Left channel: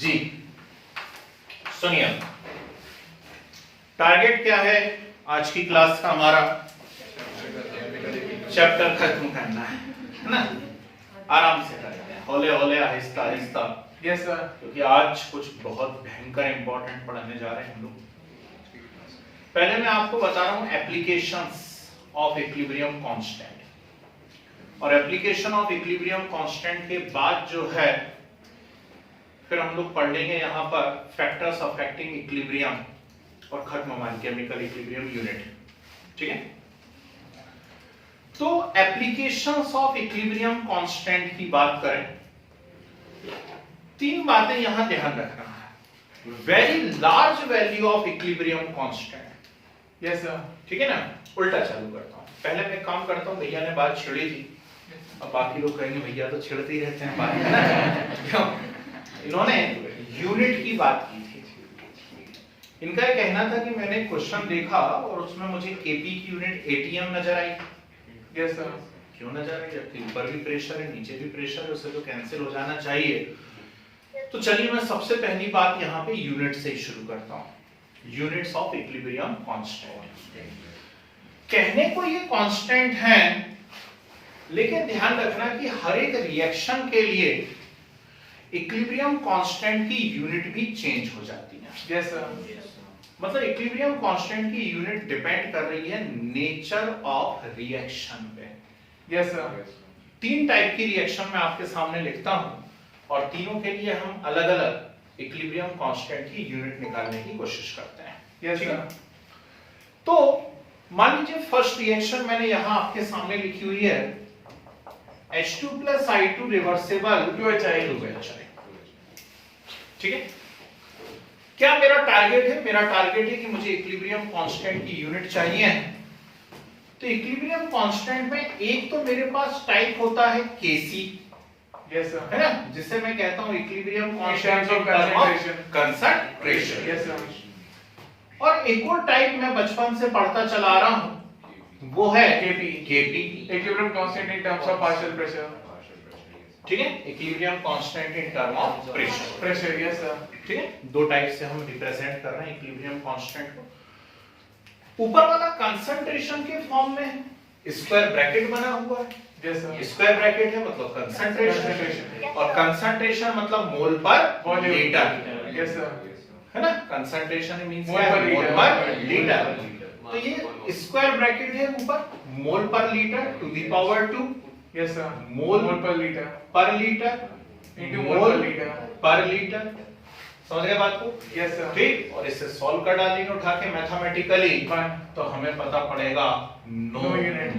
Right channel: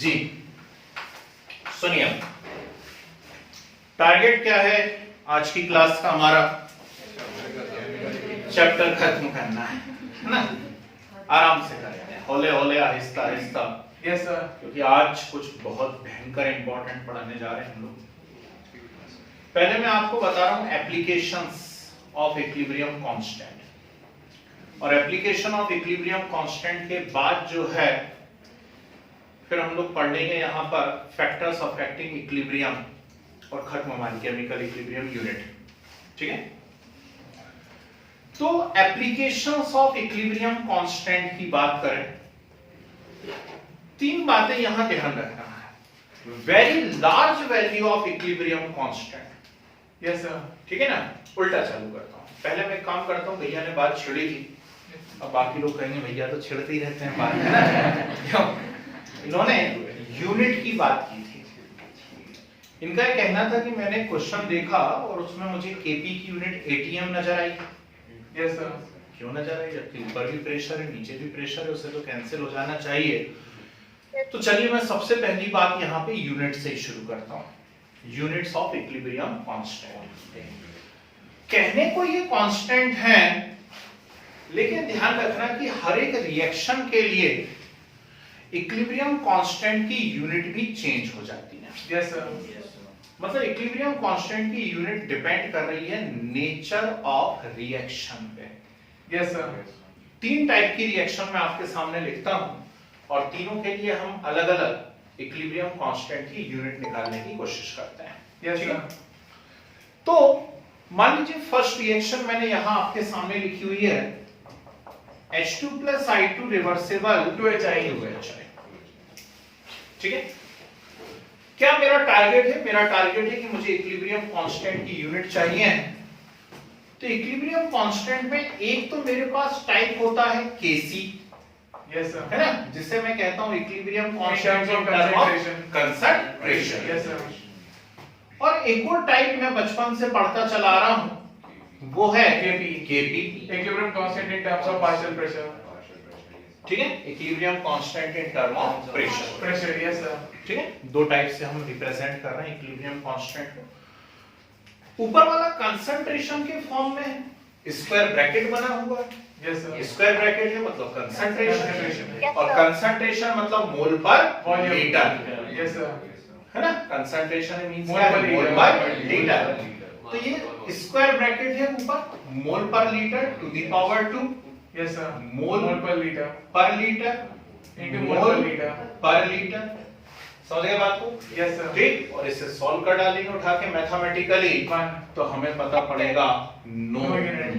जी सुनिए, टारगेट क्या है आज की क्लास का? हमारा चैप्टर खत्म करना है ना? आराम से करेंगे, हौले हौले, आहिस्ता आहिस्ता। Yes sir. क्योंकि आज कुछ बहुत भयंकर इंपॉर्टेंट पढ़ने जा रहे हैं हम लोग। पहले मैं आपको बता रहा हूं एप्लीकेशंस ऑफ इक्विलिब्रियम कांस्टेंट, और एप्लीकेशन ऑफ इक्विलिब्रियम कांस्टेंट के बाद जो है फिर हम लोग पढ़ लेंगे यहां पर फैक्टर्स अफेक्टिंग इक्विलिब्रियम और खत्म हमारी केमिकल इक्विलिब्रियम यूनिट। ठीक है, तो एप्लीकेशंस ऑफ इक्विलिब्रियम कांस्टेंट की बात करें, तीन बातें यहां ध्यान रखना है। Very large value of equilibrium constant. Yes sir. ठीक है ना? उल्टा चालू करता हूं, पहले मैं एक काम करता हूं, भैया ने बात छिड़ी थी, अब बाकी लोग कहेंगे भैया तो छिड़ते ही रहते हैं बात, है ना? क्यों? इन्होंने यूनिट की बात की थी। इनका ये कहना था कि मैंने क्वेश्चन देखा और उसमें मुझे केपी की यूनिट एटीएम नजर आई। Yes sir. क्यों नजर आई? जबकि ऊपर भी प्रेशर है, नीचे भी प्रेशर है, उससे तो कैंसिल हो जाना चाहिए। तो चलिए मैं सबसे पहली बात यहाँ पे यूनिट से ही शुरू करता हूँ। Units of equilibrium constant. कहने को ये कांस्टेंट है, लेकिन ध्यान रखना कि हर एक रिएक्शन के लिए इक्विलिब्रियम कांस्टेंट की यूनिट भी चेंज हो जाती है। Yes sir. मतलब इक्विलिब्रियम कांस्टेंट की यूनिट डिपेंड कर रही है नेचर ऑफ रिएक्शन पे। Yes sir. तीन टाइप की रिएक्शन मैं आपके सामने लिखता हूं और तीनों के लिए हम अलग अलग इक्विलिब्रियम कांस्टेंट की यूनिट निकालने की कोशिश करते हैं। Yes sir. तो मान लीजिए फर्स्ट रिएक्शन मैंने यहां आपके सामने लिखी हुई है, H2 plus I2 reversible 2HI। ठीक है, क्या मेरा टारगेट है? मेरा टारगेट है कि मुझे इक्विलिब्रियम कांस्टेंट की यूनिट चाहिए। तो इक्विलिब्रियम कांस्टेंट में एक तो मेरे पास टाइप होता है Kc, यस सर, है ना, जिसे मैं कहता हूं equilibrium constant of concentration। Concentration. Yes sir. और एक और टाइप मैं बचपन से पढ़ता चला आ रहा हूं, वो है Kp। Equilibrium constant in terms of partial pressure. ठीक है, equilibrium constant in term of pressure. Yes sir. ठीक है, दो टाइप से हम रिप्रेजेंट कर रहे हैं इक्विलिब्रियम कांस्टेंट को। ऊपर वाला कंसंट्रेशन के फॉर्म में स्क्वायर ब्रैकेट बना हुआ है। Yes sir. स्क्वायर ब्रैकेट है मतलब कंसंट्रेशन, और कंसंट्रेशन मतलब मोल पर लीटर। Yes sir. है ना? कंसंट्रेशन मींस मोल पर लीटर। तो ये स्क्वायर ब्रैकेट है ऊपर, mole per litre to the power 2। Yes sir. Mole per litre into mole per litre. समझ गए बात को? Yes sir. ठीक, और इसे सॉल्व कर डालेंगे उठा के मैथमेटिकली, तो हमें पता पड़ेगा नो यूनिट।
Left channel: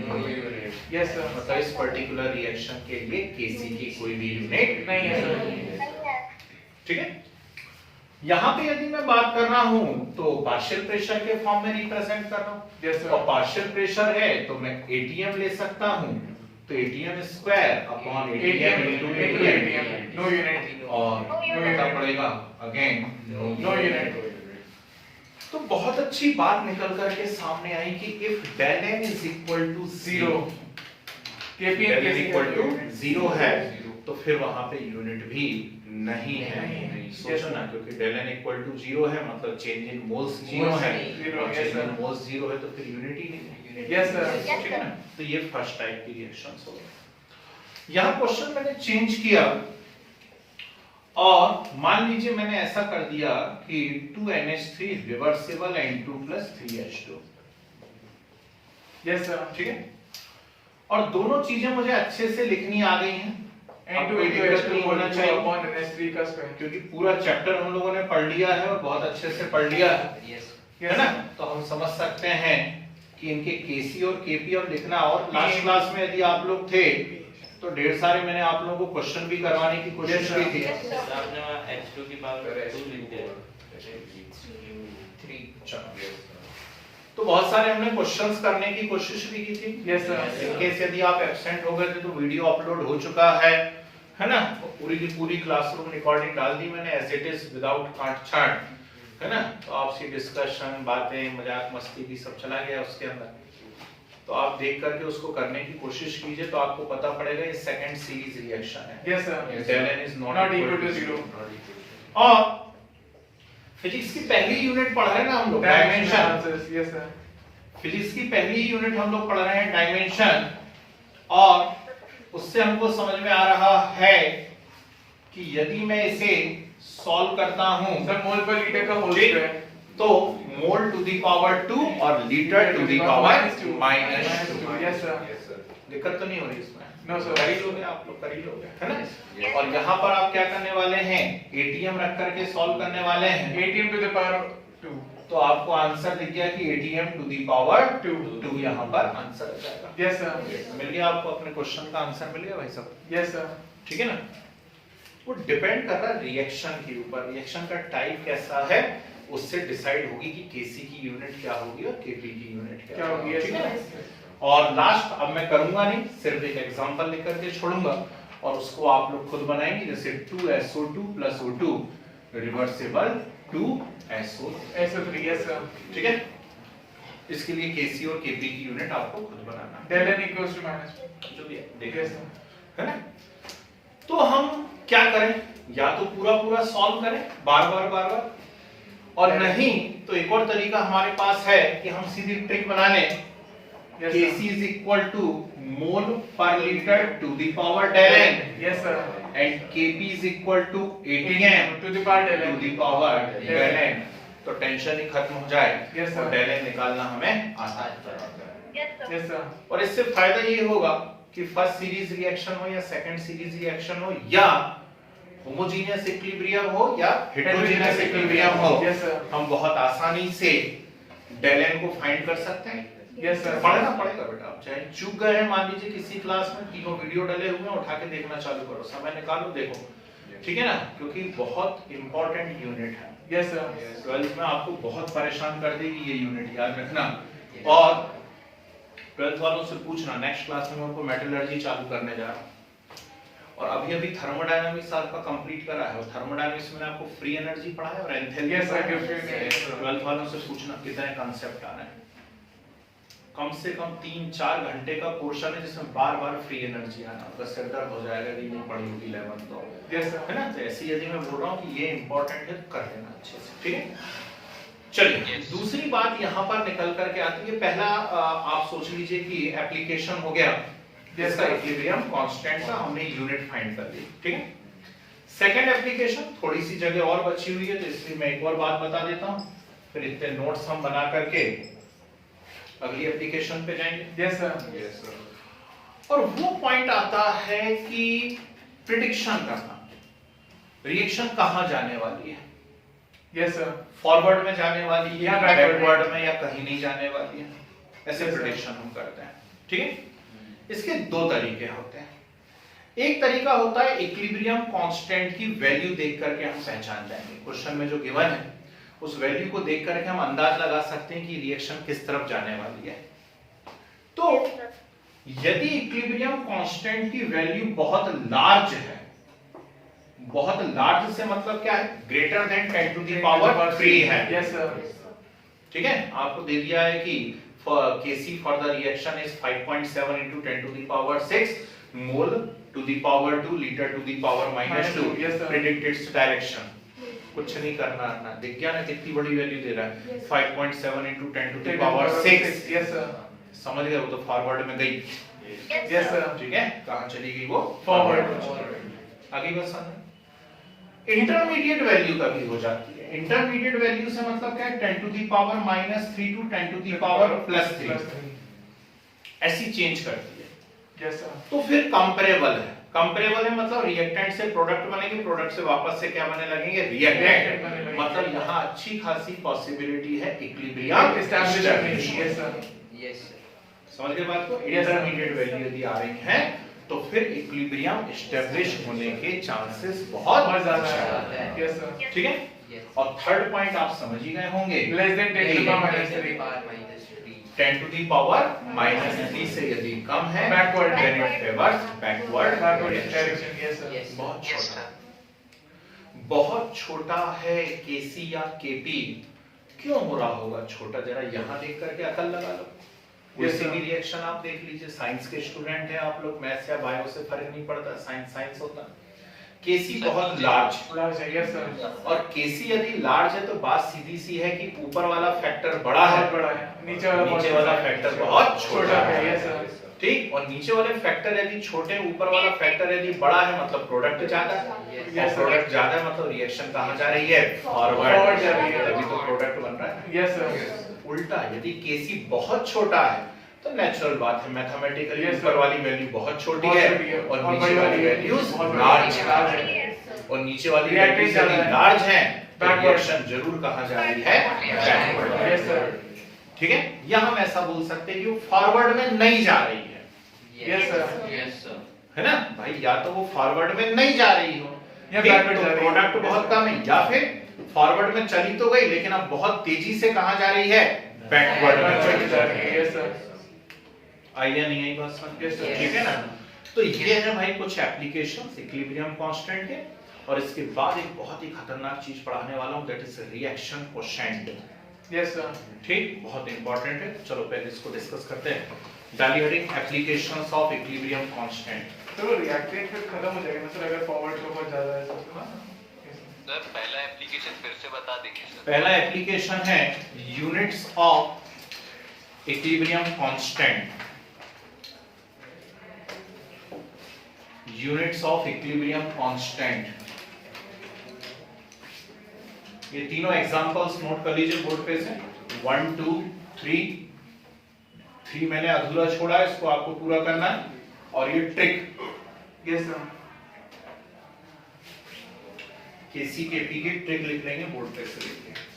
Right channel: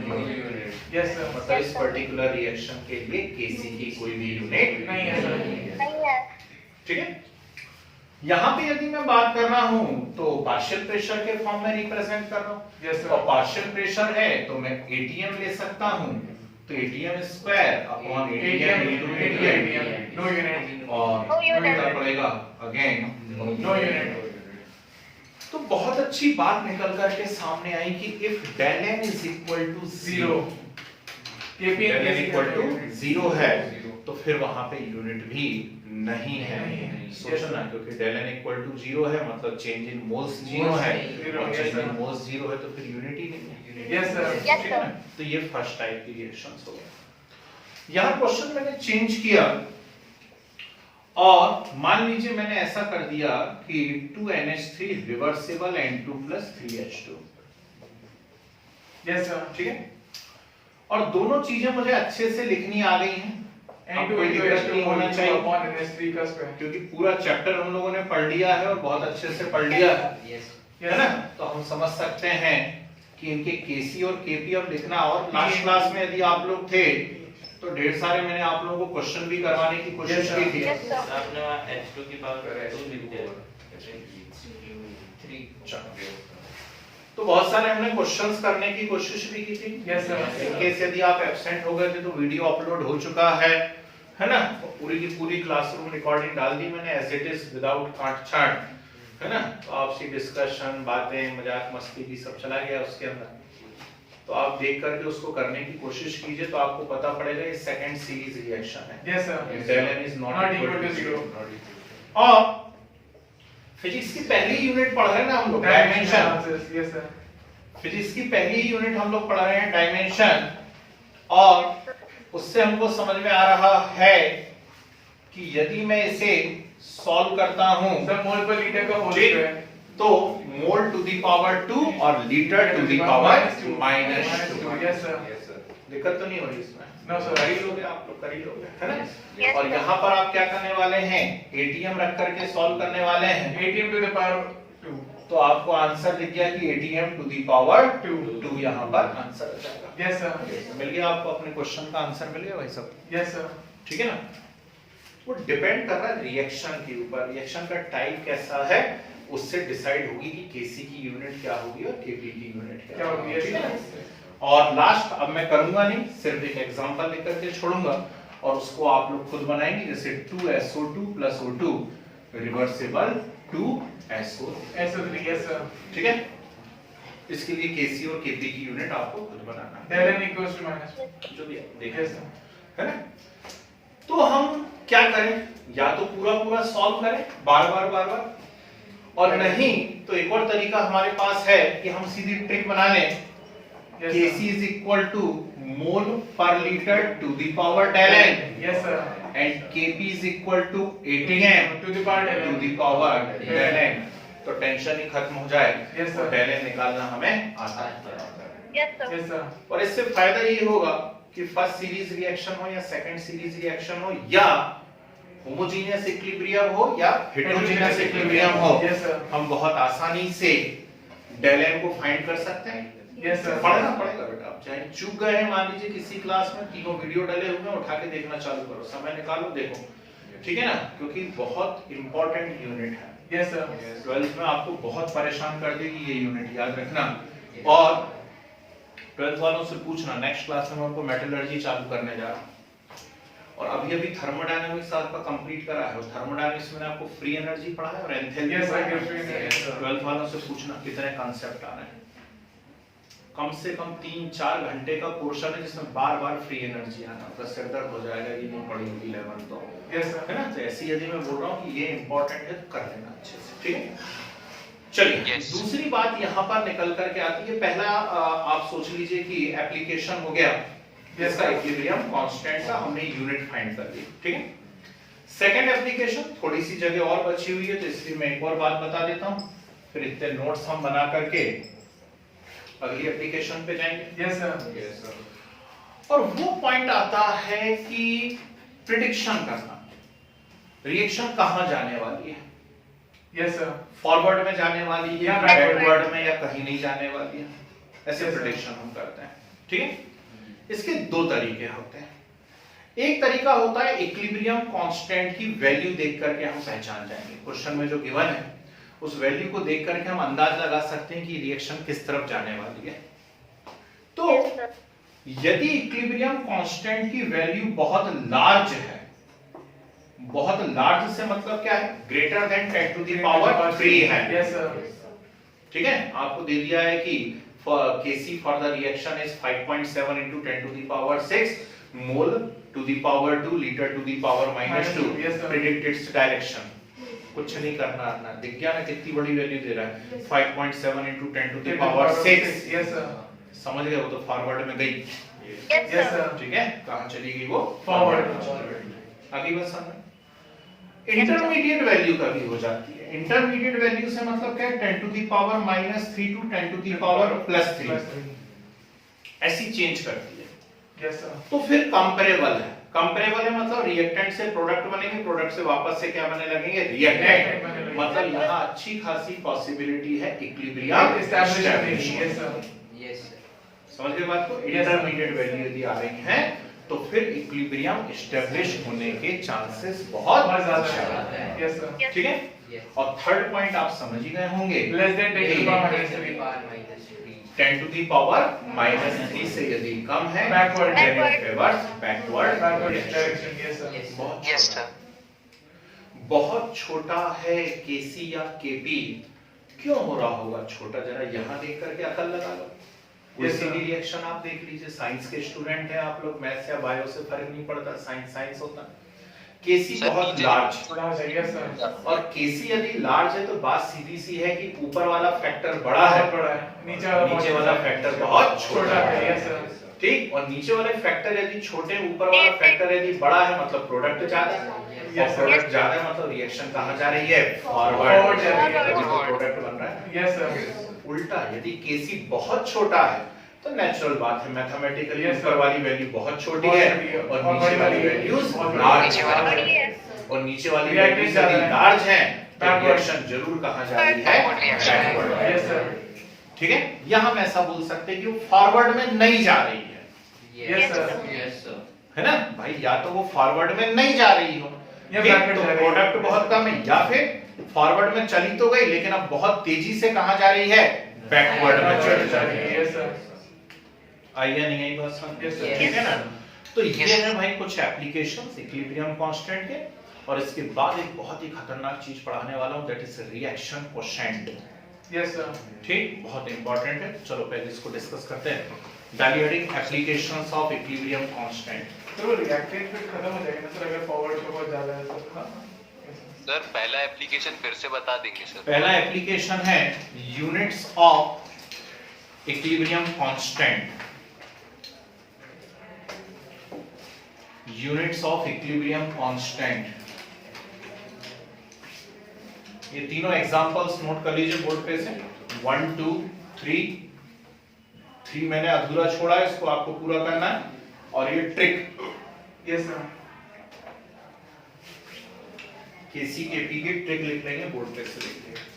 Yes sir. मतलब इस पर्टिकुलर रिएक्शन के लिए Kc की कोई भी यूनिट नहीं है। ठीक है, यहां पे यदि मैं बात कर रहा हूं तो पार्शियल प्रेशर के फॉर्म में रिप्रेजेंट कर रहा हूं। Yes sir. और पार्शियल प्रेशर है तो मैं एटीएम ले सकता हूं, तो ATM square upon ATM into ATM, no unit. और पता पड़ेगा अगेन नो यूनिट। तो बहुत अच्छी बात निकल करके सामने आई कि if del n is equal to 0, Kp del n equal to 0 है तो फिर वहां पे यूनिट भी नहीं है। सोचो ना, क्योंकि del n equal to 0 है मतलब चेंज इन मोल्स 0 है, और चेंज इन मोल्स 0 है तो फिर यूनिट ही नहीं है। Yes sir. ठीक है ना? तो ये फर्स्ट टाइप की रिएक्शंस हो गए। यहां क्वेश्चन मैंने चेंज किया और मान लीजिए मैंने ऐसा कर दिया कि 2NH3 reversible N2 plus 3H2। Yes sir. ठीक है, और दोनों चीजें मुझे अच्छे से लिखनी आ गई हैं। अब कोई दिक्कत नहीं होना चाहिए, क्योंकि पूरा चैप्टर हम लोगों ने पढ़ लिया है और बहुत अच्छे से पढ़ लिया है ना? तो हम समझ सकते हैं कि इनके Kc और Kp अब लिखना। और लास्ट क्लास में यदि आप लोग थे तो ढेर सारे मैंने आप लोगों को क्वेश्चन भी करवाने की कोशिश की थी। आपने वहाँ H2 की पावर 2 लिख दिया। तो बहुत सारे हमने क्वेश्चंस करने की कोशिश भी की थी। Yes sir. इन केस यदि आप एब्सेंट हो गए थे तो वीडियो अपलोड हो चुका है ना? पूरी की पूरी क्लासरूम रिकॉर्डिंग डाल दी मैंने एज इट इज विदाउट काट-छांट, है ना? तो आपसी डिस्कशन, बातें, मजाक मस्ती भी सब चला गया उसके अंदर। तो आप देख करके उसको करने की कोशिश कीजिए तो आपको पता पड़ेगा ये सेकंड सीरीज रिएक्शन है। Yes sir. del n is not equal to 0। और फिजिक्स की पहली यूनिट पढ़ रहे हैं ना हम लोग, डायमेंशन। Yes sir. फिजिक्स की पहली यूनिट हम लोग पढ़ रहे हैं डायमेंशन, और उससे हमको समझ में आ रहा है कि यदि मैं इसे सॉल्व करता हूं सर मोल पर लीटर का होल ठीक, स्क्वायर तो मोल टू द पावर 2 और litre to the power -2। Yes sir. दिक्कत तो नहीं हो रही इसमें? नो कर सर। ही लोगे आप लोग, कर ही लोगे, है ना? और यहाँ पर आप क्या करने वाले हैं, एटीएम रख करके सॉल्व करने वाले हैं। ATM to the power 2। तो आपको आंसर दिख गया कि एटीएम टू द पावर 2 यहाँ पर आंसर आ जाएगा। Yes sir. मिल गया आपको, अपने क्वेश्चन का आंसर मिल गया भाई सब? Yes sir. ठीक है ना? वो डिपेंड कर रहा है रिएक्शन के ऊपर, रिएक्शन का टाइप कैसा है उससे डिसाइड होगी कि केसी की यूनिट क्या होगी और केपी की यूनिट क्या होगी। ठीक है ना? और लास्ट अब मैं करूंगा नहीं, सिर्फ एक एग्जांपल लेकर के छोड़ूंगा और उसको आप लोग खुद बनाएंगे, जैसे 2SO2 + O2 reversible 2SO3। Yes sir. ठीक है? इसके लिए केसी और केपी की यूनिट आपको खुद बनाना है, डेल n इक्वल्स टू -1 जो भी है, यस देखिए, सर। है ना? तो हम क्या करें, या तो पूरा सॉल्व करें बार-बार, और नहीं तो एक और तरीका हमारे पास है कि हम सीधी ट्रिक बना लें, Kc is equal to mole per liter to the power del n, yes sir. and Kp is equal to ATM to the power to the power del n। तो टेंशन ही खत्म हो जाए, Yes, sir. और del n निकालना हमें आसान है। Yes sir. और इससे फायदा ये होगा कि फर्स्ट सीरीज रिएक्शन हो या सेकंड सीरीज रिएक्शन हो या होमोजेनियस इक्विलिब्रियम हो या हेटेरोजेनियस इक्विलिब्रियम हो, यस सर। हम बहुत आसानी से del n को फाइंड कर सकते हैं। Yes sir. पढ़ना पड़ेगा बेटा, आप चाहे चूक गए हैं मान लीजिए किसी क्लास में, तीनों वीडियो डले हुए हैं, उठा के देखना चालू करो, समय निकालो देखो, ठीक है ना? क्योंकि बहुत इंपॉर्टेंट यूनिट है। Yes sir. 12th में आपको बहुत परेशान कर देगी ये यूनिट, याद रखना। और 12th वालों से पूछना, नेक्स्ट क्लास में आपको मेटलर्जी चालू करने जा रहा हूं, और अभी थर्मोडायनामिक्स आपका कंप्लीट करा है, और थर्मोडायनामिक्स में आपको फ्री एनर्जी पढ़ा है और एंथैल्पी Yes, पढ़ा I can free है। energy. 12th वालों से पूछना कितने कांसेप्ट आ रहे हैं, कम से कम 3-4 घंटे का पोर्शन है जिसमें बार-बार फ्री एनर्जी आना, तो सिर दर्द हो जाएगा कि नहीं पढ़ी होगी 11 तो, यस सर। है ना? तो ऐसी यदि मैं बोल रहा हूँ कि ये इंपॉर्टेंट है तो कर लेना अच्छे से, ठीक है? चलिए दूसरी बात यहाँ पर निकल करके आती है, पहला आप सोच लीजिए कि एप्लीकेशन हो गया जिसका इक्विलिब्रियम कांस्टेंट था, हमने यूनिट फाइंड कर ली, ठीक है? सेकंड एप्लीकेशन, थोड़ी सी जगह और बची हुई है तो इसलिए मैं एक और बात बता देता हूं, फिर इतने नोट्स हम बना करके अगली एप्लीकेशन पे जाएंगे। Yes sir. और वो पॉइंट आता है कि प्रिडिक्शन करना, रिएक्शन कहां जाने वाली है, यस सर। फॉरवर्ड में जाने वाली है या या backward बैकवर्ड में या कहीं नहीं जाने वाली है, ऐसे Yes, sir. प्रिडिक्शन हम करते हैं, ठीक है? इसके दो तरीके होते हैं। एक तरीका होता है इक्विलिब्रियम कांस्टेंट की वैल्यू देख करके हम पहचान जाएंगे, क्वेश्चन में जो गिवन है उस वैल्यू को देख करके हम अंदाज लगा सकते हैं कि रिएक्शन किस तरफ जाने वाली है। तो यदि इक्विलिब्रियम कांस्टेंट की वैल्यू बहुत लार्ज है, बहुत लार्ज से मतलब क्या है, greater than 10 to the power 3 है, यस सर। ठीक है? आपको दे दिया है कि Kc for the reaction is 5.7 into 10 to the power 6 mole to the power 2 liter to the power -2, Yes, sir. predict its direction। कुछ नहीं करना ना, दिख गया ना कितनी बड़ी वैल्यू दे रहा है, 5.7 into 10 to the power 6। Yes sir. समझ गए? वो तो फॉरवर्ड में गई, यस सर। ठीक है? कहां चली गई वो? फॉरवर्ड। आगे बस इंटरमीडिएट वैल्यू का भी हो जाती है। इंटरमीडिएट वैल्यू से मतलब क्या है, 10 to the power -3 to 10 to the power +3, ऐसी चेंज करती है। Yes sir. तो फिर कंपैरेबल है, कंपैरेबल है मतलब रिएक्टेंट से प्रोडक्ट बनेंगे, प्रोडक्ट से वापस से क्या बनने लगेंगे, रिएक्टेंट। मतलब यहाँ अच्छी खासी पॉसिबिलिटी है इक्विलिब्रियम एस्टैब्लिश। Yes sir. समझ गए बात को? इंटरमीडिएट वैल्यू यदि आ रही है तो फिर इक्विलिब्रियम एस्टैब्लिश होने के चांसेस बहुत ज्यादा ज्यादा है। है, यस सर। ठीक है? और थर्ड पॉइंट आप समझ ही गए होंगे, less than 10 to the power -3। 10 to the power -3 से यदि कम है Backward. then it favors backward direction। Direction. Yes sir. बहुत छोटा, बहुत छोटा है केसी या केपी। क्यों हो रहा होगा छोटा, जरा यहाँ देख करके अकल लगा लो। Yes, किसी sir. भी रिएक्शन आप देख लीजिए, साइंस के स्टूडेंट हैं आप लोग, मैथ्स या बायो से फर्क नहीं पड़ता, साइंस साइंस होता। केसी बहुत लार्ज, यस सर, और केसी यदि लार्ज है तो बात सीधी सी है कि ऊपर वाला फैक्टर बड़ा है, बहुत बड़ा है, नीचे वाला फैक्टर बहुत छोटा है। यस सर, ठीक, और नीचे वाले फैक्टर यदि छोटे, ऊपर वाला फैक्टर यदि बड़ा है मतलब प्रोडक्ट ज्यादा है, और प्रोडक्ट ज्यादा है मतलब रिएक्शन कहाँ जा रही है, फॉरवर्ड जा रही है, तभी तो प्रोडक्ट बन रहा है। यस सर, उल्टा यदि केसी बहुत छोटा है तो नेचुरल बात है, मैथमेटिकली Yes, ऊपर sir. वाली वैल्यू बहुत छोटी बहुत है छोटी है, और और नीचे वाली वैल्यूज बहुत लार्ज बड़ी है, है। और नीचे वाली Reactive वैल्यूज ज्यादा यदि है। लार्ज है तो Backward. रिएक्शन जरूर कहाँ जा रही है, बैकवर्ड। यस सर, ठीक है, यहाँ हम ऐसा बोल सकते हैं कि वो फॉरवर्ड में नहीं जा रही है, यस सर, Yes, sir. है ना भाई, या तो वो फॉरवर्ड में नहीं जा रही हो, या ठीक, backward तो जा रही है। प्रोडक्ट बहुत कम है, या फिर फॉरवर्ड में चली तो गई लेकिन अब बहुत तेजी से कहाँ जा रही है, बैकवर्ड में चली जा रही है। यस सर, आई या नहीं आई बात समझ? Yes, sir. ठीक है ना। तो ये है भाई कुछ एप्लीकेशंस इक्विलिब्रियम कांस्टेंट के, और इसके बाद एक बहुत ही खतरनाक चीज पढ़ाने वाला हूं, that is reaction quotient. Yes sir, ठीक, बहुत इंपॉर्टेंट है, चलो पहले इसको डिस्कस करते हैं। डाली heading applications of equilibrium constant. तो रिएक्टेड फिर खत्म हो जाएगा ना सर, अगर फॉरवर्ड का बहुत ज्यादा है तो। सर पहला एप्लीकेशन फिर से बता देंगे सर। पहला एप्लीकेशन है units of equilibrium constant. Units of equilibrium constant, ये तीनों एग्जांपल्स नोट कर लीजिए बोर्ड पे से, 1 2 3 मैंने अधूरा छोड़ा है, इसको आपको पूरा करना है, और ये ट्रिक यस सर, केसी के टी की ट्रिक लिख लेंगे बोर्ड पे से लिख के।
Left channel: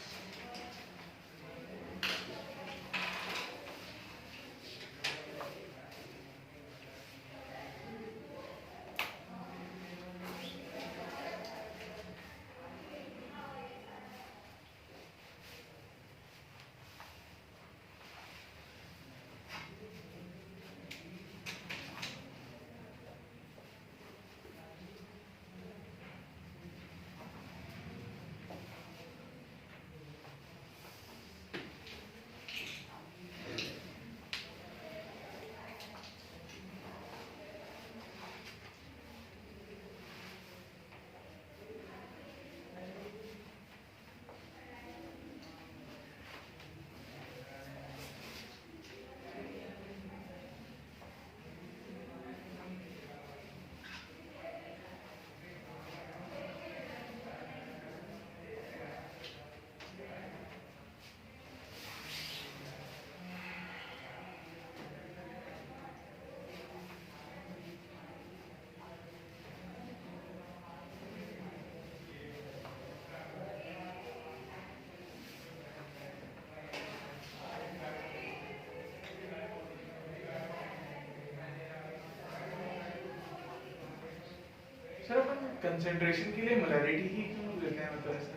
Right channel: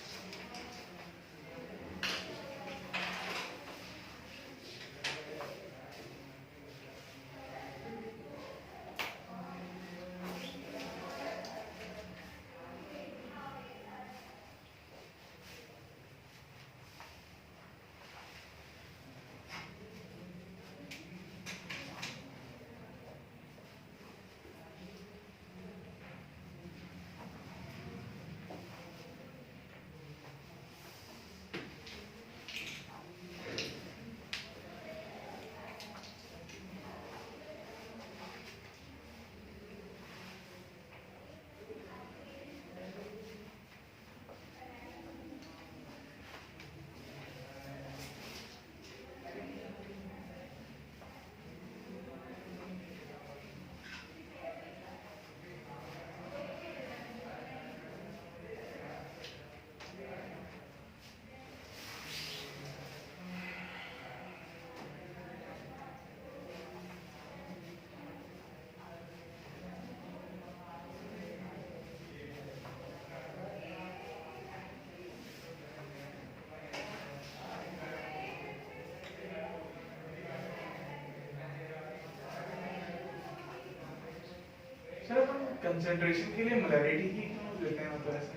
सर अपन कंसंट्रेशन के लिए मोलैरिटी ही क्यों लेते हैं, मतलब ऐसा?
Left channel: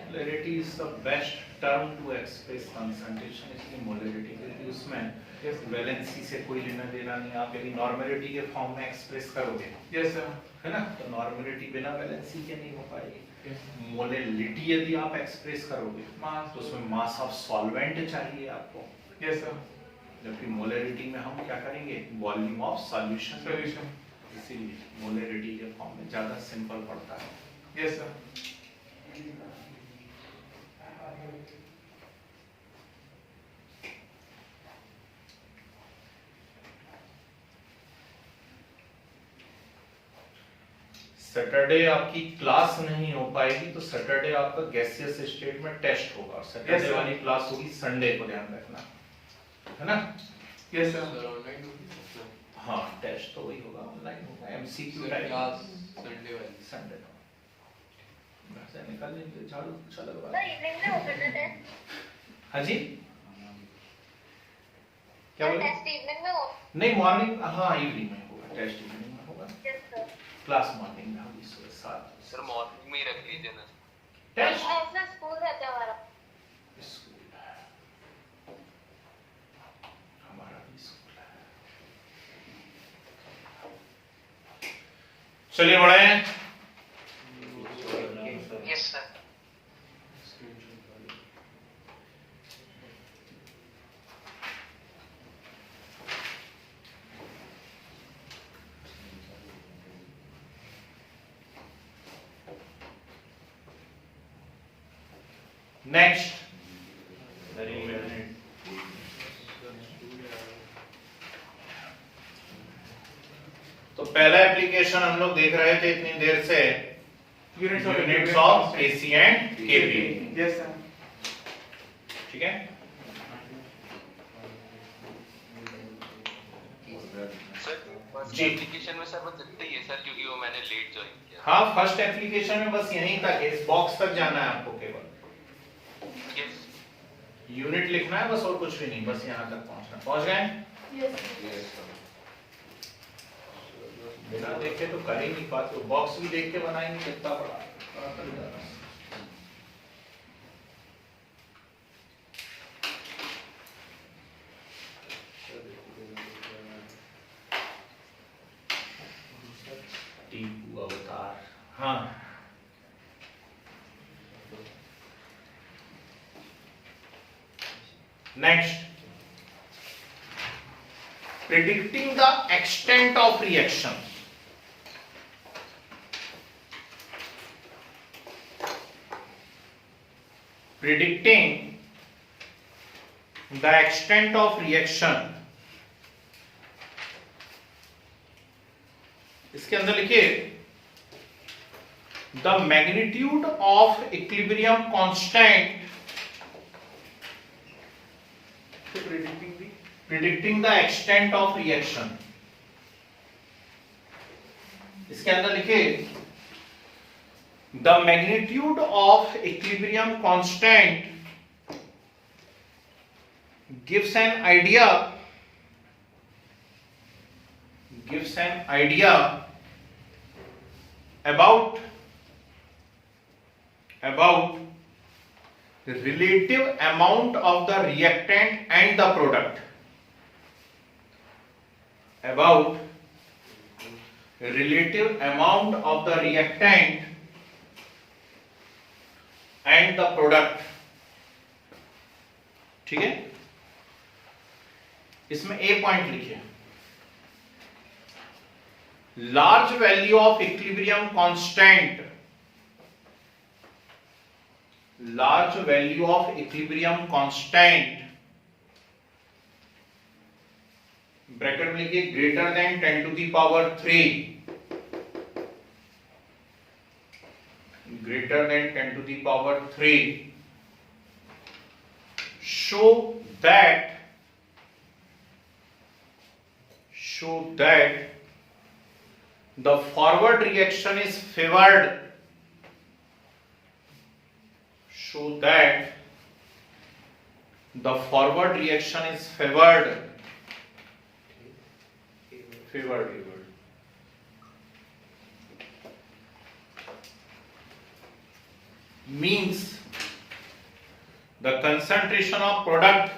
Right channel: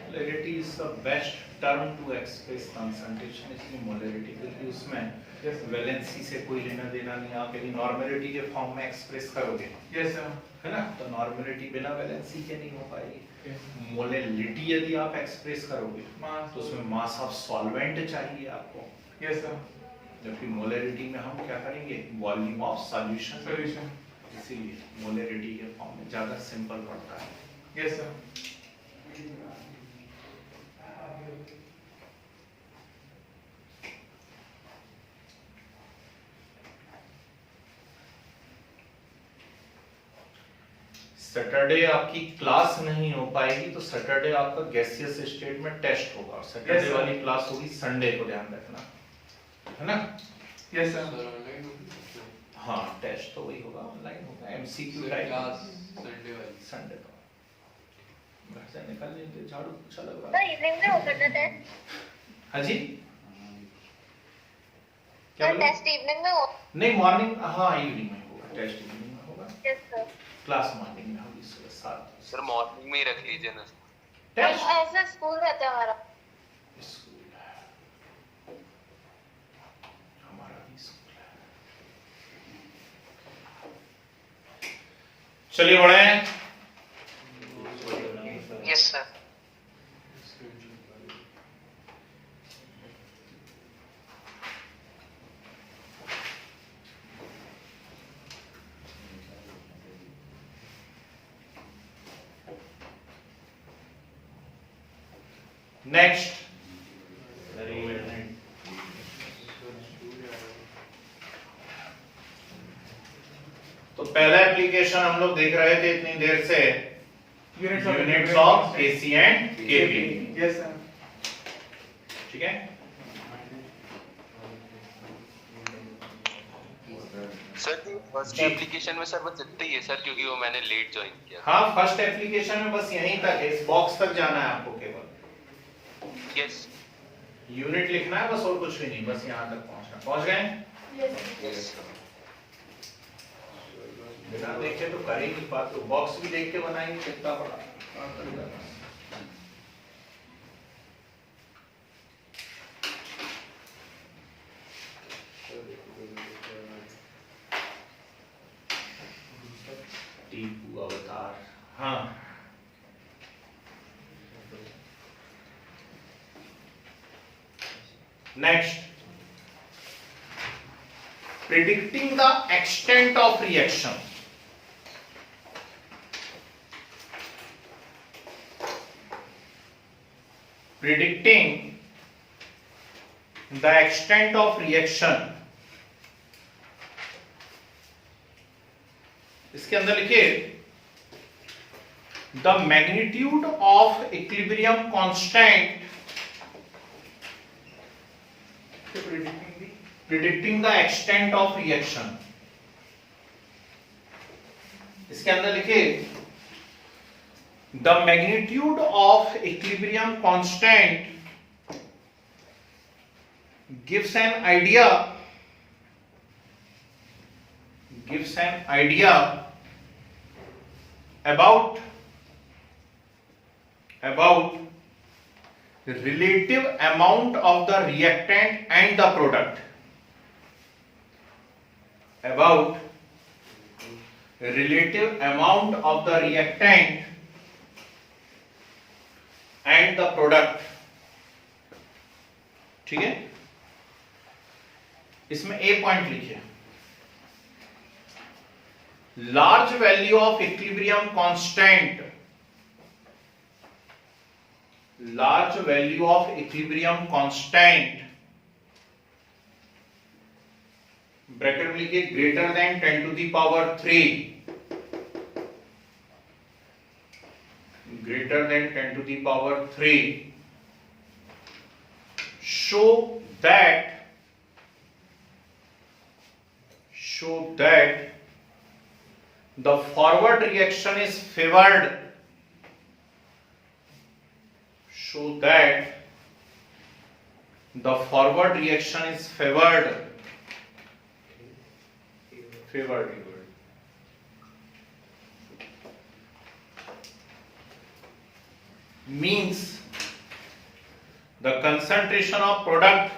Molarity is the best term to express concentration, इसलिए मोलैरिटी, क्योंकि उसमें Yes. वैलेंसी से कोई लेना देना नहीं, आप यदि नॉर्मेलिटी के फॉर्म में एक्सप्रेस करोगे, यस सर, है ना, तो नॉर्मेलिटी बिना वैलेंसी के नहीं हो पाएगी। यस, मोलैलिटी यदि आप एक्सप्रेस करोगे मास, तो उसमें मास ऑफ सॉल्वेंट चाहिए आपको, यस सर, जबकि मोलैरिटी में हम क्या करेंगे, वॉल्यूम ऑफ सॉल्यूशन, सॉल्यूशन, इसीलिए मोलैरिटी के फॉर्म में ज्यादा सिंपल पड़ता है। यस सर, सैटरडे आपकी क्लास नहीं हो पाएगी, तो सैटरडे आपका गैसियस स्टेट में टेस्ट होगा, और सैटरडे Yes, sir. वाली क्लास होगी संडे को, ध्यान रखना, है ना। यस सर, सर ऑनलाइन होगी हाँ, टेस्ट तो वही होगा, ऑनलाइन होगा, MCQ sir type class Sunday वाली। संडे को। घर से निकल लेते, झाड़ू अच्छा लग रहा सर है। इवनिंग में होगा ना टेस्ट? हाँ जी, क्या सर बोले? टेस्ट इवनिंग में हो? नहीं, मॉर्निंग, हाँ इवनिंग में होगा, टेस्ट इवनिंग में होगा, यस सर। क्लास मॉर्निंग में होगी सुबह 7। सर मॉर्निंग में ही रख लीजिए ना। टेस्ट ऐसा स्कूल रहता है हमारा। स्कूल है, हमारा भी स्कूल है। चलिए बढ़े। Yes sir. नेक्स्ट, तो पहला एप्लीकेशन हम लोग देख रहे थे इतनी देर से, units of AC and KP. Yes sir. ठीक है, सर फर्स्ट जी। एप्लीकेशन में सर बस इतना ही है सर, क्योंकि वो मैंने लेट ज्वाइन किया। हाँ फर्स्ट एप्लीकेशन में बस यहीं तक है, इस बॉक्स तक जाना है आपको केवल, यस यूनिट लिखना है बस और कुछ भी नहीं, बस यहाँ तक पहुंचना। पहुंच गए? यस बिना देखे तो कर ही नहीं पाते, बॉक्स भी देख के बनाएंगे कितना बड़ा। टीपू अवतार, हाँ next, predicting the extent of reaction. Predicting the extent of reaction. इसके अंदर लिखिए the magnitude of equilibrium constant predicting the extent of reaction. इसके अंदर लिखिए the magnitude of equilibrium constant gives an idea about relative amount of the reactant and the product, about relative amount of the reactant and the product. ठीक है, इसमें ए point लिखिए, large value of equilibrium constant, large value of equilibrium constant, bracket में लिखिए greater than 10 to the power 3, greater than 10 to the power 3, show that the forward reaction is favored, show that the forward reaction is favored means the concentration of product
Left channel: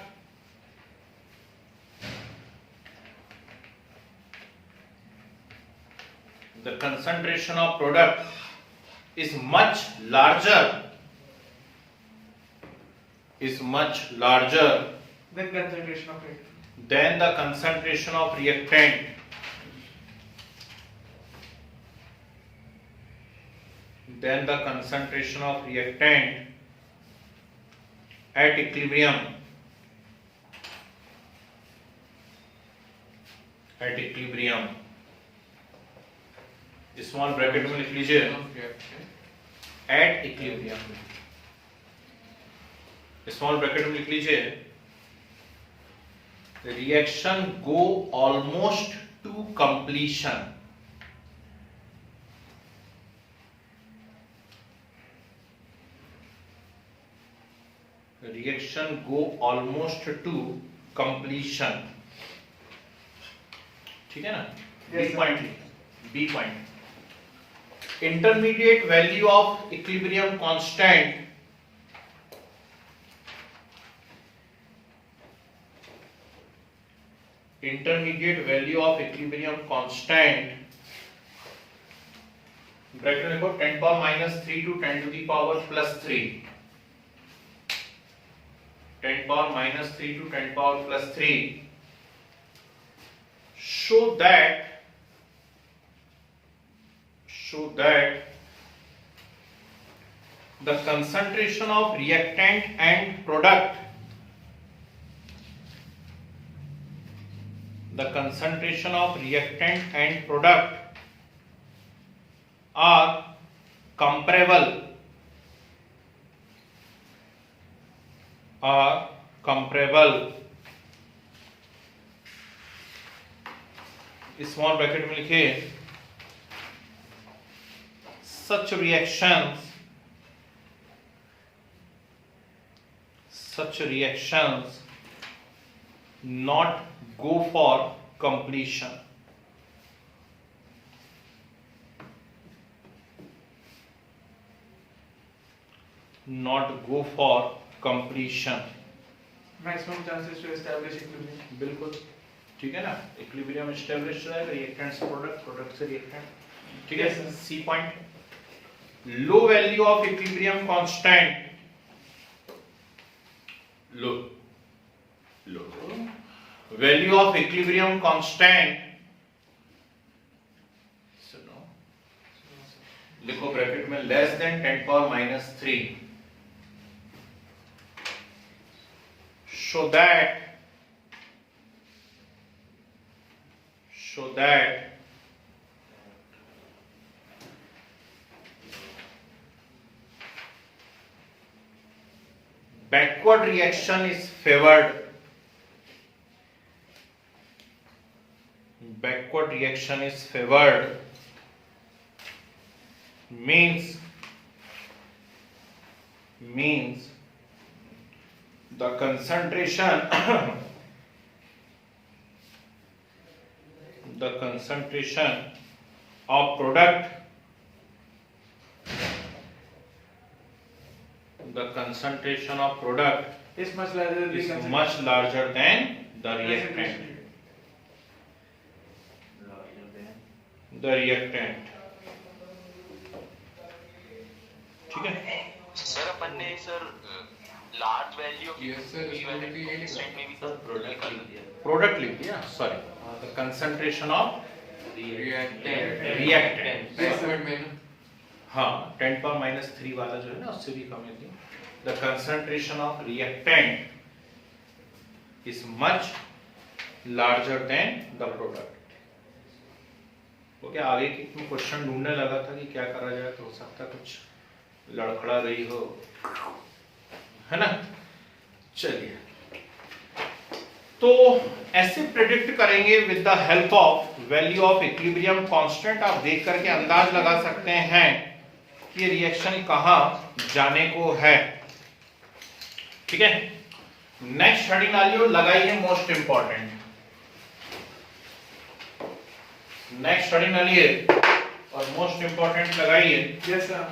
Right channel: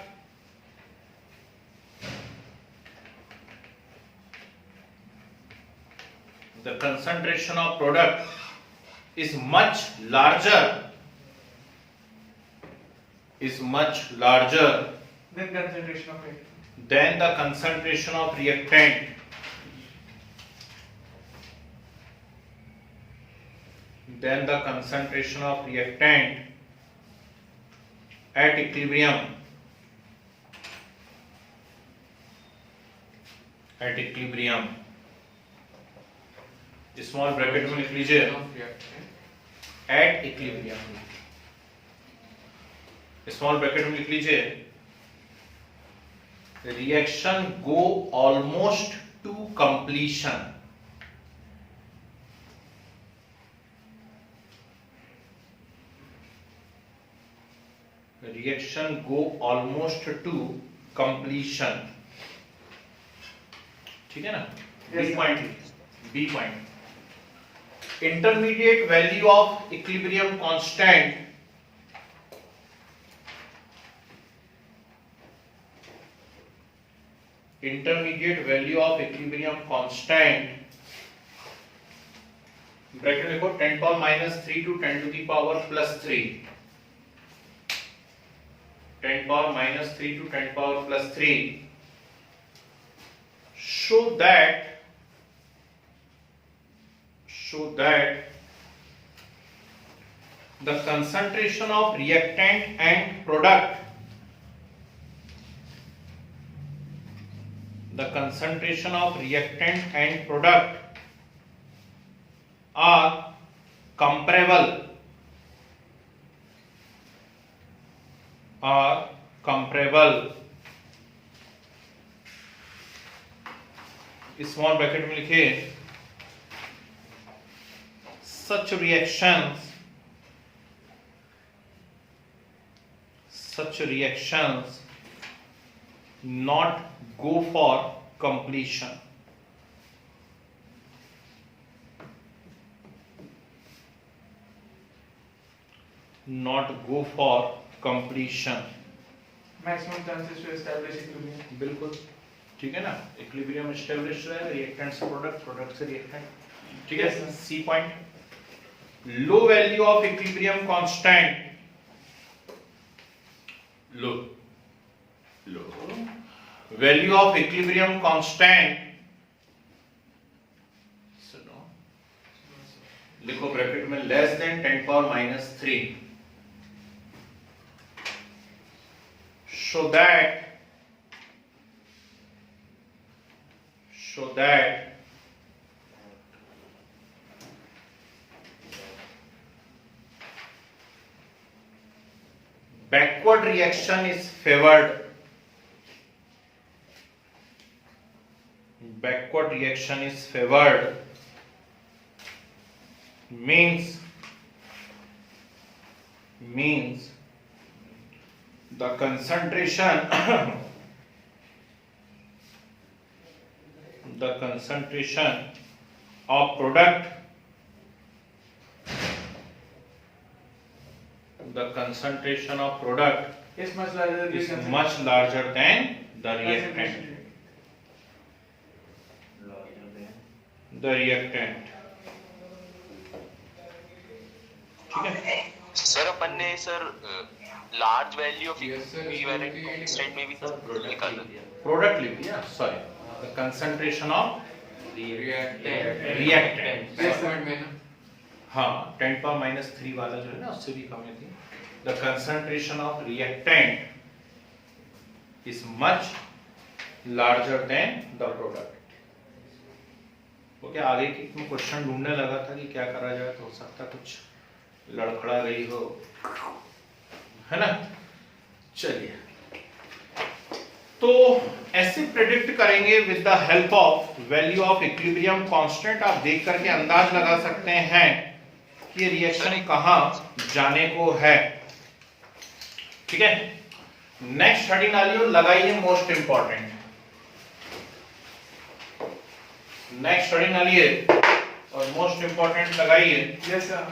is much larger Then concentration of it. than the concentration of reactant, at equilibrium. Small bracket में लिख लीजिए at equilibrium, small bracket में लिख लीजिए reaction go almost to completion, reaction go almost to completion. ठीक है ना, B point, intermediate value of equilibrium constant, bracket लिखो 10 power minus 3 to 10 to the power plus 3, 10 power minus 3 to 10 power plus 3, show that the concentration of reactant and product, the concentration of reactant and product are comparable, small bracket में लिखिए such reactions not go for completion. Not go for completion. Maximum chances to establish equilibrium. बिल्कुल ठीक है ना, equilibrium establish रहेगा, reactant से product, product से reactant, ठीक है। C point, low value of equilibrium constant, low value of equilibrium constant, सुनो लिखो ब्रैकेट में less than 10⁻³ so that backward reaction is favored. Backward reaction is favored means the concentration of product, Is much larger than is much larger than the reactant. ठीक है sir अपन ने sir large value of Yes, sir. Constant में भी सब product लिख दिया, product लिख दिया, sorry the concentration of reactant next point में ना हाँ 10⁻³ वाला जो है ना उससे भी कम है थी। The concentration of reactant is much larger than the product. Okay, आगे की मैं क्वेश्चन ढूंढने लगा था कि क्या करा जाए, तो हो सकता कुछ लड़खड़ा गई हो, है ना। चलिए, तो ऐसे प्रेडिक्ट करेंगे with the help of value of equilibrium constant. आप देख करके अंदाज लगा सकते हैं कि ये रिएक्शन कहां जाने को है, ठीक है। नेक्स्ट हेडिंग डालिए, लगाइए मोस्ट इंपॉर्टेंट। नेक्स्ट हेडिंग डालिए और मोस्ट इंपॉर्टेंट लगाइए। Yes, sir.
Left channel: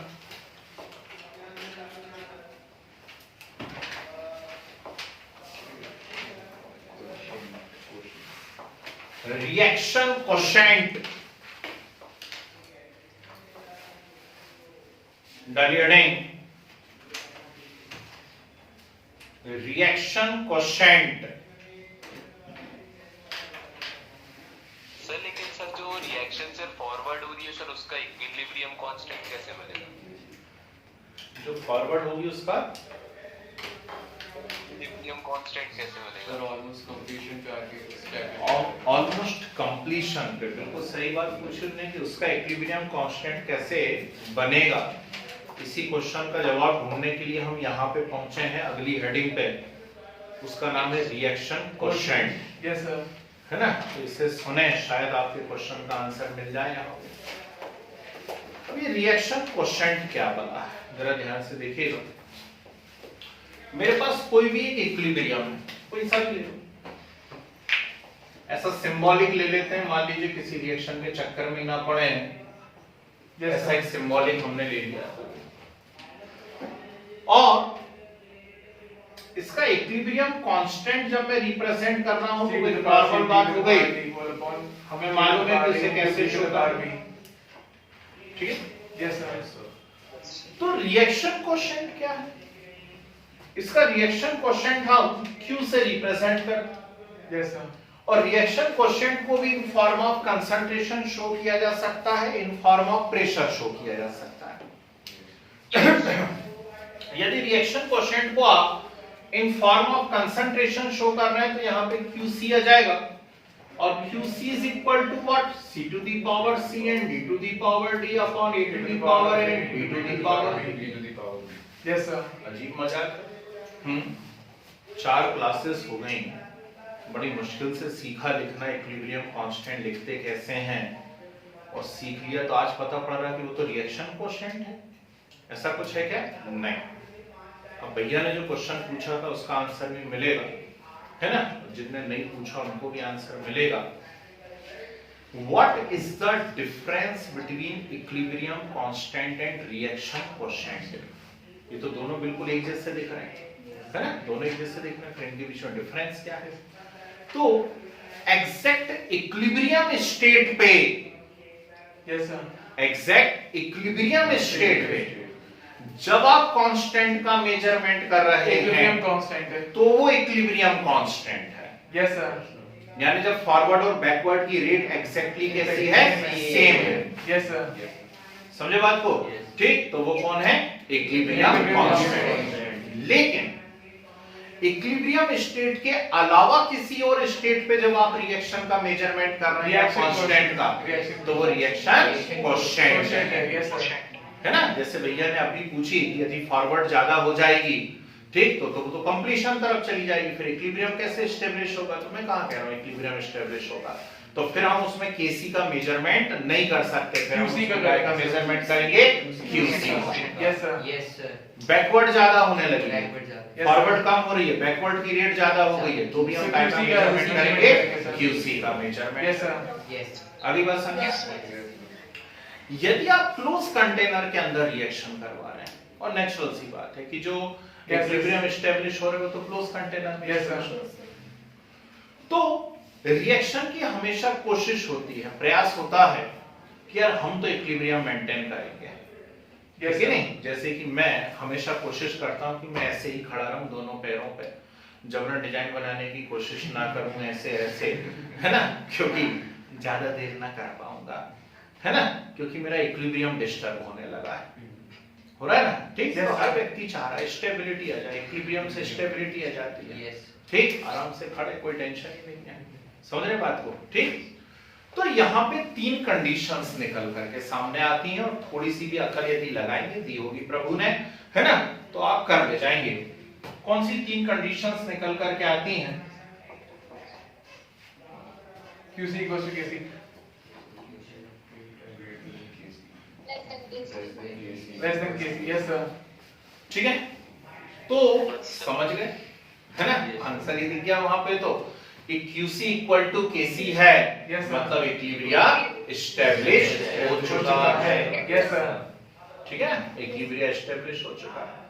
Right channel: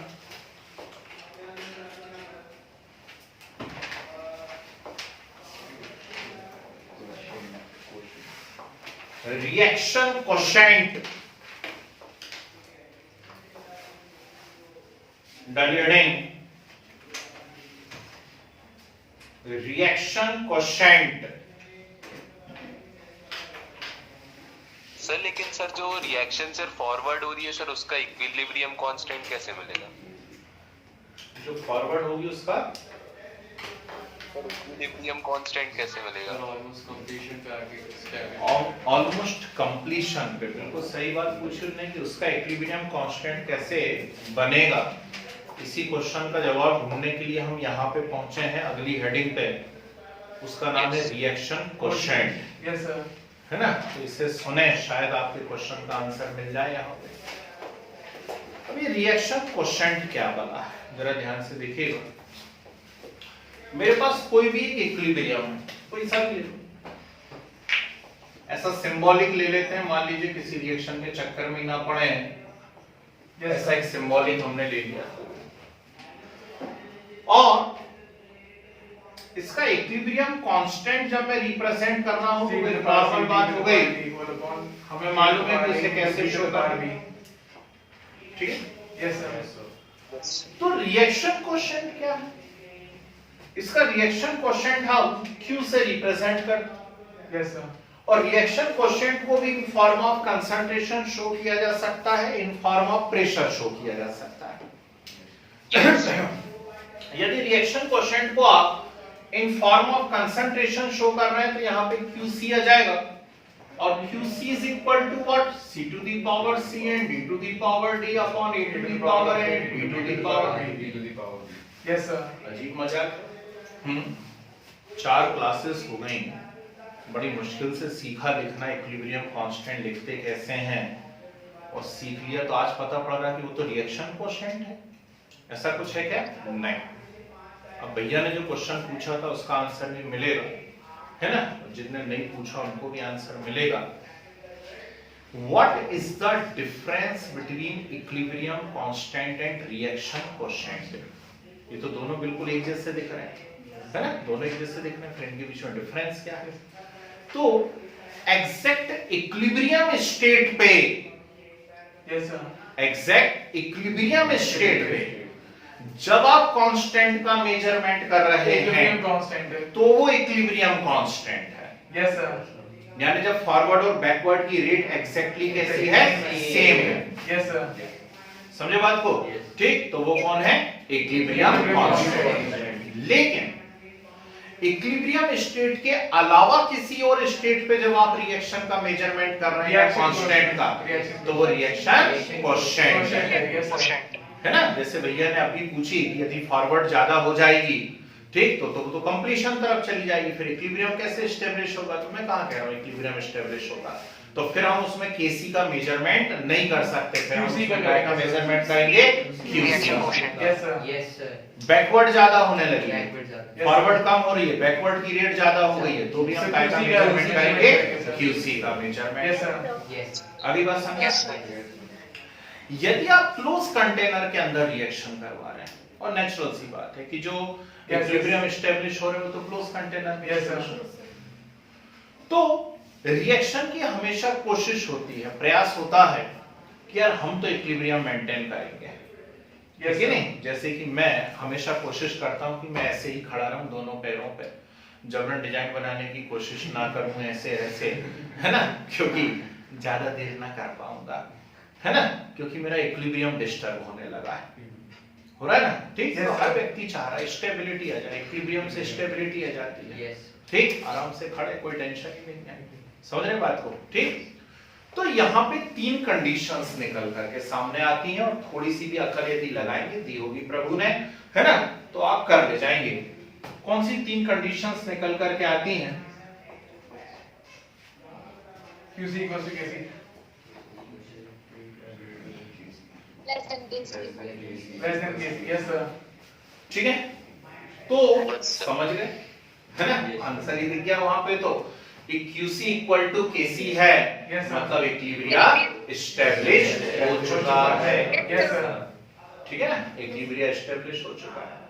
Reaction quotient, reaction quotient. Sir लेकिन सर जो रिएक्शन से फॉरवर्ड हो रही है सर उसका इक्विलिब्रियम कांस्टेंट कैसे मिलेगा? जो फॉरवर्ड होगी उसका इक्विलिब्रियम कांस्टेंट कैसे मिलेगा? सर ऑलमोस्ट कंप्लीशन पे आके स्टेप ऑलमोस्ट कंप्लीशन पे, बिल्कुल सही बात पूछ रहे हैं कि उसका इक्विलिब्रियम कांस्टेंट कैसे बनेगा। इसी क्वेश्चन का जवाब ढूंढने के लिए हम यहाँ पे पहुंचे हैं अगली हेडिंग पे, उसका नाम है रिएक्शन कोशेंट, Yes, sir. है ना। तो इसे सुने, शायद आपके क्वेश्चन का आंसर मिल जाए यहाँ पे। अब ये रिएक्शन कोशेंट क्या बना है, जरा ध्यान से देखिएगा। मेरे पास कोई भी एक इक्विलिब्रियम है, कोई सा भी ऐसा सिंबॉलिक ले लेते हैं, मान लीजिए किसी रिएक्शन के चक्कर में ना पड़े, ऐसा एक सिंबॉलिक हमने ले लिया और इसका इक्विलिब्रियम कांस्टेंट जब मैं रिप्रेजेंट करना हो तो एक नॉर्मल बात हो गई, हमें मालूम है कि इसे कैसे शो करना, ठीक है। Yes, sir. तो रिएक्शन कोशेंट क्या है? इसका रिएक्शन कोशेंट हम Q से रिप्रेजेंट करते हैं Yes, sir. और रिएक्शन कोशेंट को भी in form of concentration show किया जा सकता है, in form of pressure show किया जा सकता है। यदि रिएक्शन कोएफिशिएंट को आप in form of concentration show कर रहे हैं तो यहाँ पे QC आ जाएगा और QC is equal to what C to the power C and D to the power D upon A to the power A D to the power. Yes sir. अजीब मजाक। 4 क्लासेस हो गई, बड़ी मुश्किल से सीखा लिखना इक्विलिब्रियम कांस्टेंट लिखते कैसे हैं और सीख लिया तो आज पता पड़ रहा कि वो तो रिएक्शन कोएफिशिएंट है। ऐसा कुछ है क्या? नहीं। अब भैया ने जो क्वेश्चन पूछा था उसका आंसर भी मिलेगा, है ना? जिनने नहीं पूछा उनको भी आंसर मिलेगा। What is the difference between equilibrium constant and reaction quotient? ये तो दोनों बिल्कुल एक जैसे दिख रहे हैं, है ना? दोनों एक जैसे दिख रहे हैं, फिर इनके बीच में डिफरेंस क्या है? तो एग्जैक्ट इक्विलिब्रियम स्टेट पे, yes sir, exact equilibrium state पे जब आप कांस्टेंट का मेजरमेंट कर रहे इक्विलिब्रियम हैं कांस्टेंट है। तो वो इक्विलिब्रियम कांस्टेंट है। Yes sir. यानी जब फॉरवर्ड और बैकवर्ड की रेट एग्जैक्टली कैसी है? सेम है। Yes sir. समझे बात को? ठीक, तो वो कौन है? Equilibrium constant. लेकिन इक्विलिब्रियम स्टेट के अलावा किसी और स्टेट पे जब आप रिएक्शन का मेजरमेंट कर रहे हैं कांस्टेंट का, तो वो रिएक्शन कोएफिशिएंट है, है ना? जैसे भैया ने अभी पूछी कि यदि फॉरवर्ड ज्यादा हो जाएगी, ठीक, तो कंप्लीशन तरफ चली जाएगी, फिर इक्विलिब्रियम कैसे एस्टेब्लिश होगा? तो मैं कहां कह रहा हूं इक्विलिब्रियम एस्टेब्लिश होगा, तो फिर हम उसमें केसी का मेजरमेंट नहीं कर सकते, फिर हम QC का मेजरमेंट करेंगे QC। Yes sir. Yes sir. Backward ज्यादा होने लगी है, बैकवर्ड ज्यादा। फॉरवर्ड कम हो रही है, बैकवर्ड की रेट ज्यादा हो गई है, तो भी हम काय का मेजरमेंट करेंगे? QC का मेजरमेंट। Yes sir. यस। अभी बात समझे? यदि आप क्लोज कंटेनर के अंदर रिएक्शन करवा रहे हैं, और नेचुरल सी बात है कि जो इक्विलिब्रियम एस्टेब्लिश हो रहे हो तो क्लोज कंटेनर में, यस सर। तो रिएक्शन की हमेशा कोशिश होती है, प्रयास होता है कि यार हम तो इक्विलिब्रियम मेंटेन करेंगे, ठीक है नहीं? जैसे कि मैं हमेशा कोशिश करता हूं कि मैं ऐसे ही खड़ा रहूं दोनों पैरों पे, जबरन डिजाइन बनाने की कोशिश ना करूं ऐसे ऐसे, है ना? क्योंकि ज्यादा देर ना कर पाऊंगा, है ना? क्योंकि मेरा इक्विलिब्रियम डिस्टर्ब होने लगा है, हो रहा है ना? ठीक, तो हर व्यक्ति चाह रहा है स्टेबिलिटी आ जाए, इक्विलिब्रियम से स्टेबिलिटी आ जाती है। यस। ठीक, आराम से खड़े, कोई टेंशन ही नहीं है। समझ रहे बात को? ठीक, तो यहाँ पे 3 कंडीशंस निकल करके सामने आती हैं और थोड़ी सी भी अकल यदि लगाएंगे, दी होगी प्रभु ने, है ना? तो आप कर ले जाएंगे। कौन सी 3 कंडीशंस निकल करके आती हैं? QC equal to KC। less than KC. Less than KC। Yes sir. ठीक है, तो समझ गए, है ना? आंसर ही दिख गया वहां पे, तो QC इक्वल टू KC है, Yes, sir. मतलब इक्विलिब्रियम एस्टेब्लिश हो चुका है। Yes sir. ठीक है ना? इक्विलिब्रियम एस्टेब्लिश हो चुका है।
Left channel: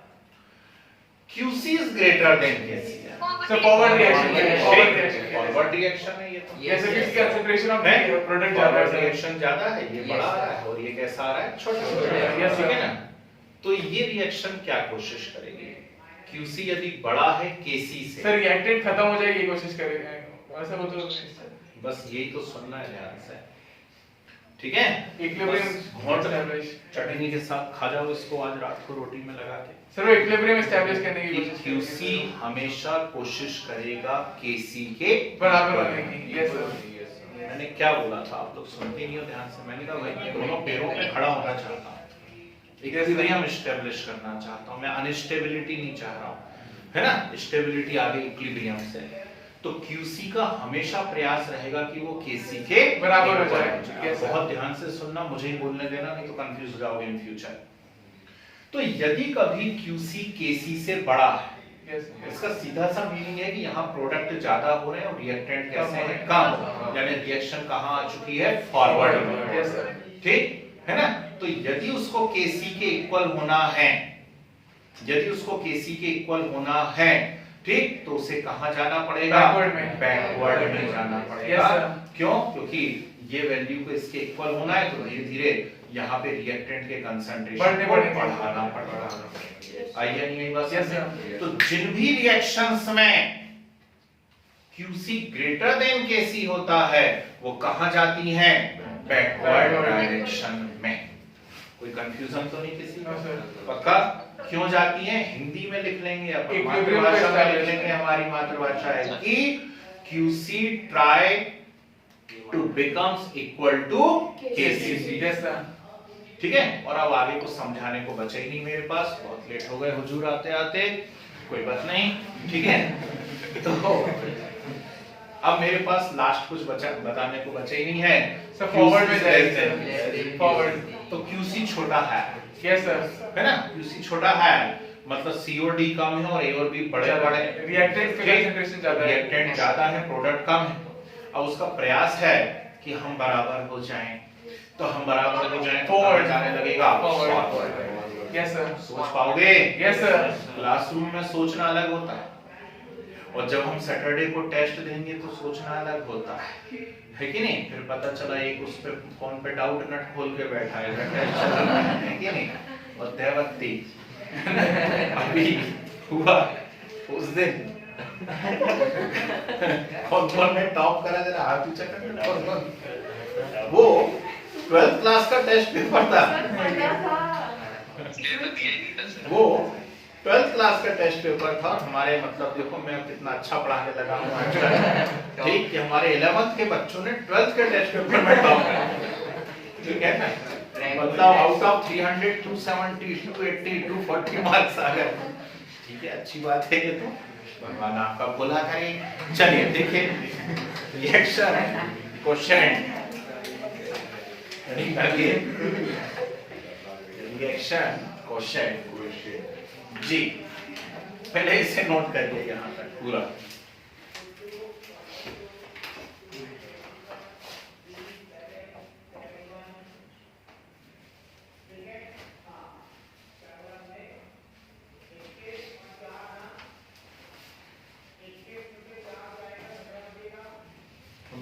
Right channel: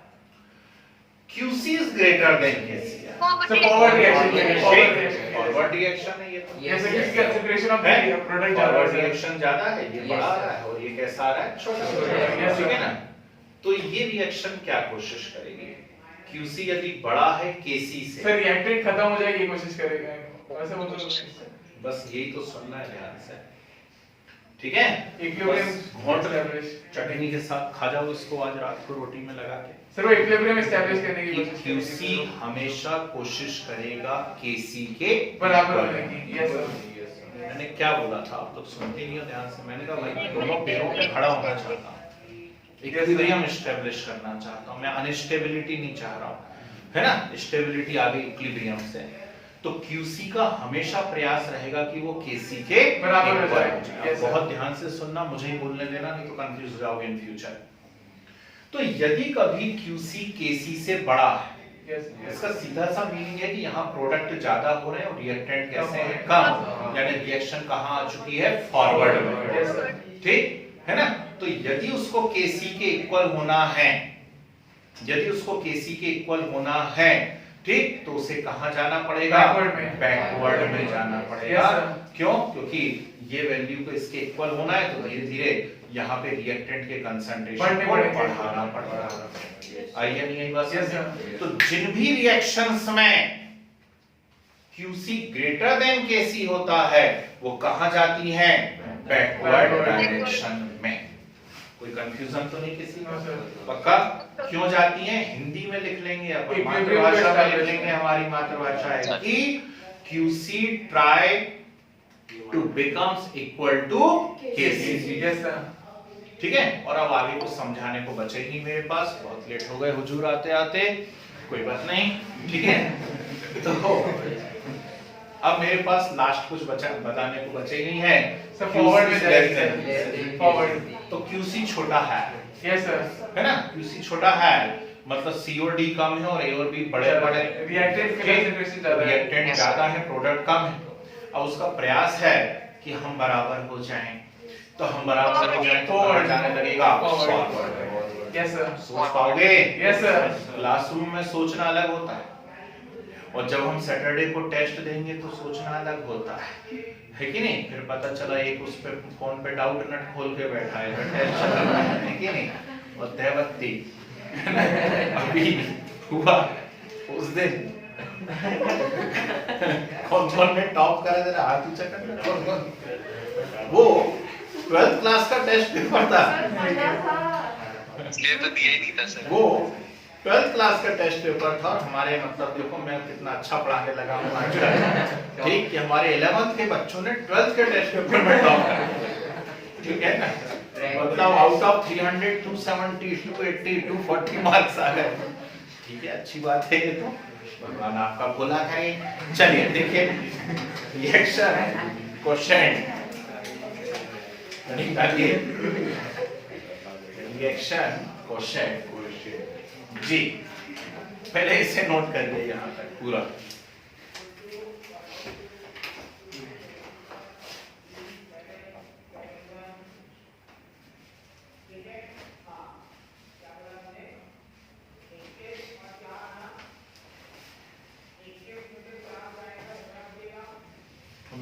QC is greater than KC है, so forward reaction. Forward reaction है ये तो। जैसे कि इसका कंसंट्रेशन ऑफ है? प्रोडक्ट ज्यादा फॉरवर्ड है। रिएक्शन ज्यादा है, ये बड़ा आ रहा है, और ये कैसा आ रहा है? छोटा छोटा। Yes, ठीक है sir. ना? तो ये रिएक्शन क्या कोशिश करेगी? QC यदि बड़ा है KC से, सर रिएक्टेंट खत्म हो जाएगी, ये कोशिश करेंगे वैसे वो तो बस यही तो सुनना है ध्यान से, ठीक है? इक्विलिब्रियम बस घोंट एस्टैब्लिश। चटनी के साथ खा जाओ इसको आज रात को रोटी में लगा के। सर वो इक्विलिब्रियम एस्टैब्लिश करने की कि कोशिश QC करेंगे। हमेशा कोशिश करेगा KC के बराबर बराबर होने की। Yes sir. मैंने क्या बोला था, आप लोग सुनते नहीं हो ध्यान से। मैंने कहा भाई दोनों पैरों पे खड़ा होना चाहता हूँ, इक्विलिब्रियम एस्टेब्लिश करना चाहता हूँ, मैं अनस्टेबिलिटी नहीं चाह रहा हूँ, है ना? स्टेबिलिटी आ गई इक्विलिब्रियम से, तो QC का हमेशा प्रयास रहेगा कि वो KC के बराबर हो इक्वल जाए। Yes, sir. बहुत ध्यान से सुनना, मुझे ही बोलने देना, नहीं तो कंफ्यूज हो जाओगे इन फ्यूचर। तो यदि कभी QC KC से बड़ा है, यस इसका सीधा सा मीनिंग है कि यहाँ प्रोडक्ट ज्यादा हो रहे हैं और रिएक्टेंट कैसे है? कम कम, यानी रिएक्शन कहाँ आ चुकी है? फॉरवर्ड में। Yes sir. ठीक है ना? तो यदि उसको KC के इक्वल होना है, यदि उसको KC के इक्वल होना है, ठीक, तो उसे कहां जाना पड़ेगा? बैकवर्ड में। बैकवर्ड में जाना पड़ेगा। Yes, sir. क्यों? क्योंकि ये वैल्यू को इसके इक्वल होना है, तो धीरे धीरे यहाँ पे रिएक्टेंट के कंसंट्रेशन को बढ़ाना पड़ेगा। आई है नहीं आई बात? Yes, sir. तो जिन भी रिएक्शंस में QC ग्रेटर देन KC होता है, वो कहां जाती हैं? Backward Backward. डायरेक्शन में। कोई कंफ्यूजन तो नहीं किसी No, को? sir. पक्का? क्यों जाती है? हिंदी में लिख लेंगे अपन, Equilibrium मातृभाषा में establish. लिख लेंगे, हमारी मातृभाषा है कि QC try to becomes equal to KC. Yes, sir. ठीक है? और अब आगे कुछ समझाने को बचे ही नहीं मेरे पास, बहुत लेट हो गए हुजूर आते आते, कोई बात नहीं, ठीक है? तो अब मेरे पास लास्ट कुछ बचा बताने को बचे ही नहीं है। So forward में QC जाएंगे, less than. sir. Forward. तो QC छोटा है, Yes, sir. है ना? QC छोटा है, मतलब C और D कम है और A और B बड़े बड़े, Reactant का concentration ज्यादा है. रिएक्टेंट ज्यादा है, प्रोडक्ट कम है। अब उसका प्रयास है कि हम बराबर हो जाएं, तो हम बराबर हो जाएं तो Forward. जाने लगेगा Forward. फॉरवर्ड। Yes, sir. सोच पाओगे? Yes, sir. क्लासरूम में सोचना अलग होता है और जब हम सैटरडे को टेस्ट देंगे तो सोचना अलग होता है कि नहीं? फिर पता चला एक उस पे फोन पे डाउट नट खोल के बैठा है, टेस्ट चल रहा है कि नहीं? और देवत्ती अभी हुआ उस दिन कौन ने टॉप करा, जरा हाथ ऊंचा कर, कौन? वो 12th क्लास का टेस्ट पेपर था, इसलिए तो दिया ही नहीं था सर। वो 12th क्लास का टेस्ट पेपर था। हमारे मतलब देखो मैं कितना अच्छा पढ़ाने लगा हूँ आजकल, ठीक कि हमारे 11th के बच्चों ने 12th के टेस्ट पेपर में टॉप करा, ठीक है ना? मतलब आउट ऑफ 300 270 280 240 मार्क्स आ गए, ठीक है, अच्छी बात है ये तो, भगवान आपका भला करे। चलिए देखिए रिएक्शन क्वेश्चन, निकालिए रिएक्शन क्वेश्चन जी, पहले इसे नोट करिए यहाँ तक पूरा।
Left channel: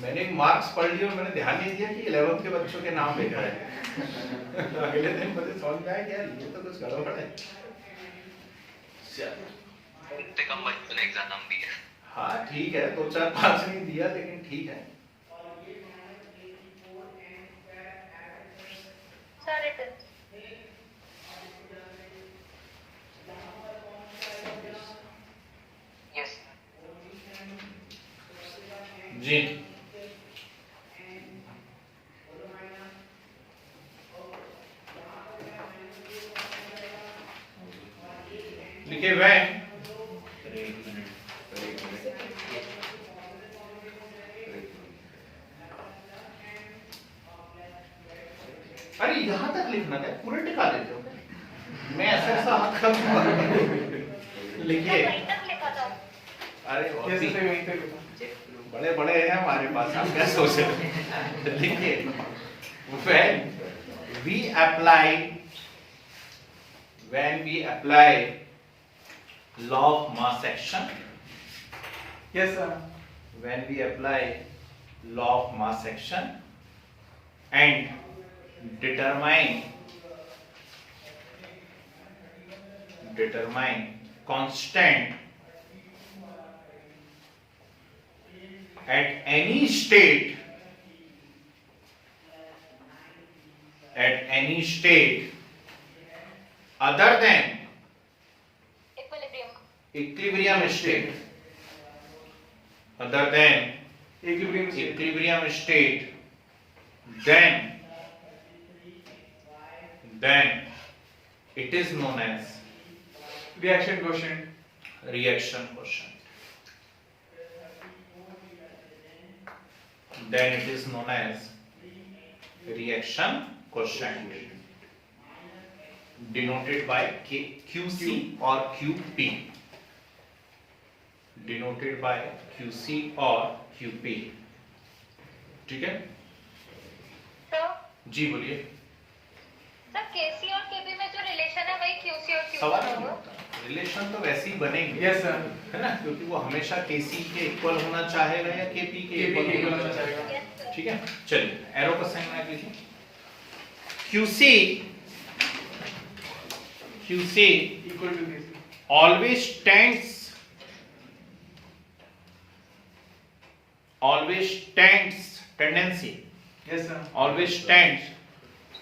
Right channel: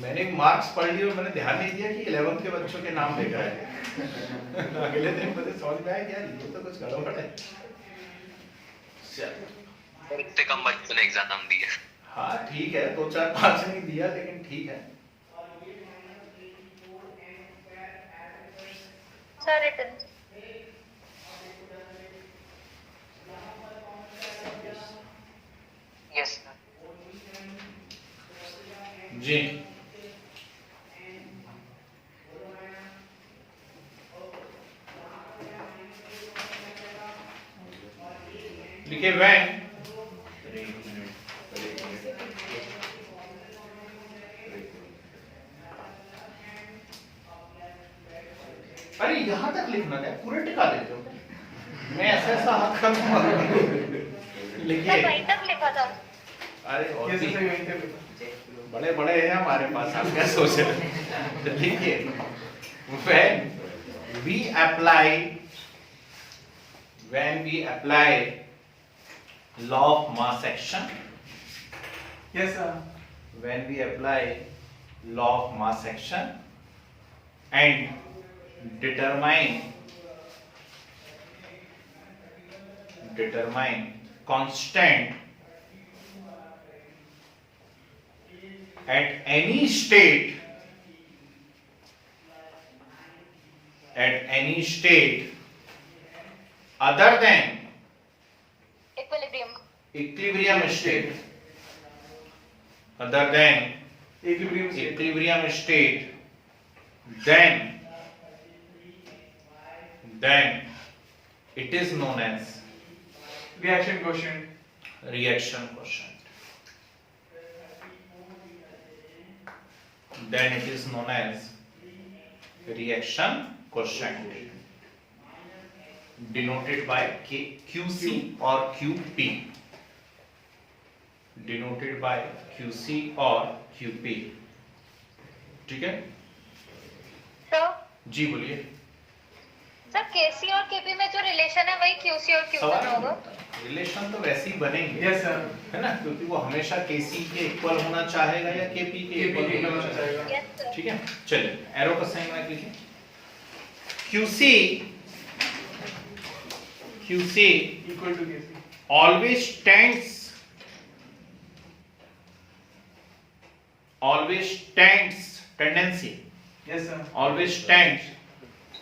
मैंने मार्क्स पढ़ लिए और मैंने ध्यान नहीं दिया कि 11th के बच्चों के नाम लिखा है। अगले दिन मुझे समझ में आया कि यार ये तो कुछ गड़बड़ है। इतने कम बच्चों ने एग्जाम दिया। हाँ ठीक है, 2 4 5 नहीं दिया लेकिन ठीक है। Sir, it is. यस जी लिखे वैन अरे यहाँ तक लिखना है, पूरे टिका देते हो, मैं ऐसा हाथ कर लिखिए। Sir, वहीं तक लिखा था. अरे और Yes, भी sir. वहीं तक. बड़े बड़े हैं हमारे पास, आप क्या सोच रहे हैं? लिखिए when we apply law of mass action, Yes, sir. when we apply law of mass action and determine constant at any state other than Equilibrium. equilibrium state, other than Equilibrium state. equilibrium state, then it is known as Reaction quotient. reaction quotient. Then it is known as reaction quotient, denoted by QC or QP. Denoted by QC or QP. ठीक है Sir, जी, बोलिए। sir, KC और KP में जो relation है वही QC और QP सवाल में होगा. रिलेशन तो वैसे ही बनेंगे, Yes, sir. है ना, क्योंकि वो हमेशा KC के इक्वल होना चाहेगा या KP के KP के इक्वल equal होना होना चाहेगा। चाहिए. Yes, sir. ठीक है, चलिए एरो का साइन बना के लिखिए। QC Equal to KC. always tends tendency Yes, sir. always tends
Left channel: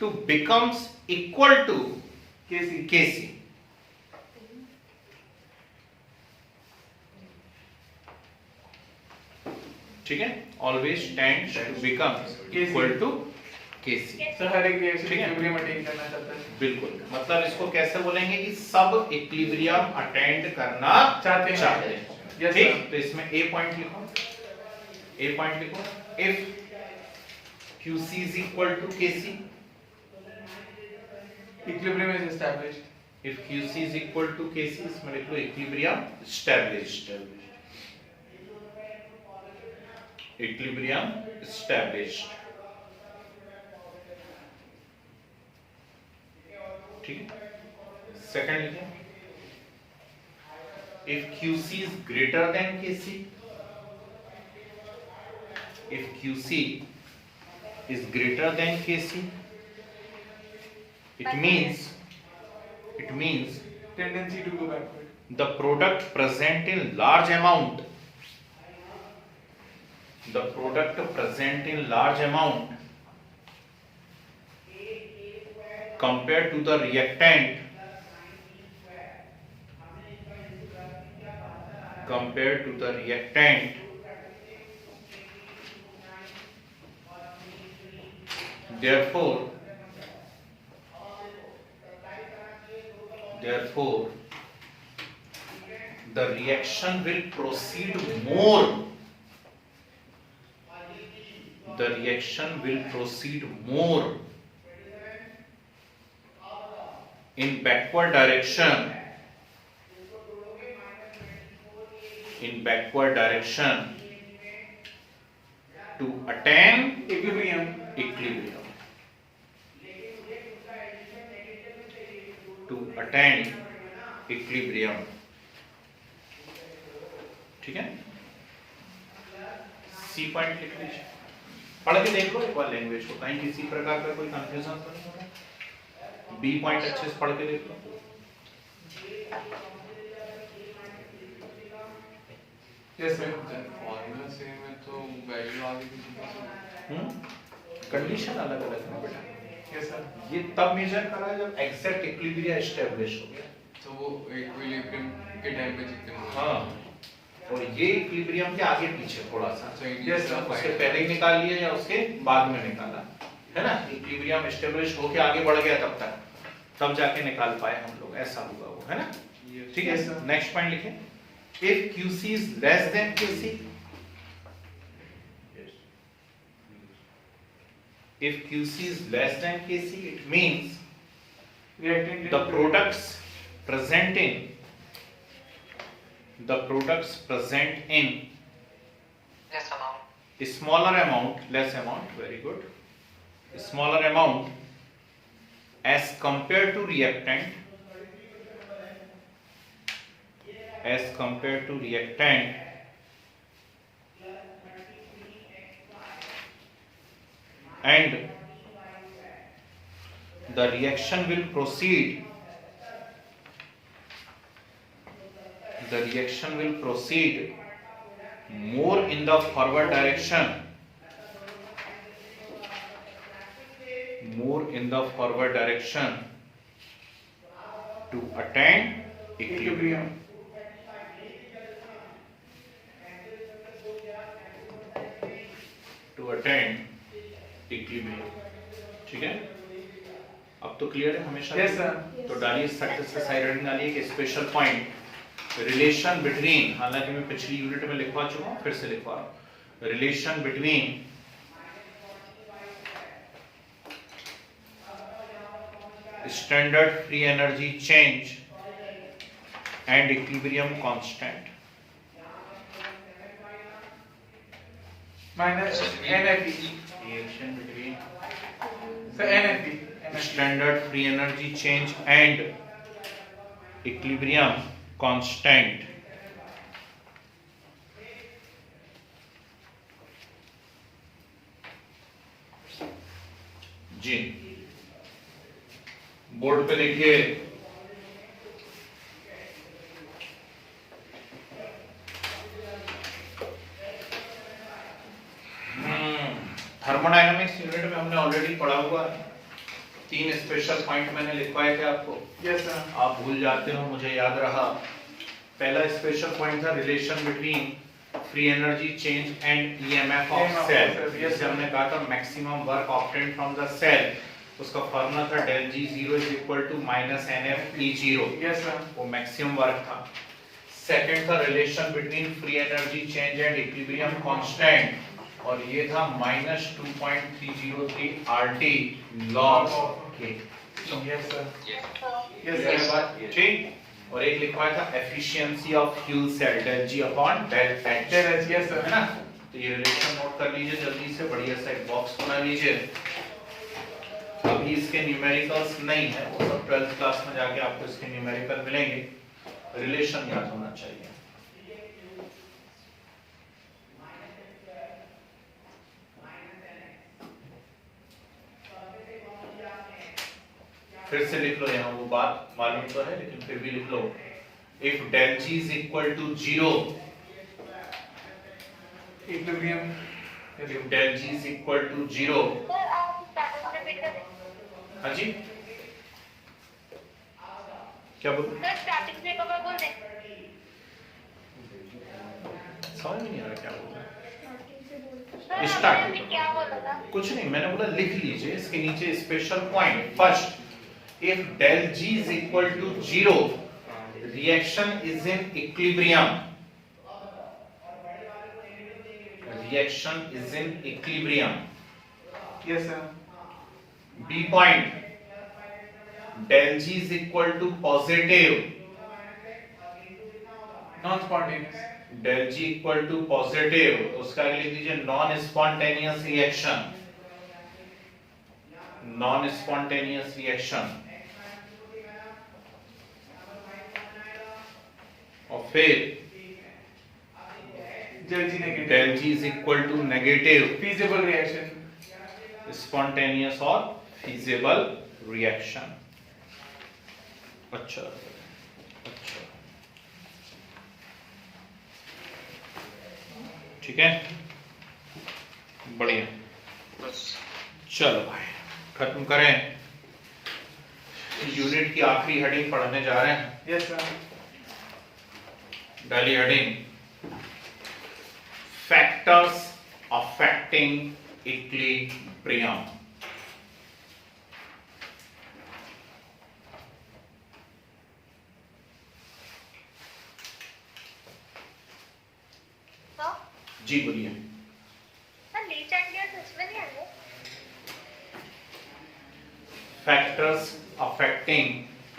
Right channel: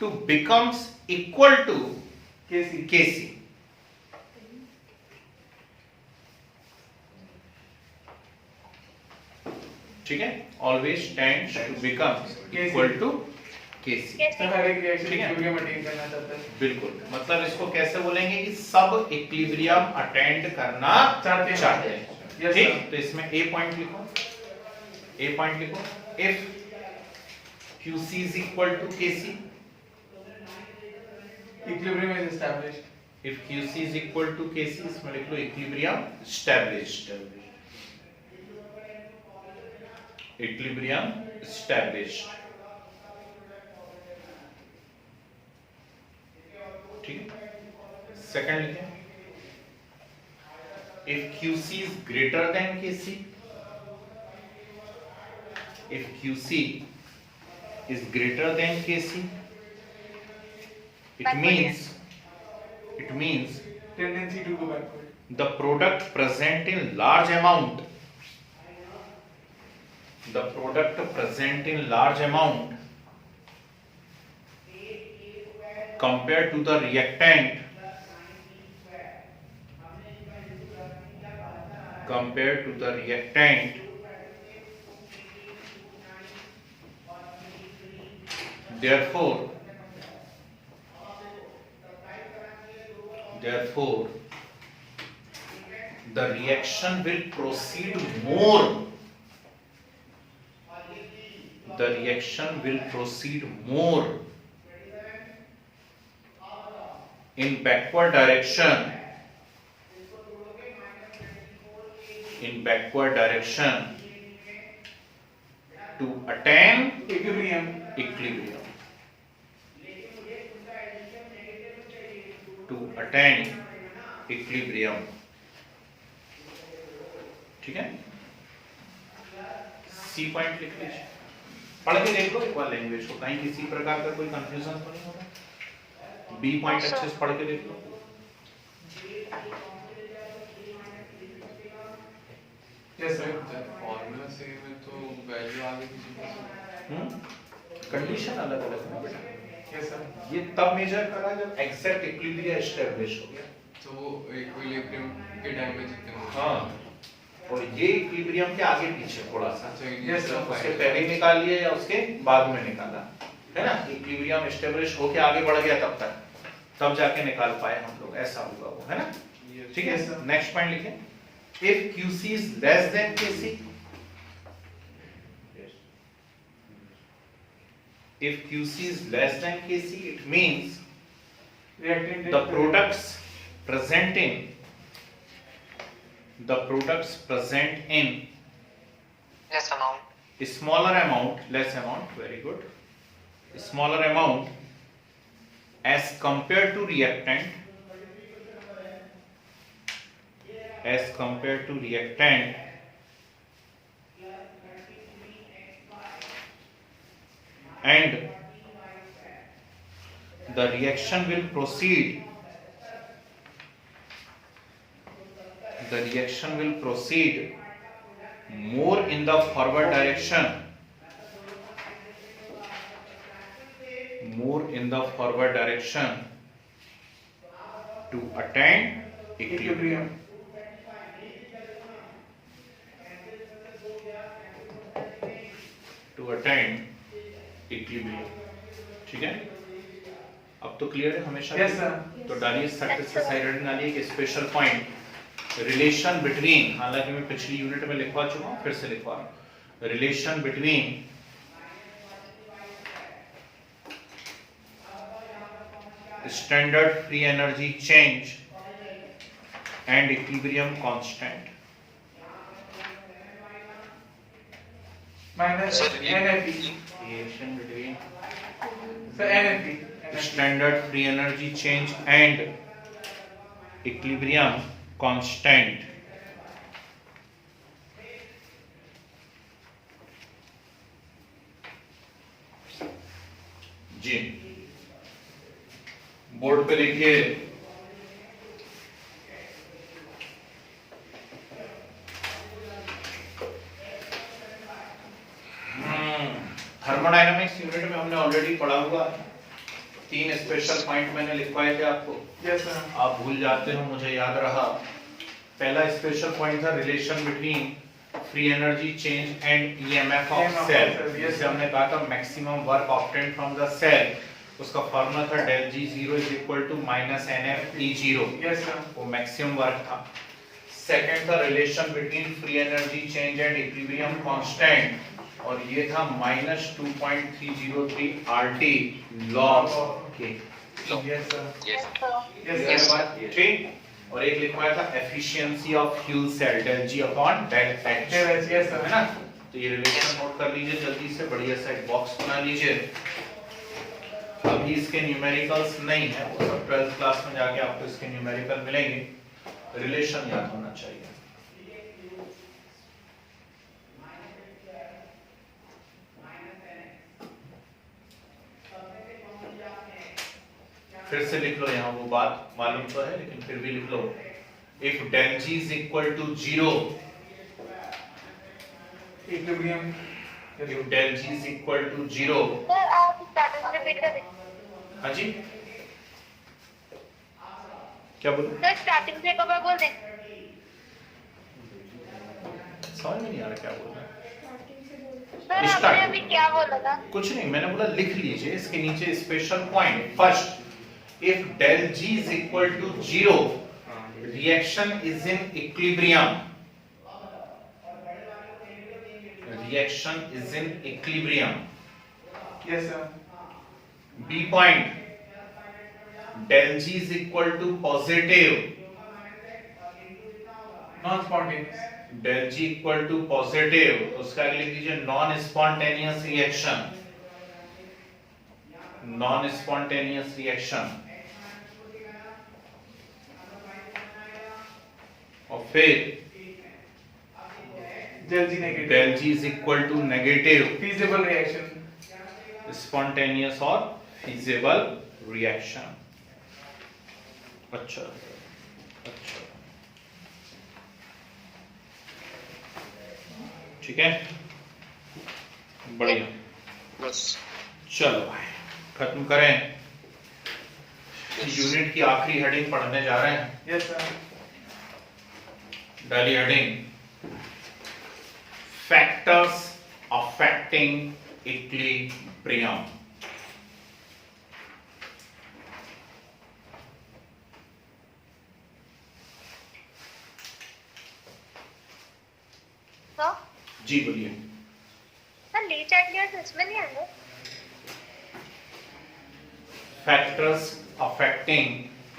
to becomes equal to KC. Kc. ठीक है, always tends to become equal to Kc. Sir हर एक रिएक्शन ठीक है। इक्विलिब्रियम अटेन करना चाहता है। बिल्कुल, मतलब इसको कैसे बोलेंगे कि सब इक्विलिब्रियम अटेंड करना चाहते हैं। Yes, ठीक, sir. तो इसमें ए पॉइंट लिखो, ए पॉइंट लिखो, if QC is equal to KC, equilibrium is established. if QC is equal to KC, इसमें लिख लो इक्विलिब्रियम established, इक्विलिब्रियम established, ठीक है। सेकंड लिखें, if QC is greater than KC, if QC is greater than KC, it means tendency to go backward. the product present in large amount, the product present in large amount compared to the reactant, compared to the reactant, therefore the reaction will proceed more, the reaction will proceed more in backward direction, in backward direction to attain equilibrium. equilibrium, to attain equilibrium, ठीक है। C point लिख लीजिए, पढ़ के देख लो एक बार language को, कहीं किसी प्रकार का कोई कंफ्यूजन तो नहीं हो रहा। बी पॉइंट अच्छे से पढ़ के देख लो। Yes sir. फॉर्मूला सेम है तो वैल्यू आगे किसी का कंडीशन अलग अलग है बेटा, यस सर। ये तब मेजर करा जब एग्जैक्ट इक्विलिब्रियम एस्टैब्लिश हो गया। तो वो इक्विलिब्रियम के टाइम पे जितना हाँ, और ये इक्विलिब्रियम के आगे पीछे थोड़ा सा, अच्छा Yes, sir. उससे पहले ही निकाल लिया या उसके बाद में निकाला, है ना। इक्विलिब्रियम एस्टैब्लिश होके आगे बढ़ गया तब जाके निकाल पाए हम लोग, ऐसा हुआ वो, है ना। ठीक है, Yes, sir. नेक्स्ट पॉइंट लिखें, if QC is less than KC, if QC is less than KC, it means reactant the products present in Less amount. a smaller amount, less amount, very good, a smaller amount as compared to reactant, as compared to reactant, and the reaction will proceed, the reaction will proceed more in the forward direction, more in the forward direction to attain equilibrium. To attain equilibrium, ठीक है। अब तो clear है हमेशा। Yes, sir. तो डालिए success के side heading डालिए कि स्पेशल पॉइंट रिलेशन बिटवीन, हालांकि मैं पिछली यूनिट में लिखवा चुका हूं, फिर से लिखवा रहा हूं, relation between standard free energy change and equilibrium constant, minus NFP। Relation between sir NFP। standard free energy change and equilibrium constant, जी बोर्ड पे लिखिए, थर्मोडायनामिक्स यूनिट में हमने ऑलरेडी पढ़ा हुआ है, 3 स्पेशल पॉइंट मैंने लिखवाए थे आपको, यस सर। आप भूल जाते हो, मुझे याद रहा। पहला स्पेशल पॉइंट था relation between free energy change and EMF of cell, जैसे हमने कहा था maximum work obtained from the cell, उसका फॉर्मूला था del G0 is equal to minus NF E0, yes sir. वो मैक्सिमम वर्क था। सेकंड था relation between free energy change and equilibrium constant, और ये था -2.303 RT log K। Yes sir. Yes. Yes sir. ठीक, और एक लिखवाया था efficiency of fuel cell del G upon del H, yes sir. है ना। तो ये रिलेशन नोट कर लीजिए जल्दी से, बढ़िया सा एक बॉक्स बना लीजिए। अभी इसके न्यूमेरिकल्स नहीं है, वो सब 12th क्लास में जाके आपको इसके न्यूमेरिकल मिलेंगे, रिलेशन याद होना चाहिए। फिर से लिख लो, यहाँ वो बात मालूम तो है लेकिन फिर भी लिख लो। If del G is equal to 0, equilibrium. if del G is equal to 0, sir आप स्टार्टिंग रिपीट करें। हाँ जी क्या बोले, सर स्टार्टिंग से कब बोल दें। समझ में नहीं आ रहा क्या बोल रहा है। सर आपने अभी क्या बोला था। कुछ नहीं, मैंने बोला लिख लीजिए इसके नीचे special point. First, if del G is equal to 0, reaction is in equilibrium. Reaction is in equilibrium. Yes sir. B point, del G is equal to positive. Non spontaneous. del G equal to positive, तो उसका आगे लिख दीजिए non spontaneous reaction. Non spontaneous reaction, और फिर del G negative. del G is equal to negative, feasible reaction. spontaneous और feasible reaction। अच्छा अच्छा, ठीक है, बढ़िया। Yes. चलो भाई खत्म करें, यूनिट की आखिरी हेडिंग पढ़ने जा रहे हैं। Yes sir. डाली हेडिंग फैक्टर्स अफेक्टिंग इक्विलिब्रियम। तो जी बोलिए। सर लीच आइडियाज इसमें नहीं आएंगे। फैक्टर्स अफेक्टिंग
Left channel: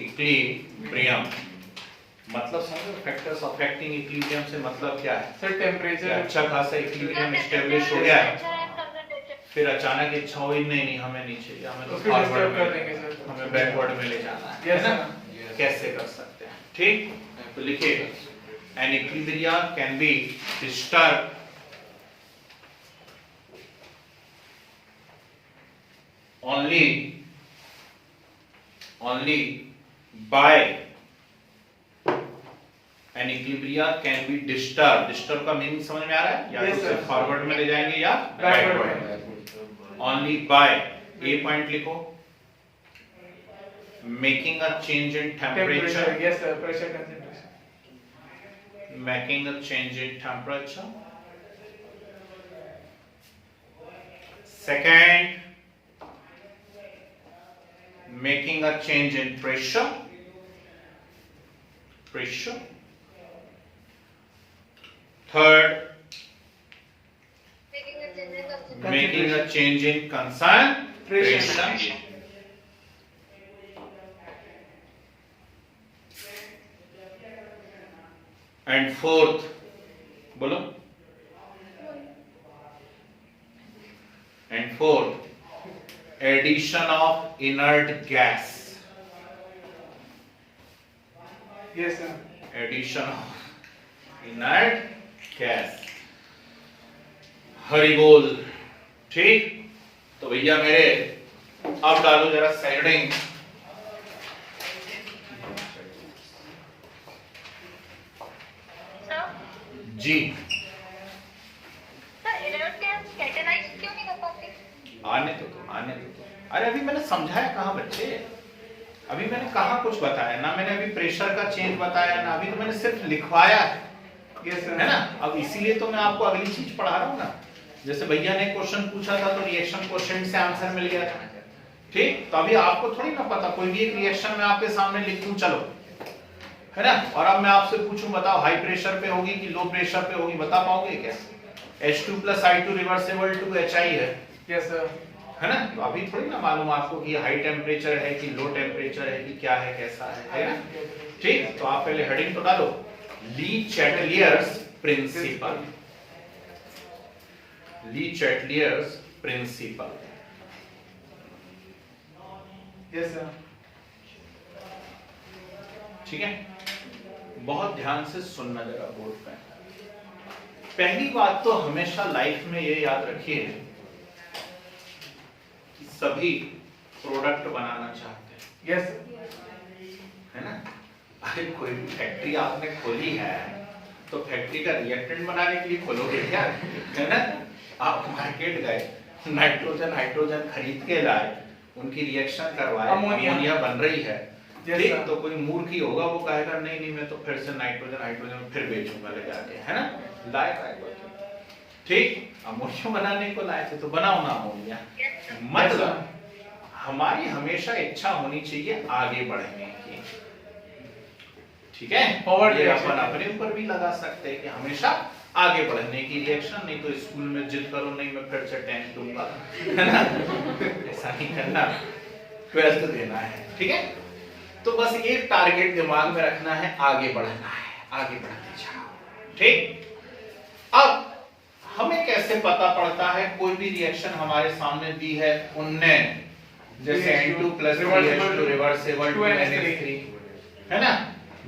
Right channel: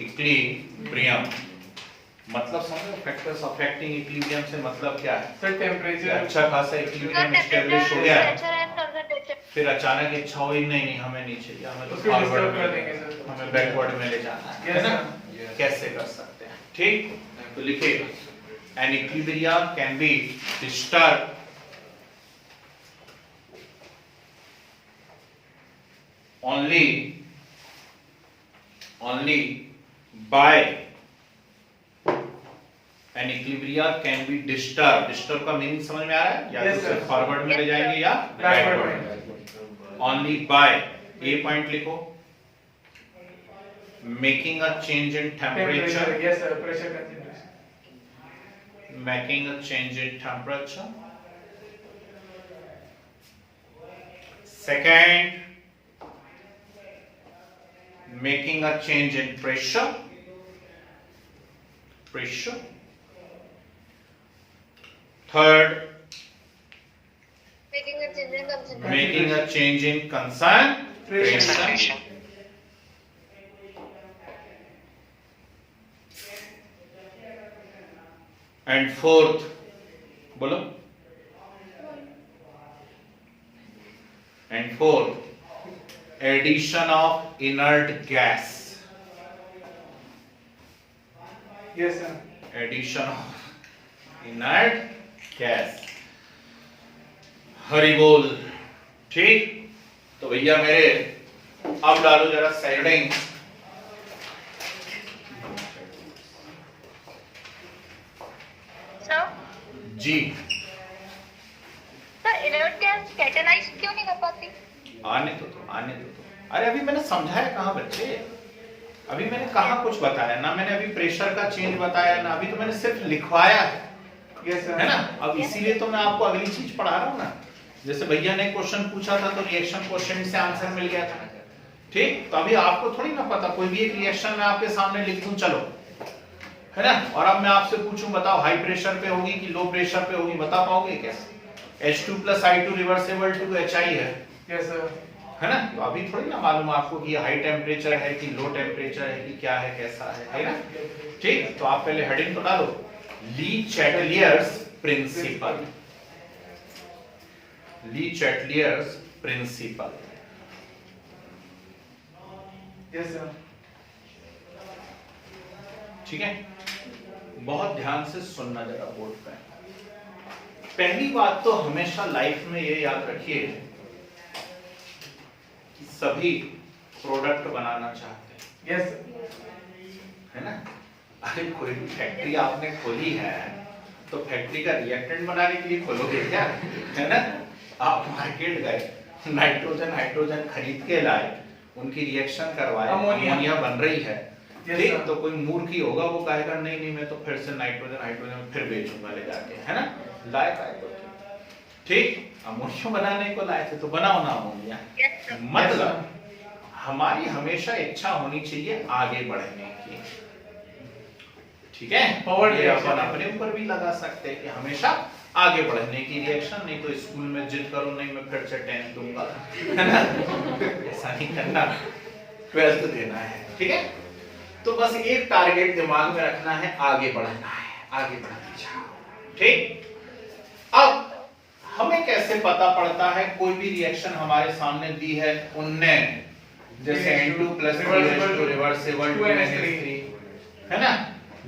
इक्विलिब्रियम मतलब समझो, फैक्टर्स अफेक्टिंग इक्विलिब्रियम से मतलब क्या है। सर कि टेम्परेचर। अच्छा खासा इक्विलिब्रियम एस्टेब्लिश हो गया है, फिर अचानक इच्छा हुई नहीं हमें नहीं चाहिए, हमें तो उसको फॉरवर्ड disturb कर में, देंगे सर। हमें बैकवर्ड में ले जाना है Yes, ना। sir. कैसे कर सकते हैं, ठीक, तो लिखिए an equilibrium can be disturb only by an equilibrium can be disturbed। Disturb का मीनिंग समझ में आ रहा है, या Yes, तो sir. सिर्फ फॉरवर्ड में ले जाएंगे या Backward backward. Only by, a point लिखो, making a change in temperature, yes sir. Pressure concentration. making a change in temperature। Second, making a change in pressure। Third, making a change in concentration। And fourth, बोलो, and fourth, addition of inert gas। Yes sir. Addition of inert gas. Hari बोल, ठीक। तो भैया मेरे अब डालो जरा heading. जी सर इनर्ट गैस कैटेनाइज क्यों नहीं कर पाती। आने तो अरे अभी मैंने समझाया कहाँ बच्चे, अभी मैंने कहाँ कुछ बताया ना, मैंने अभी प्रेशर का चेंज बताया ना, अभी तो मैंने सिर्फ लिखवाया है ना। अब इसीलिए तो मैं आपको अगली चीज पढ़ा रहा हूँ ना। जैसे भैया ने क्वेश्चन पूछा था तो रिएक्शन क्वेश्चन से आंसर मिल गया था, ठीक। तो अभी आपको थोड़ी ना पता, कोई भी एक रिएक्शन मैं आपके सामने लिख दूं चलो, है ना, और अब मैं आपसे पूछूं बताओ हाई प्रेशर पे होगी कि लो प्रेशर पे होगी, बता पाओगे क्या? H2 + I2 reversible to HI है, यस सर, है ना। तो अभी थोड़ी ना मालूम आपको कि हाई टेम्परेचर है कि लो टेम्परेचर है कि क्या है कैसा है ना, ठीक। तो आप पहले हेडिंग तो डालो, ली चैटलियर्स प्रिंसिपल, ली चैटलियर्स प्रिंसिपल, यस सर, ठीक है। बहुत ध्यान से सुनना जरा बोर्ड पे। पहली बात तो हमेशा लाइफ में ये याद रखिए कि सभी प्रोडक्ट बनाना चाहते हैं, यस है ना। अरे कोई भी फैक्ट्री आपने खोली है तो फैक्ट्री का रिएक्टेंट बनाने के लिए खोलोगे क्या, है ना। आप मार्केट गए, नाइट्रोजन खरीद के लाए, उनकी रिएक्शन करवाए, अमोनिया बन रही है, ठीक। तो कोई मूर्ख ही होगा वो कहेगा नहीं नहीं मैं तो फिर से नाइट्रोजन फिर बेचूंगा ले जाके, है ना। लाए ठीक, अमोनिया बनाने को लाए थे तो बनाओ ना अमोनिया। मतलब हमारी हमेशा इच्छा होनी चाहिए आगे बढ़ने की, ठीक है। और ये अपन अपने ऊपर भी लगा सकते हैं कि हमेशा आगे बढ़ने की रिएक्शन, नहीं तो स्कूल में जिद करो नहीं मैं फिर से 10th दूंगा, है ना, ऐसा नहीं करना, 12th देना है, ठीक है। तो बस एक टारगेट दिमाग में रखना है, आगे बढ़ना है, आगे बढ़ना जाओ, ठीक। अब हमें कैसे पता पड़ता है कोई भी रिएक्शन हमारे सामने दी है उनने, जैसे N2 + 3H2 reversible to NH3, है ना,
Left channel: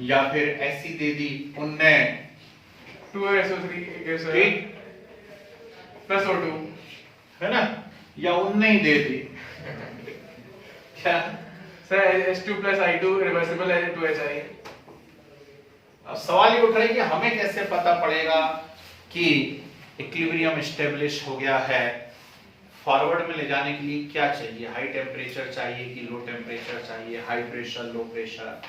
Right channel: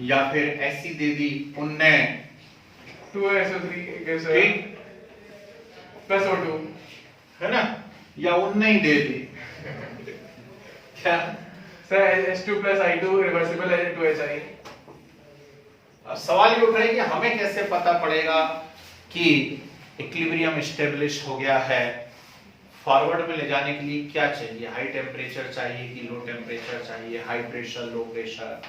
या फिर ऐसी दे दी उनने 2SO3 प्लस O2, है ना, या उनने ही दे दी क्या सर H2 + I2 रिवर्सिबल है 2HI। अब सवाल ये उठ रहा है कि हमें कैसे पता पड़ेगा कि इक्विलिब्रियम एस्टेब्लिश हो गया है। फॉरवर्ड में ले जाने के लिए क्या चाहिए, हाई टेम्परेचर चाहिए कि लो टेम्परेचर चाहिए, high pressure low pressure,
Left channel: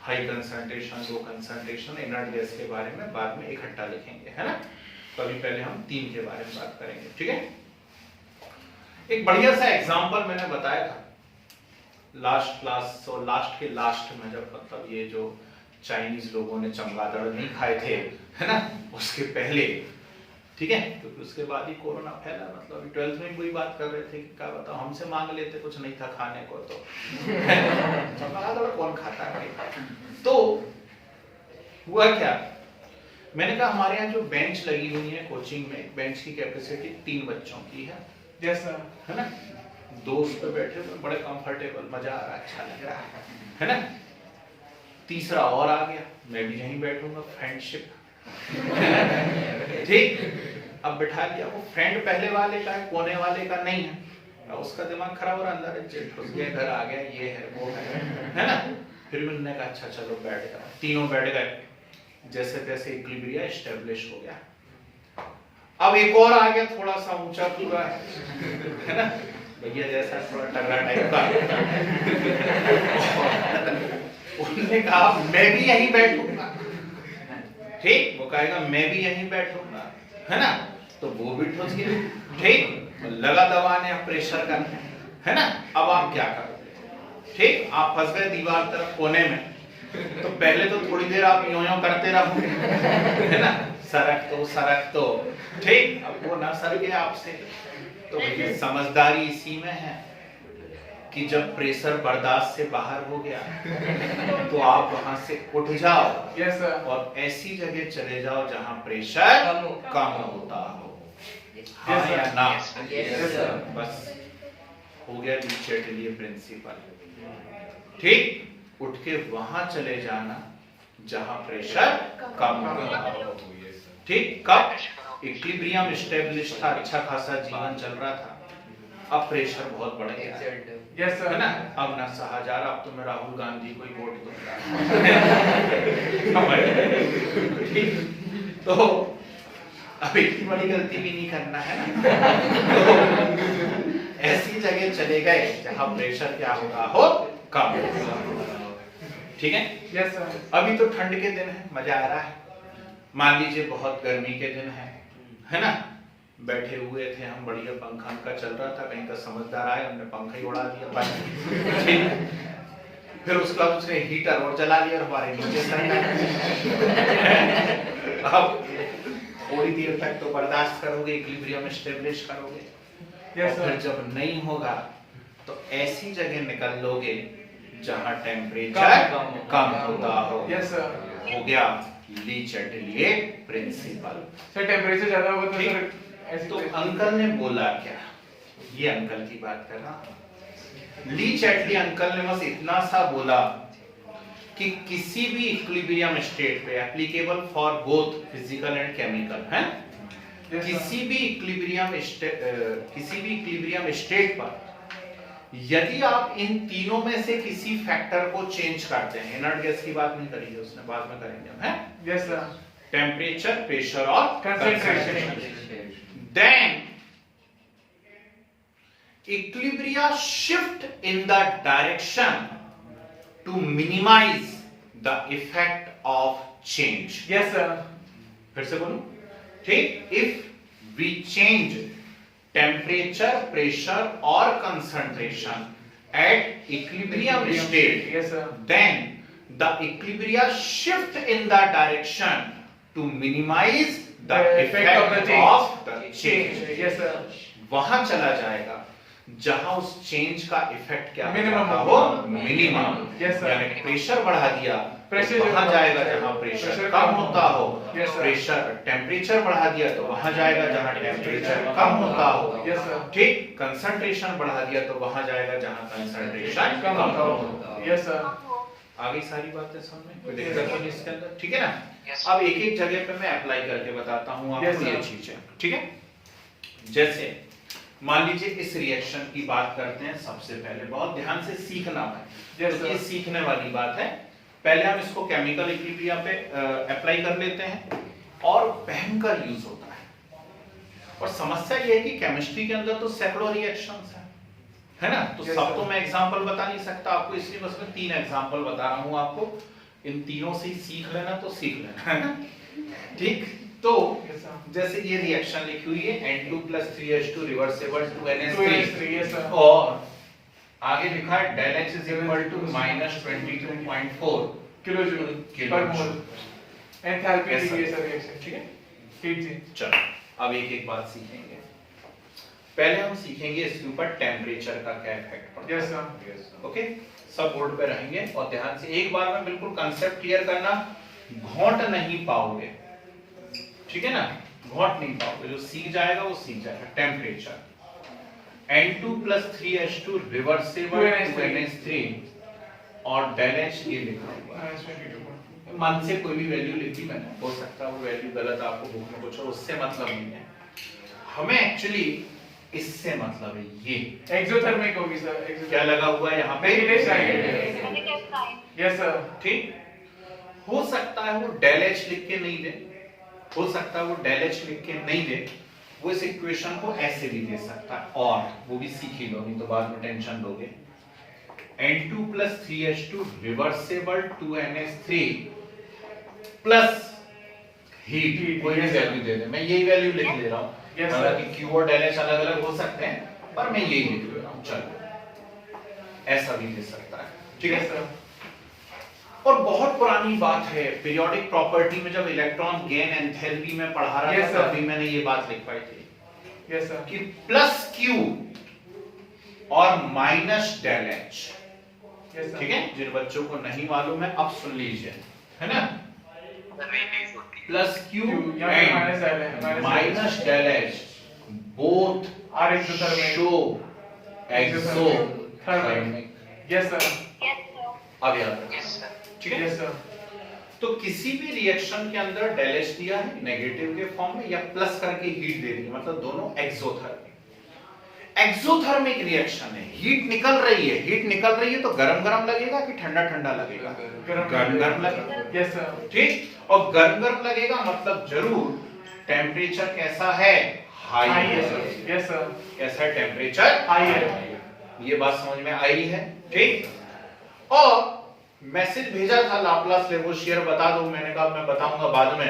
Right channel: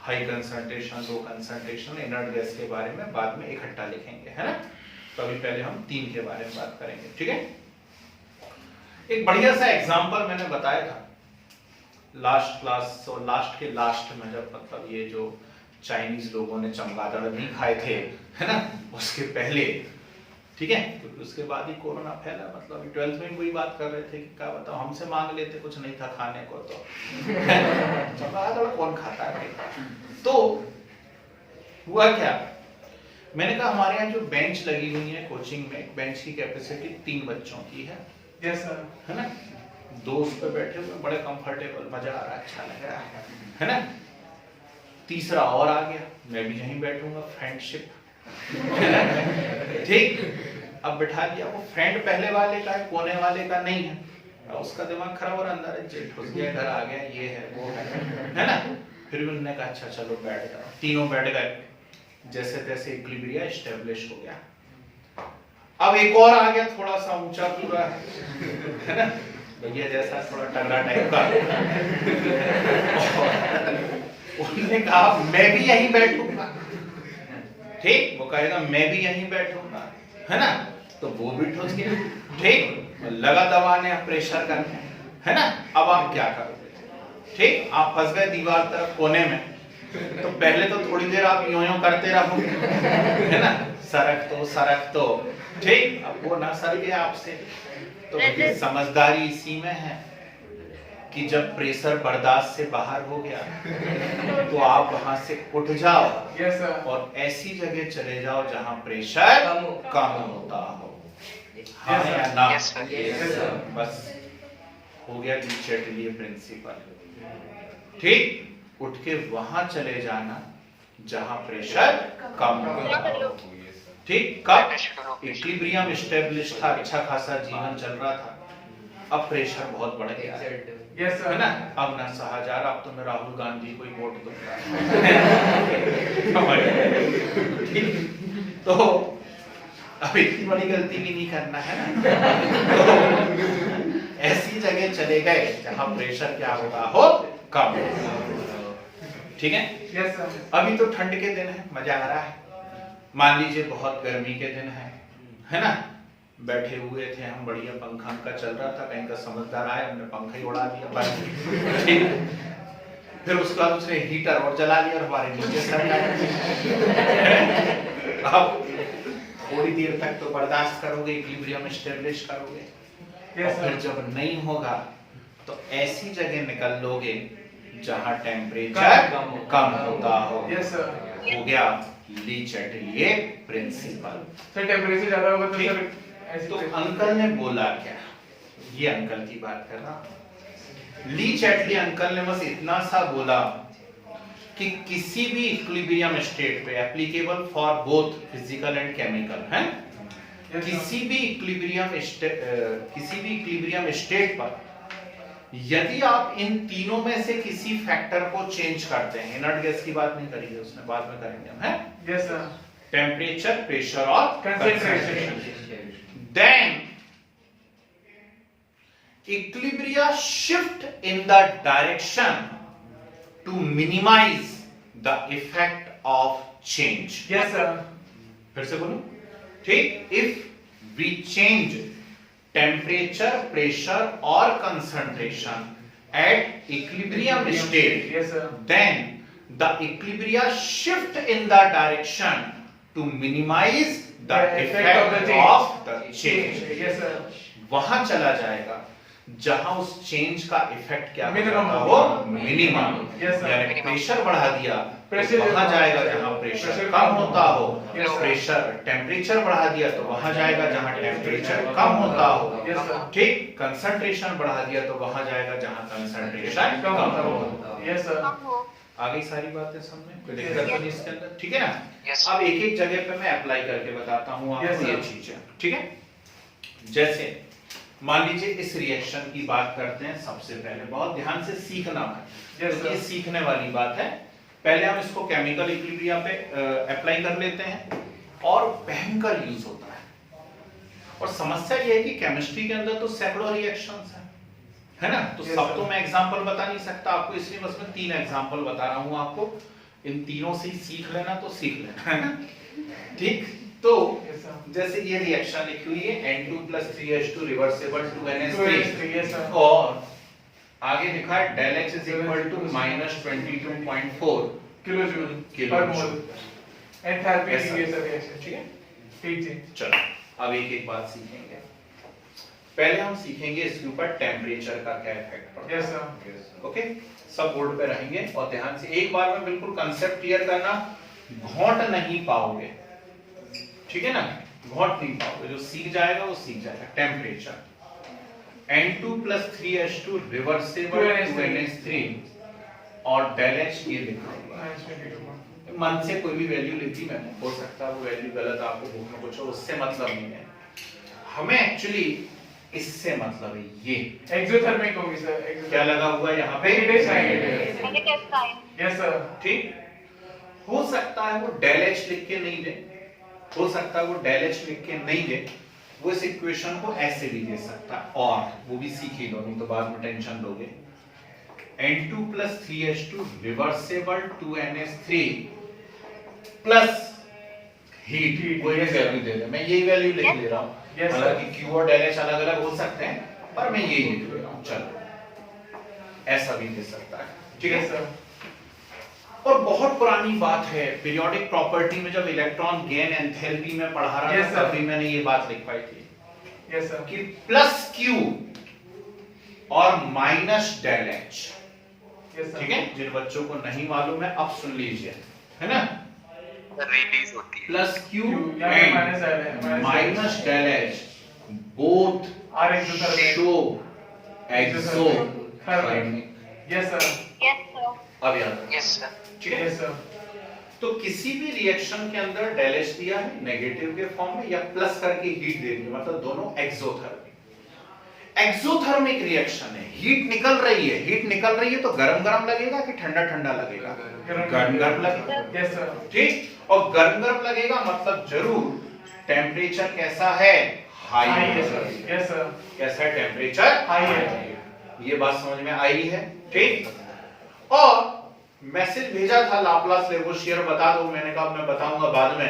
high concentration low concentration, inert gas के बारे में बाद में इकट्ठा लिखेंगे, है ना। तो अभी पहले हम 3 के बारे में बात करेंगे, ठीक है। एक बढ़िया सा एग्जांपल मैंने बताया था लास्ट क्लास और लास्ट के लास्ट में, जब मतलब ये जो चाइनीज लोगों ने चमगादड़ नहीं खाए थे, है ना, उसके पहले, ठीक है, क्योंकि तो उसके बाद ही कोरोना फैला। मतलब 12th में वही बात कर रहे थे कि क्या बताओ हमसे मांग लेते, कुछ नहीं था खाने को तो चमगादड़ कौन खाता है भाई। तो हुआ क्या, मैंने कहा हमारे यहाँ जो बेंच लगी हुई है कोचिंग में, बेंच की कैपेसिटी 3 बच्चों की है, यस सर, है ना। 2 उस पे बैठे हुए बड़े कंफर्टेबल, मजा आ रहा है, अच्छा लग रहा है ना। तीसरा और आ गया, मैं भी यहीं बैठूंगा, फ्रेंडशिप, ठीक। अब बिठा दिया, वो फ्रेंड पहले वाले का है, कोने वाले का नहीं है, उसका दिमाग खराब हो रहा, अंदर घुस गया, इधर आ गया, ये है वो है ना। फिर भी उन्होंने कहा अच्छा चलो बैठ जाओ, तीनों बैठ गए, जैसे तैसे इक्विलिब्रियम एस्टेब्लिश हो गया। अब एक और आ गया थोड़ा सा ऊंचा पूरा, है ना, भैया जैसा थोड़ा तगड़ा टाइप का, उन्होंने कहा मैं भी यहीं बैठूंगा, ठीक। वो कहेगा मैं भी यहीं बैठूंगा, है ना, तो वो भी ठुस गया, ठीक, लगा दबाने प्रेशर करने, है ना। अब आप क्या करोगे, ठीक, आप फंस गए दीवार तरफ कोने में, तो पहले तो थोड़ी देर आप यूं करते रहोगे, है ना, सरक तो, ठीक। अब वो ना सर गया आपसे, तो भैया समझदारी इसी में है कि जब प्रेशर बर्दाश्त से बाहर हो गया तो आप वहां से उठ जाओ, यस सर, और ऐसी जगह चले जाओ जहां प्रेशर कम होता हो, हाँ या ना, बस हो गया लीचेटलियर प्रिंसिपल, ठीक। उठ के वहां चले जाना जहां प्रेशर कम होता हो, ठीक। कब इक्विलिब्रियम एस्टेब्लिश था, अच्छा खासा जीवन चल रहा था, अब प्रेशर बहुत बढ़ गया, यस सर, है ना। अब ना सहा जा रहा, अब तो मैं राहुल गांधी को ही वोट दूंगा, ठीक। तो अब इतनी बड़ी गलती भी नहीं करना, है ना। तो ऐसी जगह चले गए जहां प्रेशर क्या हो रहा हो, कम। ठीक है, यस सर। अभी तो ठंड के दिन है, मजा आ रहा है। मान लीजिए बहुत गर्मी के दिन है ना, बैठे हुए थे हम, बढ़िया पंखा का चल रहा था, कहीं का समझदार आया, हमने पंखा ही उड़ा दिया बस। ठीक, फिर उसके बाद उसने हीटर और जला लिया और हमारे नीचे सड़ गया। अब थोड़ी देर तक तो बर्दाश्त करोगे, इक्विलिब्रियम स्टेब्लिश करोगे, और फिर जब नहीं होगा तो ऐसी जगह निकल लोगे जहां टेम्परेचर कम होता हो। Yes sir. हो गया ली चैटलिए प्रिंसिपल। सर टेम्परेचर ज्यादा होगा तो ठीक। सर ऐसे तो अंकल ने बोला क्या, ये अंकल की बात कर रहा हूं। ली चैटली अंकल ने बस इतना सा बोला कि किसी भी इक्विलिब्रियम स्टेट पे applicable for both physical and chemical है, किसी भी इक्विलिब्रियम स्टेट पर यदि आप इन तीनों में से किसी फैक्टर को चेंज करते हैं, इनर्ट गैस की बात नहीं करेंगे, उसने बाद में करेंगे हम, है यस सर। टेम्परेचर, प्रेशर और concentration, then equilibria shift in the direction to minimize the effect of change. Yes sir. फिर से बोलो, ठीक, if we change temperature, pressure or concentration at equilibrium state, yes sir. then the equilibria shift in the direction to minimize the effect of the change. Yes sir. वहां चला जाएगा जहां उस change का इफेक्ट क्या Minimum होगा, होगा। वो मिनिमम। Yes, sir। यानी प्रेशर बढ़ा दिया Pressure तो वहां जो- जाएगा जहां प्रेशर pressure कम कम होता हो, Yes, sir। प्रेशर टेम्परेचर बढ़ा दिया तो वहां जाएगा जहां टेम्परेचर कम होता हो, Yes, sir। ठीक, कंसंट्रेशन बढ़ा दिया तो वहां जाएगा जहां कंसंट्रेशन कम होता हो। हो। Yes sir. आ गई सारी बातें समझ में, कोई दिक्कत तो नहीं इसके अंदर, ठीक है ना। Yes. अब एक एक जगह पे मैं अप्लाई करके बताता हूं Yes, आपको sir। ये चीजें, ठीक है। जैसे मान लीजिए इस रिएक्शन की बात करते हैं, सबसे पहले बहुत ध्यान से सीखना है, Yes, तो ये sir। सीखने वाली बात है। पहले हम इसको केमिकल इक्विलिब्रियम पे अप्लाई कर लेते हैं और भयंकर यूज होता है। और समस्या ये है कि केमिस्ट्री के अंदर तो सैकड़ों रिएक्शंस हैं, है ना, तो Yes, सब sir। तो मैं एग्जांपल बता नहीं सकता आपको, इसलिए बस मैं 3 एग्जांपल बता रहा हूं आपको। इन तीनों से ही सीख लेना तो सीख लेना, है ना, ठीक। तो यस सर। जैसे ये रिएक्शन लिखी हुई है N2 + 3H2 reversible 2NH3, yes sir. और आगे लिखा है del H = -22.4 किलोजूल किलो पर मोल। एंथैल्पी Yes, की sir। ये सब रिएक्शन, ठीक है। ठीक जी। चलो अब एक एक बात सीखेंगे। पहले हम सीखेंगे इसके ऊपर टेम्परेचर का क्या इफेक्ट पड़ता है। Yes sir. ओके, सब बोर्ड पे रहेंगे और ध्यान से एक बार में बिल्कुल कांसेप्ट क्लियर करना, घोंट नहीं पाओगे, ठीक है ना, घोंट नहीं पाओगे, जो सीख जाएगा वो सीख जाएगा। Temperature N2 + 3H2 reversible 2NH3 और del H ये लिखा हुआ है। मन से कोई भी वैल्यू लिखी मैंने, हो सकता है वो वैल्यू गलत आपको बुक में कुछ हो, उससे मतलब नहीं है, हमें एक्चुअली इससे मतलब है ये एक्सोथर्मिक होगी सर। क्या लगा हुआ है यहाँ पे, negative sign. Negative sign. Yes sir. ठीक। हो सकता है वो del H लिख के नहीं दे, हो सकता है वो del H लिख के नहीं दे, वो इस इक्वेशन को ऐसे भी दे सकता है, और वो भी सीखिएगा, नहीं तो बाद में टेंशन लोगे। N2 + 3H2 reversible 2NH3 plus heat, कोई भी वैल्यू दे दे, मैं यही वैल्यू लिख ले रहा हूँ, Yes, sir। हालांकि Q और del H अलग अलग हो सकते हैं, पर मैं यही लिख ले रहा हूँ, चलो ऐसा भी दे सकता है, ठीक है। Yes sir. और बहुत पुरानी बात है, पीरियोडिक प्रॉपर्टी में जब इलेक्ट्रॉन गेन एंथैल्पी में पढ़ा रहा Yes, था, sir। तभी मैंने ये बात लिखवाई थी यस सर। कि +Q और -del H, यस सर। ठीक है। जिन बच्चों को नहीं मालूम है अब सुन लीजिए, है ना, रिलीज होती है। +Q यहाँ पे minus L है, minus -del H both are exothermic. show exothermic। Yes sir. Yes sir. अब याद रखिए, यस सर। ठीक है। Yes sir. तो किसी भी रिएक्शन के अंदर del H दिया है नेगेटिव के फॉर्म में या प्लस करके हीट दे दी, मतलब दोनों एक्सोथर्मिक। एक्सोथर्मिक रिएक्शन है, हीट निकल रही है, हीट निकल रही है तो गरम गरम लगेगा कि ठंडा ठंडा लगेगा, गरम गरम लगेगा, यस सर। ठीक। और गरम गरम लगेगा मतलब जरूर टेम्परेचर कैसा है, हाई हाई है। है सर, यस सर, कैसा है टेम्परेचर? हाई है, ये बात समझ में आई है, ठीक। और मैसेज भेजा था लाप्लास लेवोशियर बता दो, मैंने कहा मैं बताऊंगा बाद में,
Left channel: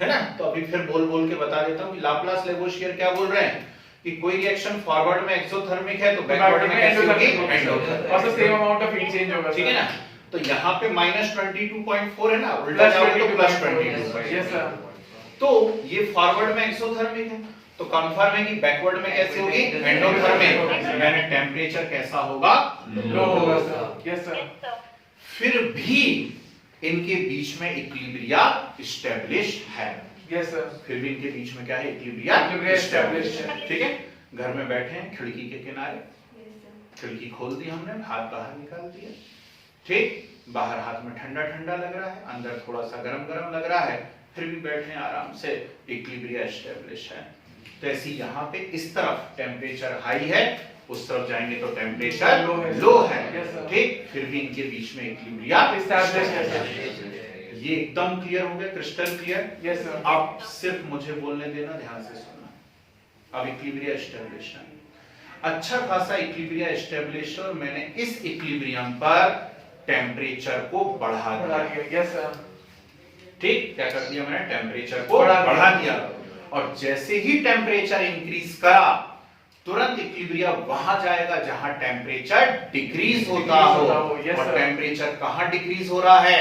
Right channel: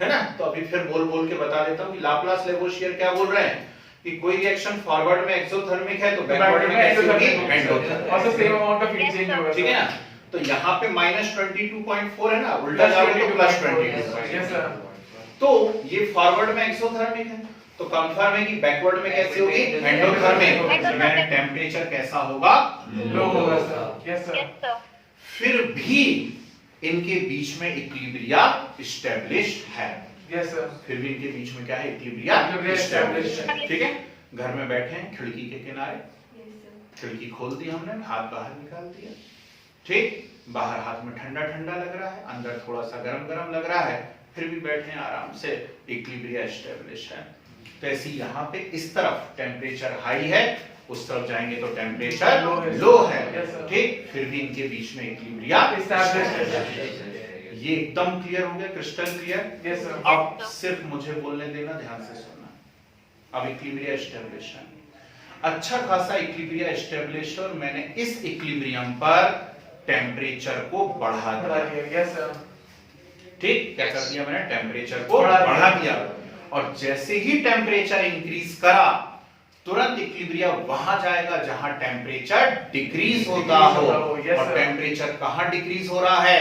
है ना। तो अभी फिर बोल बोल के बता देता हूं कि लाप्लास लेवोशियर क्या बोल रहे हैं कि कोई रिएक्शन फॉरवर्ड में एक्सोथर्मिक है तो बैकवर्ड में कैसे होगी? एंडोथर्मिक। और sir same amount of heat change होगा, ठीक है ना। तो यहाँ पे -22.4 है ना, उल्टा जाओगे तो +22। यस सर, तो ये फॉरवर्ड में एक्सोथर्मिक है, तो कंफर्म है कि बैकवर्ड में कैसे होगी? एंडोथर्मिक। यानी टेम्परेचर कैसा होगा? लो होगा sir, yes sir, yes sir. फिर भी इनके बीच में इक्विलिब्रिया एस्टेब्लिश्ड है। यस सर, फिर भी इनके बीच में क्या है? इक्विलिब्रिया Equilibria एस्टेब्लिश्ड established है। ठीक है, घर में बैठे हैं, खिड़की के किनारे, खिड़की खोल दी हमने, हाथ बाहर निकाल दिया, ठीक। बाहर हाथ में ठंडा ठंडा लग रहा है, अंदर थोड़ा सा गरम गरम लग रहा है, फिर भी बैठे हैं आराम से, इक्विलिब्रिया एस्टेब्लिश है। तो ऐसी यहाँ पे इस तरफ टेम्परेचर हाई है, उस तरफ जाएंगे तो टेम्परेचर लो है, ठीक। फिर भी इनके बीच में इक्विलिब्रिया एस्टैब्लिश्ड है सर, ये एकदम क्लियर हो गया, क्रिस्टल क्लियर। यस सर, अब सिर्फ मुझे बोलने देना, ध्यान से सुनना। अब इक्विलिब्रिया एस्टेब्लिश है, अच्छा खासा इक्विलिब्रिया एस्टेब्लिश, और मैंने इस इक्विलिब्रियम पर टेम्परेचर को बढ़ा दिया। यस सर, ठीक, क्या कर दिया मैंने? टेम्परेचर को बढ़ा दिया। और जैसे ही टेम्परेचर इंक्रीज करा, तुरंत इक्विलिब्रिया वहां जाएगा जहां टेम्परेचर डिक्रीज होता हो। और टेम्परेचर कहां डिक्रीज हो रहा है?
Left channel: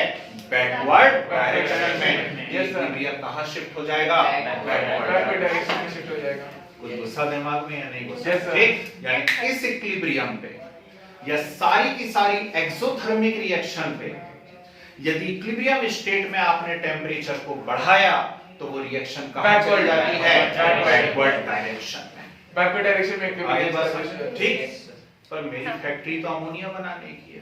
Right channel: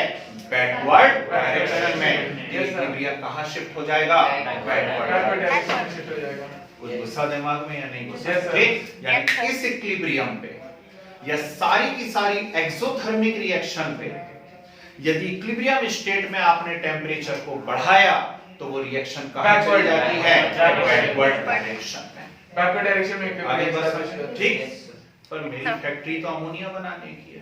बैकवर्ड डायरेक्शन में। इक्विलिब्रिया कहां शिफ्ट हो जाएगा? बैकवर्ड डायरेक्शन में शिफ्ट हो जाएगा। कुछ गुस्सा दिमाग में या नहीं गुस्सा? Yes, sir. ठीक, यानी इस इक्विलिब्रियम पे या सारी की सारी एक्सोथर्मिक रिएक्शन पे यदि इक्विलिब्रियम स्टेट में आपने टेम्परेचर को बढ़ाया तो वो रिएक्शन कहां चली जाती है? बैकवर्ड डायरेक्शन में। बैकवर्ड डायरेक्शन में आगे बढ़ सकते, ठीक। पर मेरी फैक्ट्री तो अमोनिया बनाने की है,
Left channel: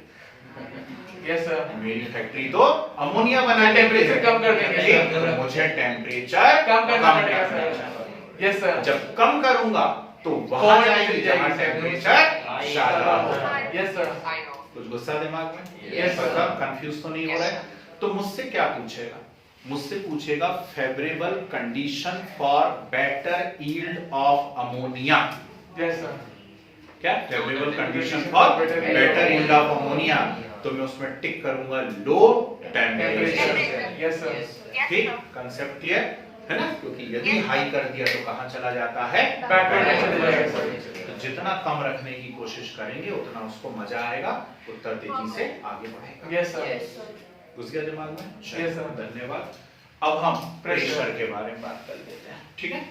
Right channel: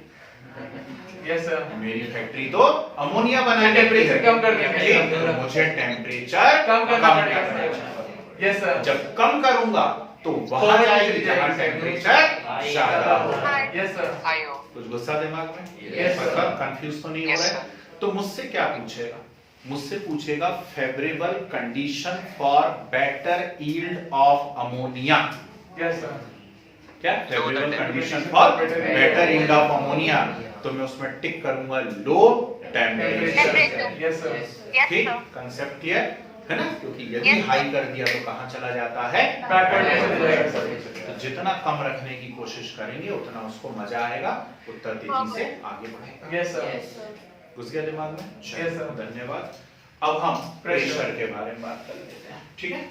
यस सर, मेरी फैक्ट्री तो अमोनिया बनाने की है। टेम्परेचर कम कर देंगे, ठीक, तो मुझे टेम्परेचर कम कम करना करना पड़ेगा। है। यस सर, जब कम करूंगा तो वहां जाएगी जहां टेम्परेचर ज्यादा हो। यस सर, कुछ गुस्सा दिमाग में? Yes, sir. मतलब कंफ्यूज तो नहीं हो रहा है? तो मुझसे क्या पूछेगा? मुझसे पूछेगा favourable condition for better yield of ammonia. Yes sir, क्या favourable condition for better yield of ammonia? तो मैं उसमें टिक करूंगा लो टेम्परेचर। यस सर, ठीक, कंसेप्ट क्लियर है ना? क्योंकि यदि हाई कर दिया तो कहां चला जाता है? बैकवर्ड डायरेक्शन में जाएगा सर। तो जितना कम रखने की कोशिश करेंगे उतना उसको मजा आएगा, उत्तर तेजी से आगे बढ़ेगा। यस सर, घुस गया दिमाग में? Yes, sir. धन्यवाद। अब हम Pressure. प्रेशर के बारे में बात कर लेते हैं, ठीक है।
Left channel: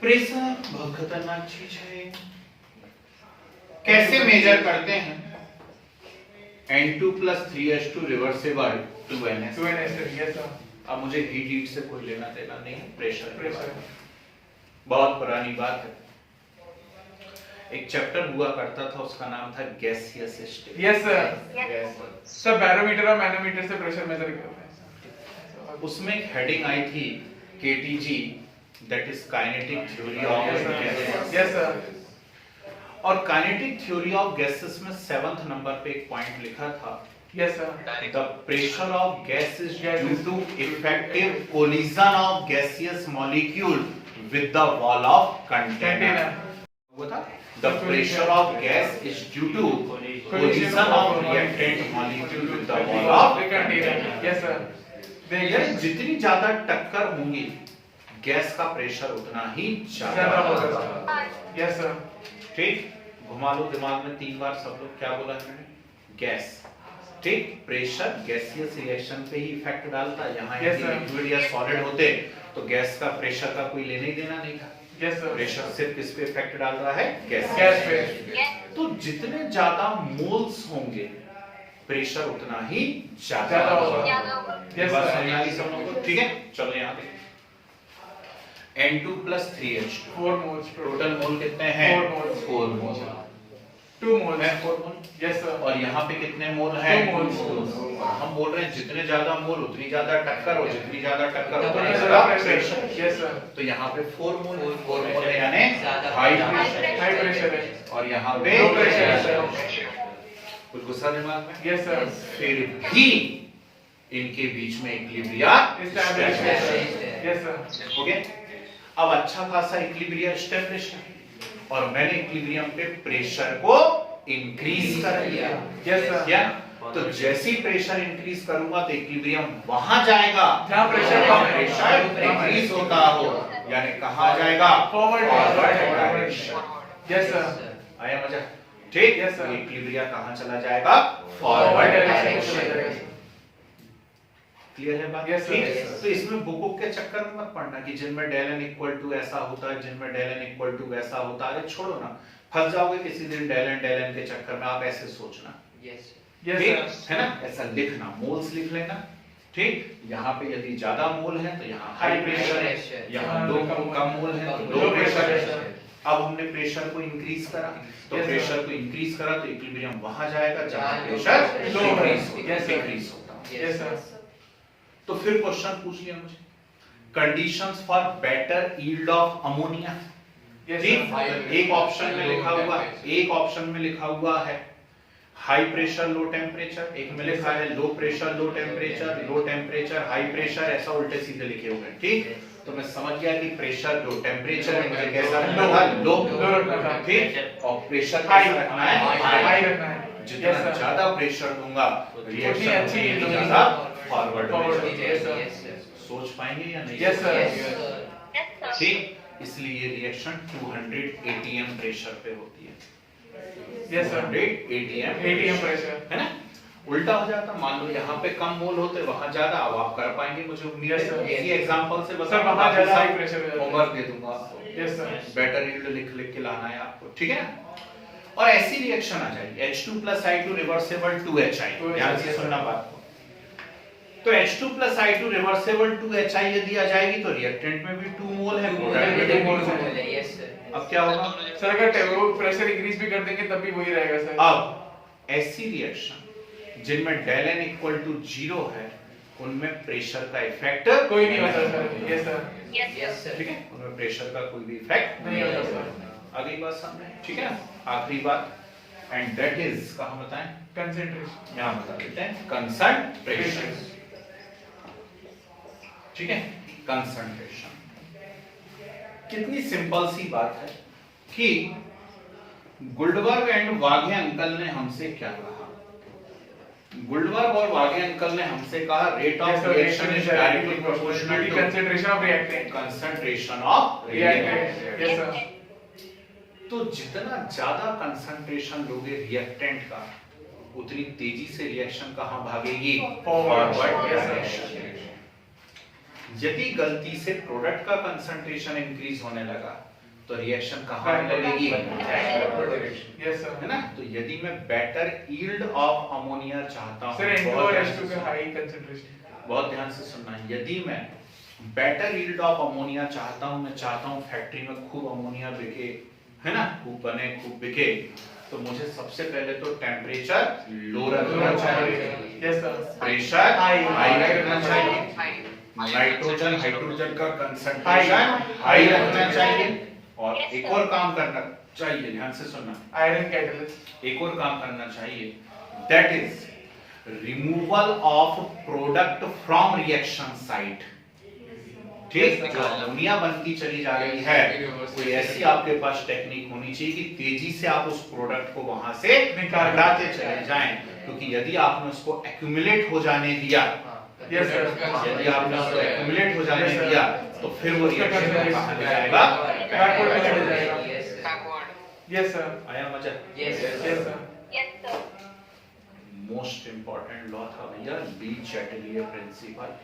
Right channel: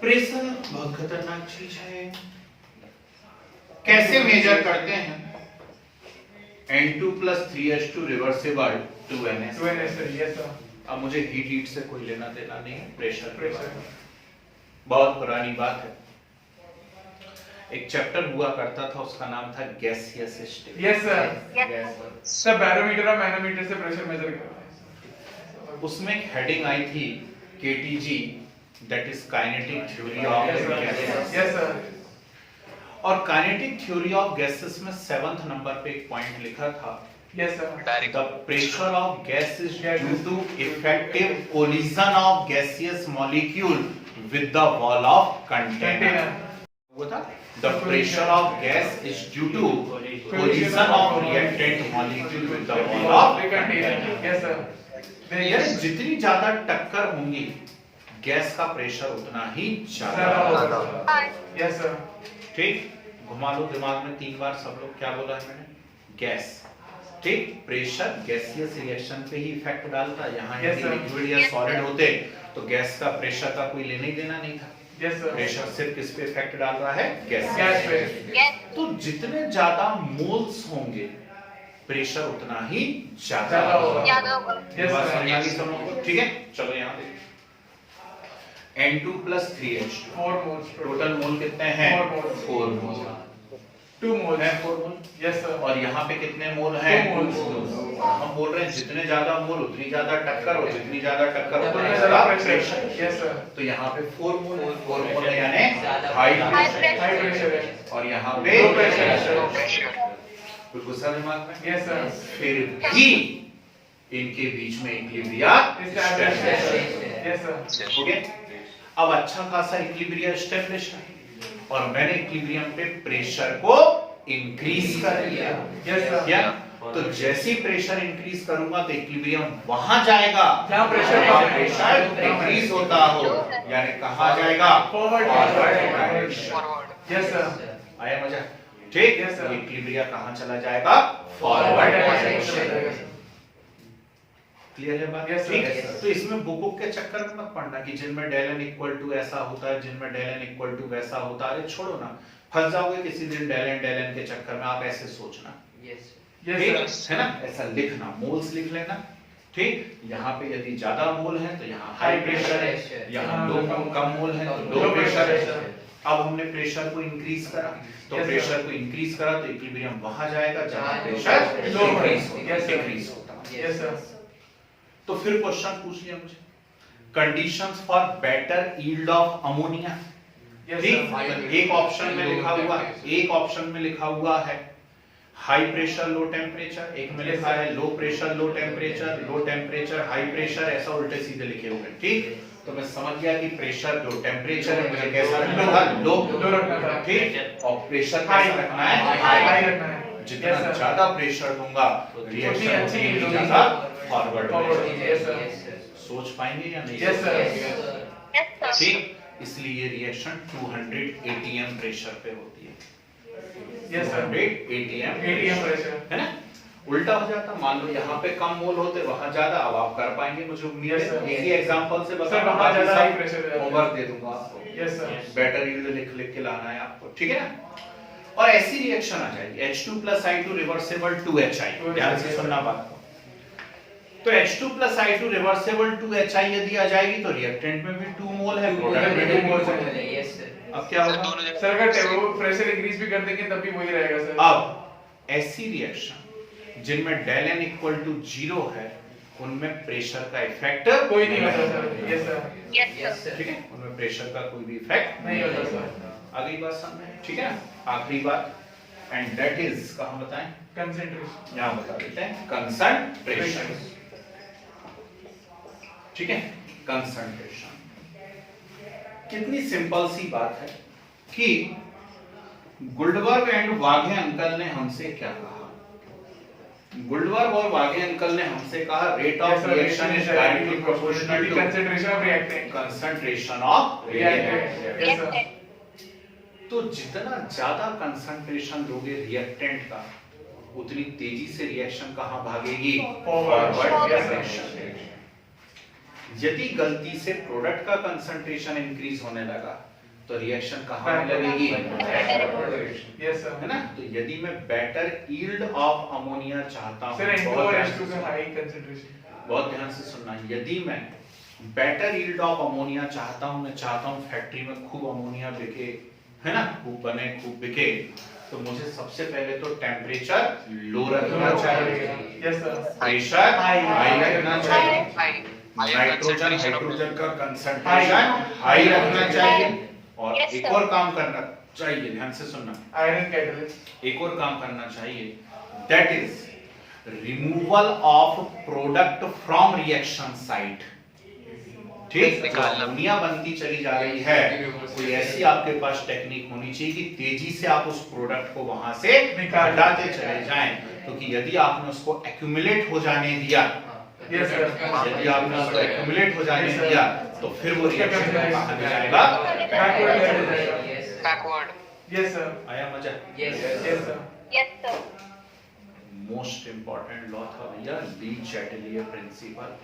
प्रेशर बहुत खतरनाक चीज है। कैसे मेजर करते हैं? N2 + 3H2 reversible 2NS। 2NS sir, yes sir, अब मुझे हीट से कोई लेना देना नहीं है, प्रेशर के बारे में प्रेशर, बहुत पुरानी बात है। एक चैप्टर हुआ करता था, उसका नाम था gaseous state. Yes sir, yes sir barometer और मैनोमीटर से प्रेशर मेजर करते हैं। उसमें एक हेडिंग आई थी KTG, that is kinetic theory of gases. Yes sir, और काइनेटिक थ्योरी ऑफ गैसेस में 7th नंबर पे एक पॉइंट लिखा था, yes sir, the pressure of gas is due to effective collision of gaseous molecule with the wall of container. वो था the pressure of gas is due to collision of reactant molecule with the wall of container. Yes sir, यानी जितनी ज्यादा टक्कर होंगी gas का pressure उतना ही ज्यादा होगा। यस सर, ठीक, घुमा लो दिमाग में 3 बार सब लोग, क्या बोला है मैंने? गैस। ठीक, प्रेशर गैसियस रिएक्शन पे ही इफेक्ट डालता है। यहाँ Yes, sir. लिक्विड या सॉलिड होते तो गैस का प्रेशर का कोई लेना ही देना नहीं था। यस सर, प्रेशर सिर्फ किस पे इफेक्ट डाल रहा है? गैस गैस पे। तो जितने ज्यादा मोल्स होंगे प्रेशर उतना ही ज्यादा ज्यादा होगा। होगा। ज्यादा होगा। Yes, बात sir. समझ आ गई सब लोगों को? ठीक है, चलो यहाँ पे N2 + 3H2 4 moles total mole कितने हैं? 4 moles. 4 मोल 2 मोल्स है, 4 मोल। यस सर, और यहाँ पे कितने मोल हैं? 2 moles. और हम बोल रहे हैं जितने ज्यादा मोल उतनी ज्यादा टक्कर, और जितनी ज्यादा टक्कर उतना उतना ज्यादा ज्यादा प्रेशर। प्रेशर। यस सर, तो यहाँ पे 4 मोल है, यानी high High pressure. High pressure है। और यहाँ पे लो प्रेशर है सर। कुछ गुस्सा दिमाग में? यस सर, फिर भी इनके बीच में इक्विलिब्रिया Established है। Yes sir। हो गया। अब अच्छा खासा इक्विलिब्रिया एस्टेब्लिश है और मैंने इक्विलिब्रियम पे प्रेशर को इंक्रीज कर दिया। Yes sir। क्या? तो जैसे ही प्रेशर इंक्रीज करूंगा तो इक्विलिब्रियम वहां जाएगा जहां प्रेशर डिक्रीज होता हो, यानी कहां जाएगा? Forward direction. Yes sir। आया मजा? ठीक। Yes, sir। इक्विलिब्रिया कहां चला जाएगा? Forward direction. क्लियर है बात? Yes, sir। ठीक। Yes, sir। तो इसमें बुक के चक्कर में मत पड़ना कि जिनमें डेल एन इक्वल टू ऐसा होता है, जिनमें डेल एन इक्वल टू वैसा होता है। अरे छोड़ो ना, फंस जाओगे किसी दिन डेल एन के चक्कर में। आप ऐसे सोचना, Yes ठीक sir। है ना? ऐसा लिखना, मोल्स लिख लेना। ठीक। यहाँ पे यदि ज्यादा मोल है तो यहाँ हाई प्रेशर है, यहाँ लो कम मोल है तो लो प्रेशर है। अब हमने प्रेशर को इंक्रीज करा, तो Yes, प्रेशर को इंक्रीज करा तो इक्विलिब्रियम वहां जाएगा जहां प्रेशर डिक्रीज होता है। Yes sir। तो फिर क्वेश्चन पूछ लिया मुझे, conditions for better yield of ammonia. Yes ठीक। sir। एक ऑप्शन में लिखा हुआ, एक ऑप्शन में लिखा हुआ है हाई प्रेशर लो टेम्परेचर, एक में लिखा है low pressure low temperature high pressure, ऐसा उल्टे सीधे लिखे हुए हैं। ठीक। तो मैं समझ गया कि प्रेशर लो टेम्परेचर है, मुझे कैसा रखना था? लो। ठीक। और प्रेशर कैसा रखना है? हाई रखना है। जितना Yes, sir। ज्यादा प्रेशर दूंगा रिएक्शन अच्छी उतनी ज्यादा फॉरवर्ड में Forward, जाएगी। yes, sir। सोच पाएंगे या नहीं? Yes, sir। Yes, sir. ठीक। इसलिए ये रिएक्शन 200 atm प्रेशर पे होती है। Yes sir। 200 atm ATM pressure। है ना? उल्टा हो जाता, मान लो यहाँ पे कम मोल होते वहां ज्यादा। अब आप कर पाएंगे, मुझे उम्मीद Yes, sir। है। इसी एग्जांपल से बता, Sir, वहाँ ज्यादा high pressure है। होमवर्क दे दूंगा आपको। Yes sir। बेटर यील्ड लिख के लाना है आपको, ठीक है ना? और ऐसी रिएक्शन आ जाएगी H2 + I2 रिवर्सेबल 2HI। ध्यान से सुनना बात को। तो H2 + I2 रिवर्सेबल 2HI यदि आ जाएगी तो रिएक्टेंट में भी 2 मोल है, प्रोडक्ट में भी 2 मोल है। अब क्या होगा? सर अगर वो प्रेशर इंक्रीज भी कर देंगे तब भी वही रहेगा सर। अब ऐसी रिएक्शन जिनमें डेल एन इक्वल टू 0 है उनमें प्रेशर का इफेक्ट कोई नहीं होता sir. Yes sir. Yes, sir. ठीक है, उनमें प्रेशर का कोई भी इफेक्ट नहीं होता सर। अगली बात समझे, ठीक है? आखिरी बात, एंड दैट इज कहां बताएं? कंसंट्रेशन। यहां बता देते हैं, कंसंट्रेशन। ठीक है, कंसंट्रेशन। कितनी सिंपल सी बात है कि गुल्डबर्ग एंड वाघे अंकल ने हमसे क्या कहा? गुल्डबर्ग और वाघे अंकल ने हमसे कहा rate of reaction is directly proportional to concentration of reactant. Concentration of reactant. Yes sir. तो जितना ज्यादा कंसंट्रेशन लोगे रिएक्टेंट का, उतनी तेजी से रिएक्शन कहां भागेगी? Forward direction. यदि गलती से प्रोडक्ट का कंसंट्रेशन इंक्रीज होने लगा तो रिएक्शन कहां लगेगी? Yes sir. है ना? तो यदि मैं बेटर यील्ड ऑफ अमोनिया चाहता हूं, सर N2 बहुत और ध्यान H2 से का हाई कंसंट्रेशन। बहुत ध्यान से सुनना, यदि मैं बेटर यील्ड ऑफ अमोनिया चाहता हूं, मैं चाहता हूं फैक्ट्री में खूब अमोनिया बिके, है ना, खूब बने खूब बिके, तो मुझे सबसे पहले तो टेम्परेचर लो रखना चाहिए, यस सर। प्रेशर हाई रखना चाहिए, High nitrogen concentration of- hydrogen का कंसंट्रेशन हाई रखना चाहिए, और Yes, एक sir. और काम करना चाहिए, ध्यान से सुनना, आयरन कैटलिस्ट। एक और काम करना चाहिए, that is removal of product from reaction site. ठीक, जो अमोनिया बनती चली जा रही है, कोई ऐसी आपके पास टेक्निक होनी चाहिए कि तेजी से आप उस प्रोडक्ट को वहां से हटाते चले जाएं, क्योंकि यदि आपने उसको एक्यूमुलेट हो जाने दिया, यस सर। यदि आपने उसको एक्यूमुलेट हो जाने Yes, sir. दिया, तो फिर वो रिएक्शन कहां ले जाएगा? बैकवर्ड में चले जाएगा। Backward. Yes sir. आया मजा? Yes sir. Yes, sir. Most important law था भैया, ली चैटलियर प्रिंसिपल।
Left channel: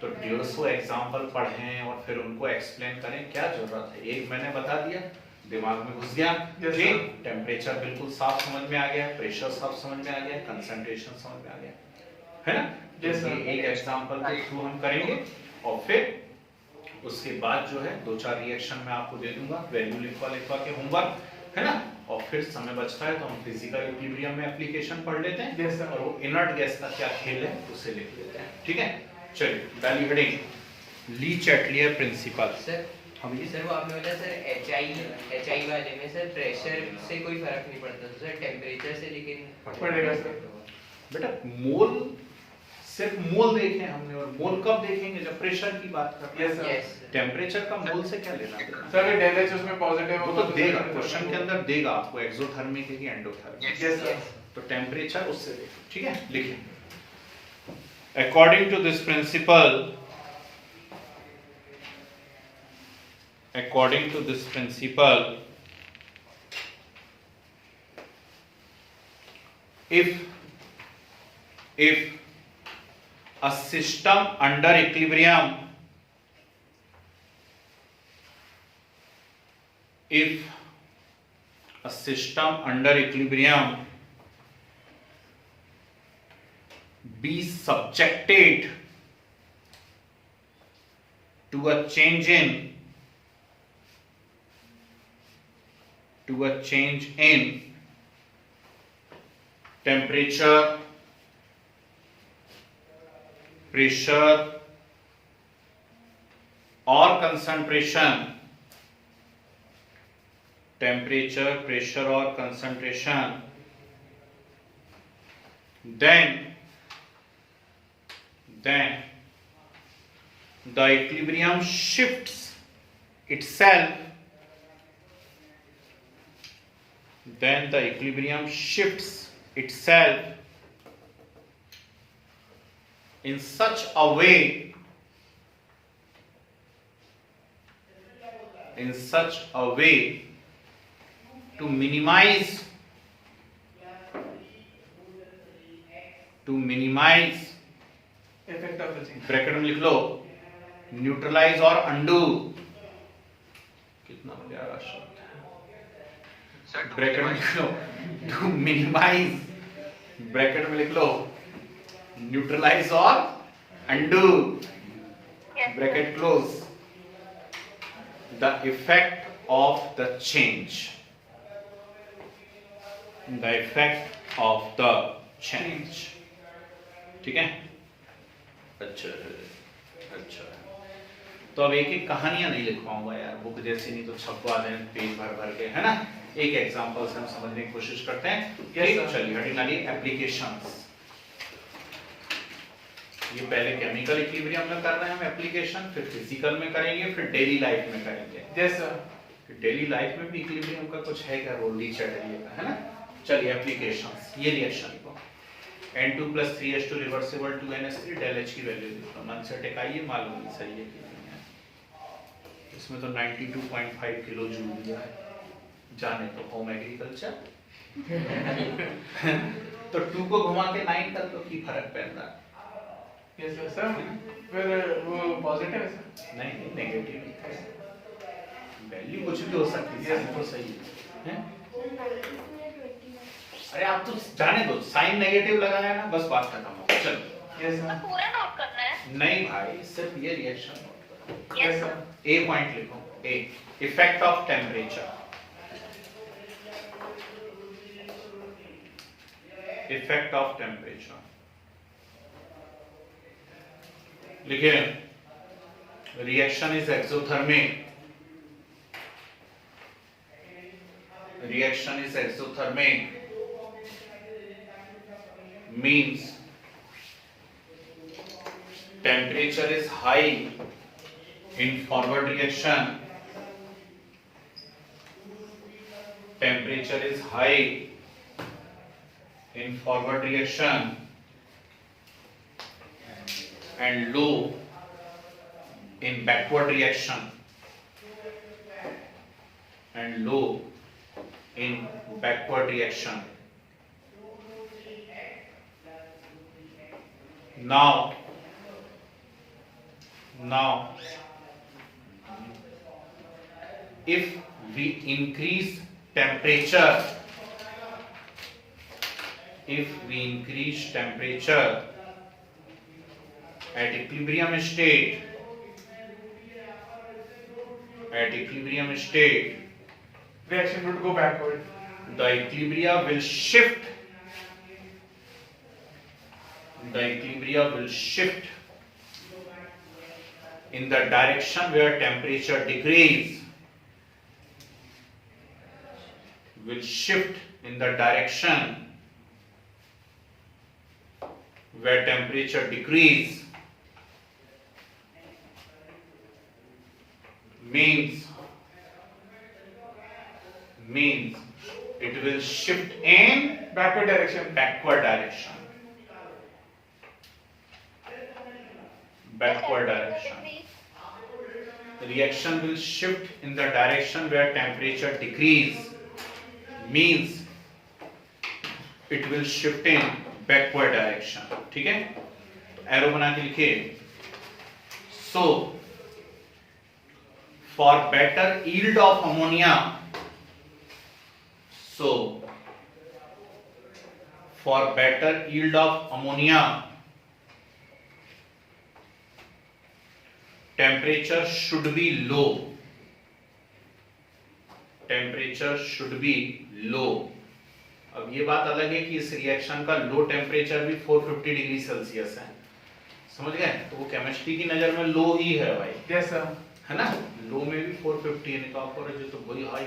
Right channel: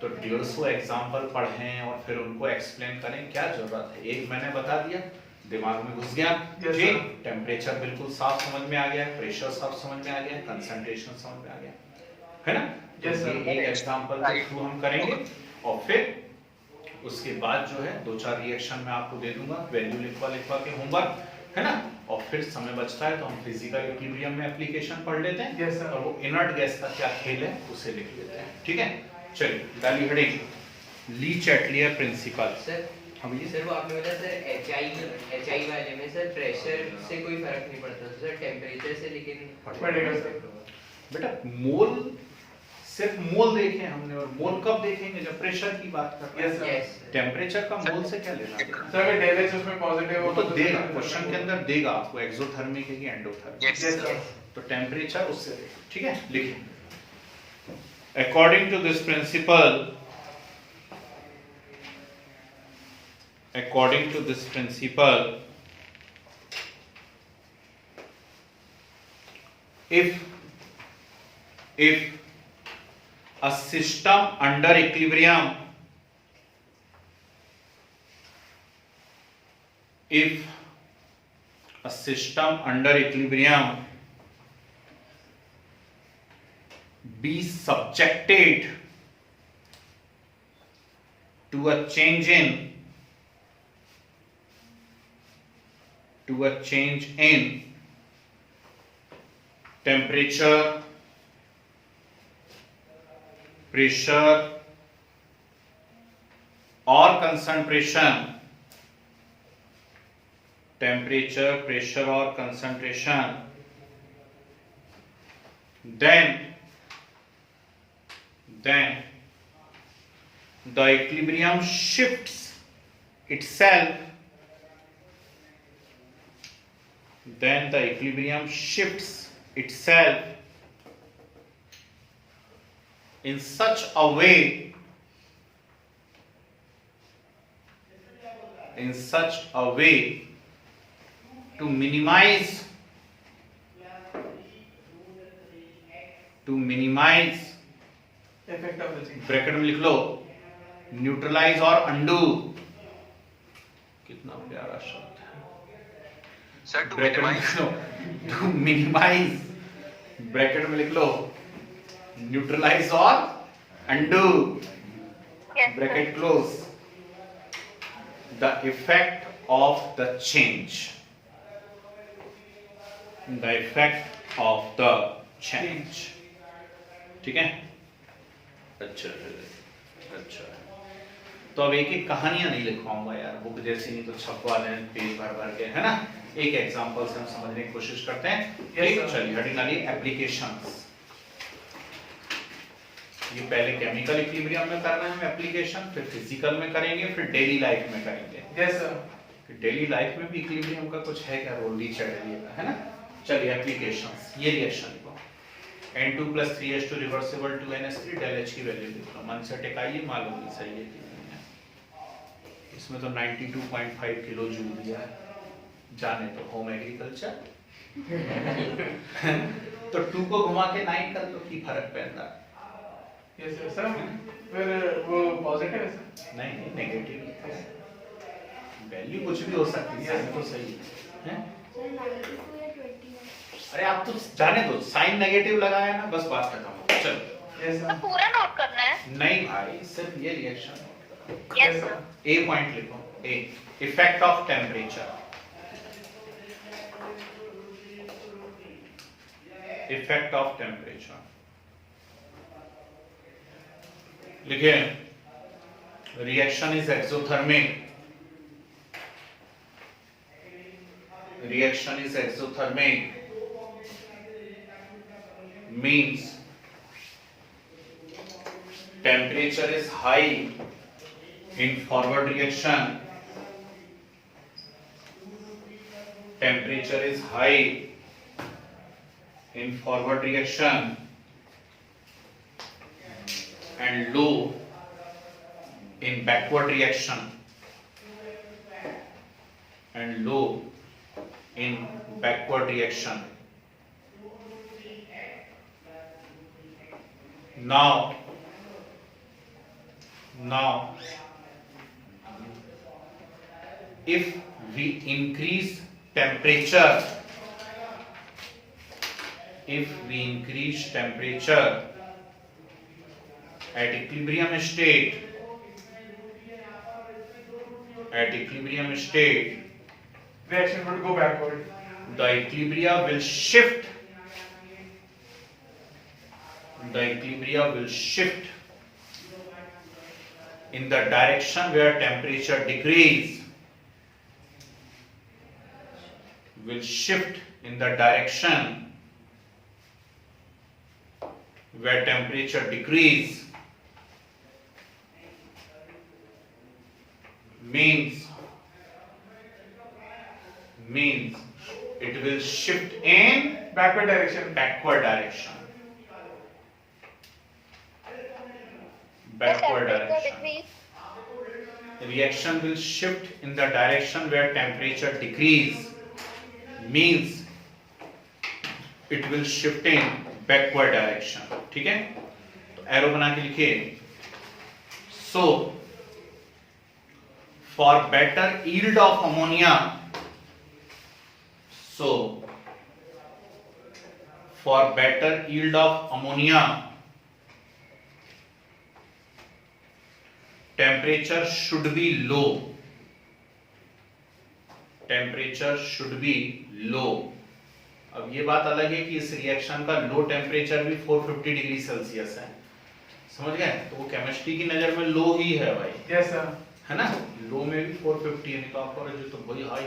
तो 150 एग्जाम्पल पढ़ें और फिर उनको एक्सप्लेन करें, क्या जरूरत है? एक मैंने बता दिया, दिमाग में घुस गया। Yes, ठीक, sir. टेम्परेचर बिल्कुल साफ समझ में आ गया, प्रेशर साफ समझ में आ गया, कंसंट्रेशन समझ में आ गया, है ना? Yes, sir. ये एक एग्जाम्पल के थ्रू हम करेंगे, और फिर उसके बाद जो है 2-4 रिएक्शन में आपको दे दूंगा, वैल्यू लिखवा के होमवर्क, है ना? और फिर समय बचता है तो हम फिजिकल इक्विलिब्रियम में एप्लीकेशन पढ़ लेते हैं। Yes, sir. और वो इनर्ट गैस का क्या खेल है उसे लिख लेते हैं, ठीक है? चलिए, डाली हेडिंग, ली चैटलियर प्रिंसिपल। सर हाँ भैया, सर वो आपने बोला सर HI वाले में सर प्रेशर से कोई फर्क नहीं पड़ता सर टेम्परेचर से, लेकिन पड़ेगा सर। बेटा मोल सिर्फ मोल देखे हमने, और मोल कब देखेंगे जब प्रेशर की बात कर रहे Yes, sir. हैं। यस टेम्परेचर का मोल से क्या लेना देना, सर अगर डेल एच उसमें पॉजिटिव वो तो देगा, क्वेश्चन के अंदर देगा आपको एक्सोथर्मिक है कि एंडोथर्मिक। Yes. यस सर तो टेम्परेचर उससे देखो, ठीक है। देखिए according to this principle, according to this principle, if a system under equilibrium, if a system under equilibrium be subjected to a change in temperature, pressure or concentration, temperature, pressure or concentration, then the equilibrium shifts itself, then the equilibrium shifts itself in such a way, to minimize effect of the change bracket में लिख लो neutralise और undo, कितना प्यारा शब्द है, Sir, to bracket में minimize. लिख लो to minimise, bracket में लिख लो न्यूट्रलाइज और undo, Yes. Bracket close, the effect of the change, the effect of the change, ठीक है। अच्छा है, अच्छा है। तो अब एक एक कहानियां नहीं लिखवाऊंगा यार, बुक जैसी, नहीं तो छपवा दें पेज भर भर के, है ना। एक एग्जांपल से हम समझने की कोशिश करते हैं। Yes, sir. चलिए हेडिंग डालिए एप्लीकेशंस। ये पहले केमिकल इक्विलिब्रियम में कर रहे हैं हम एप्लीकेशन, फिर फिजिकल में करेंगे, फिर डेली लाइफ में करेंगे। यस सर कि डेली लाइफ में भी इक्विलिब्रियम का कुछ है क्या रोल, नीचे का, है ना। चलिए एप्लीकेशंस, ये रिएक्शन लिखो N2 + 3H2 reversible 2NH3, del H की वैल्यू लिखो, मन से टिकाइए, मालूम नहीं सही है कि नहीं है। इसमें तो 92.5 किलो जूल दिया है, जाने तो होम एग्रीकल्चर। तो 2 को घुमा के 9 कर दो, की फर्क पड़ता है? यस सर सर फिर वो पॉजिटिव है सर नहीं नेगेटिव, वैल्यू कुछ भी हो सकती है, साइन तो सही है। अरे आप तो जाने दो, साइन नेगेटिव लगाया ना, बस बात खत्म हो गई। चलो यस तो सर पूरा नोट करना है। नहीं भाई, सिर्फ ये रिएक्शन नोट करो। Yes sir. ए पॉइंट लिखो, a effect of temperature, effect of temperature लिखिए। Reaction is exothermic, reaction is exothermic, means temperature is high in forward reaction, temperature is high in forward reaction and low in backward reaction, and low in backward reaction. Now if we increase temperature, at equilibrium state, reaction would go backward the equilibrium will shift in the direction where temperature decrease, will shift in the direction where temperature decrease means it will shift in Backward direction. backward direction. Backward direction. Reaction will shift in the direction where temperature decrease means it will shift in backward direction. ठीक है, arrow बना के लिखिए. So for better yield of ammonia, temperature should be low. अब ये बात अलग है कि इस रिएक्शन का लो टेम्परेचर भी 450 डिग्री सेल्सियस है. समझ गए? तो वो केमिस्ट्री की नजर में लो ही है भाई. Yes sir. है ना, लो में भी 450 है, तो आपको जो तो वही हाई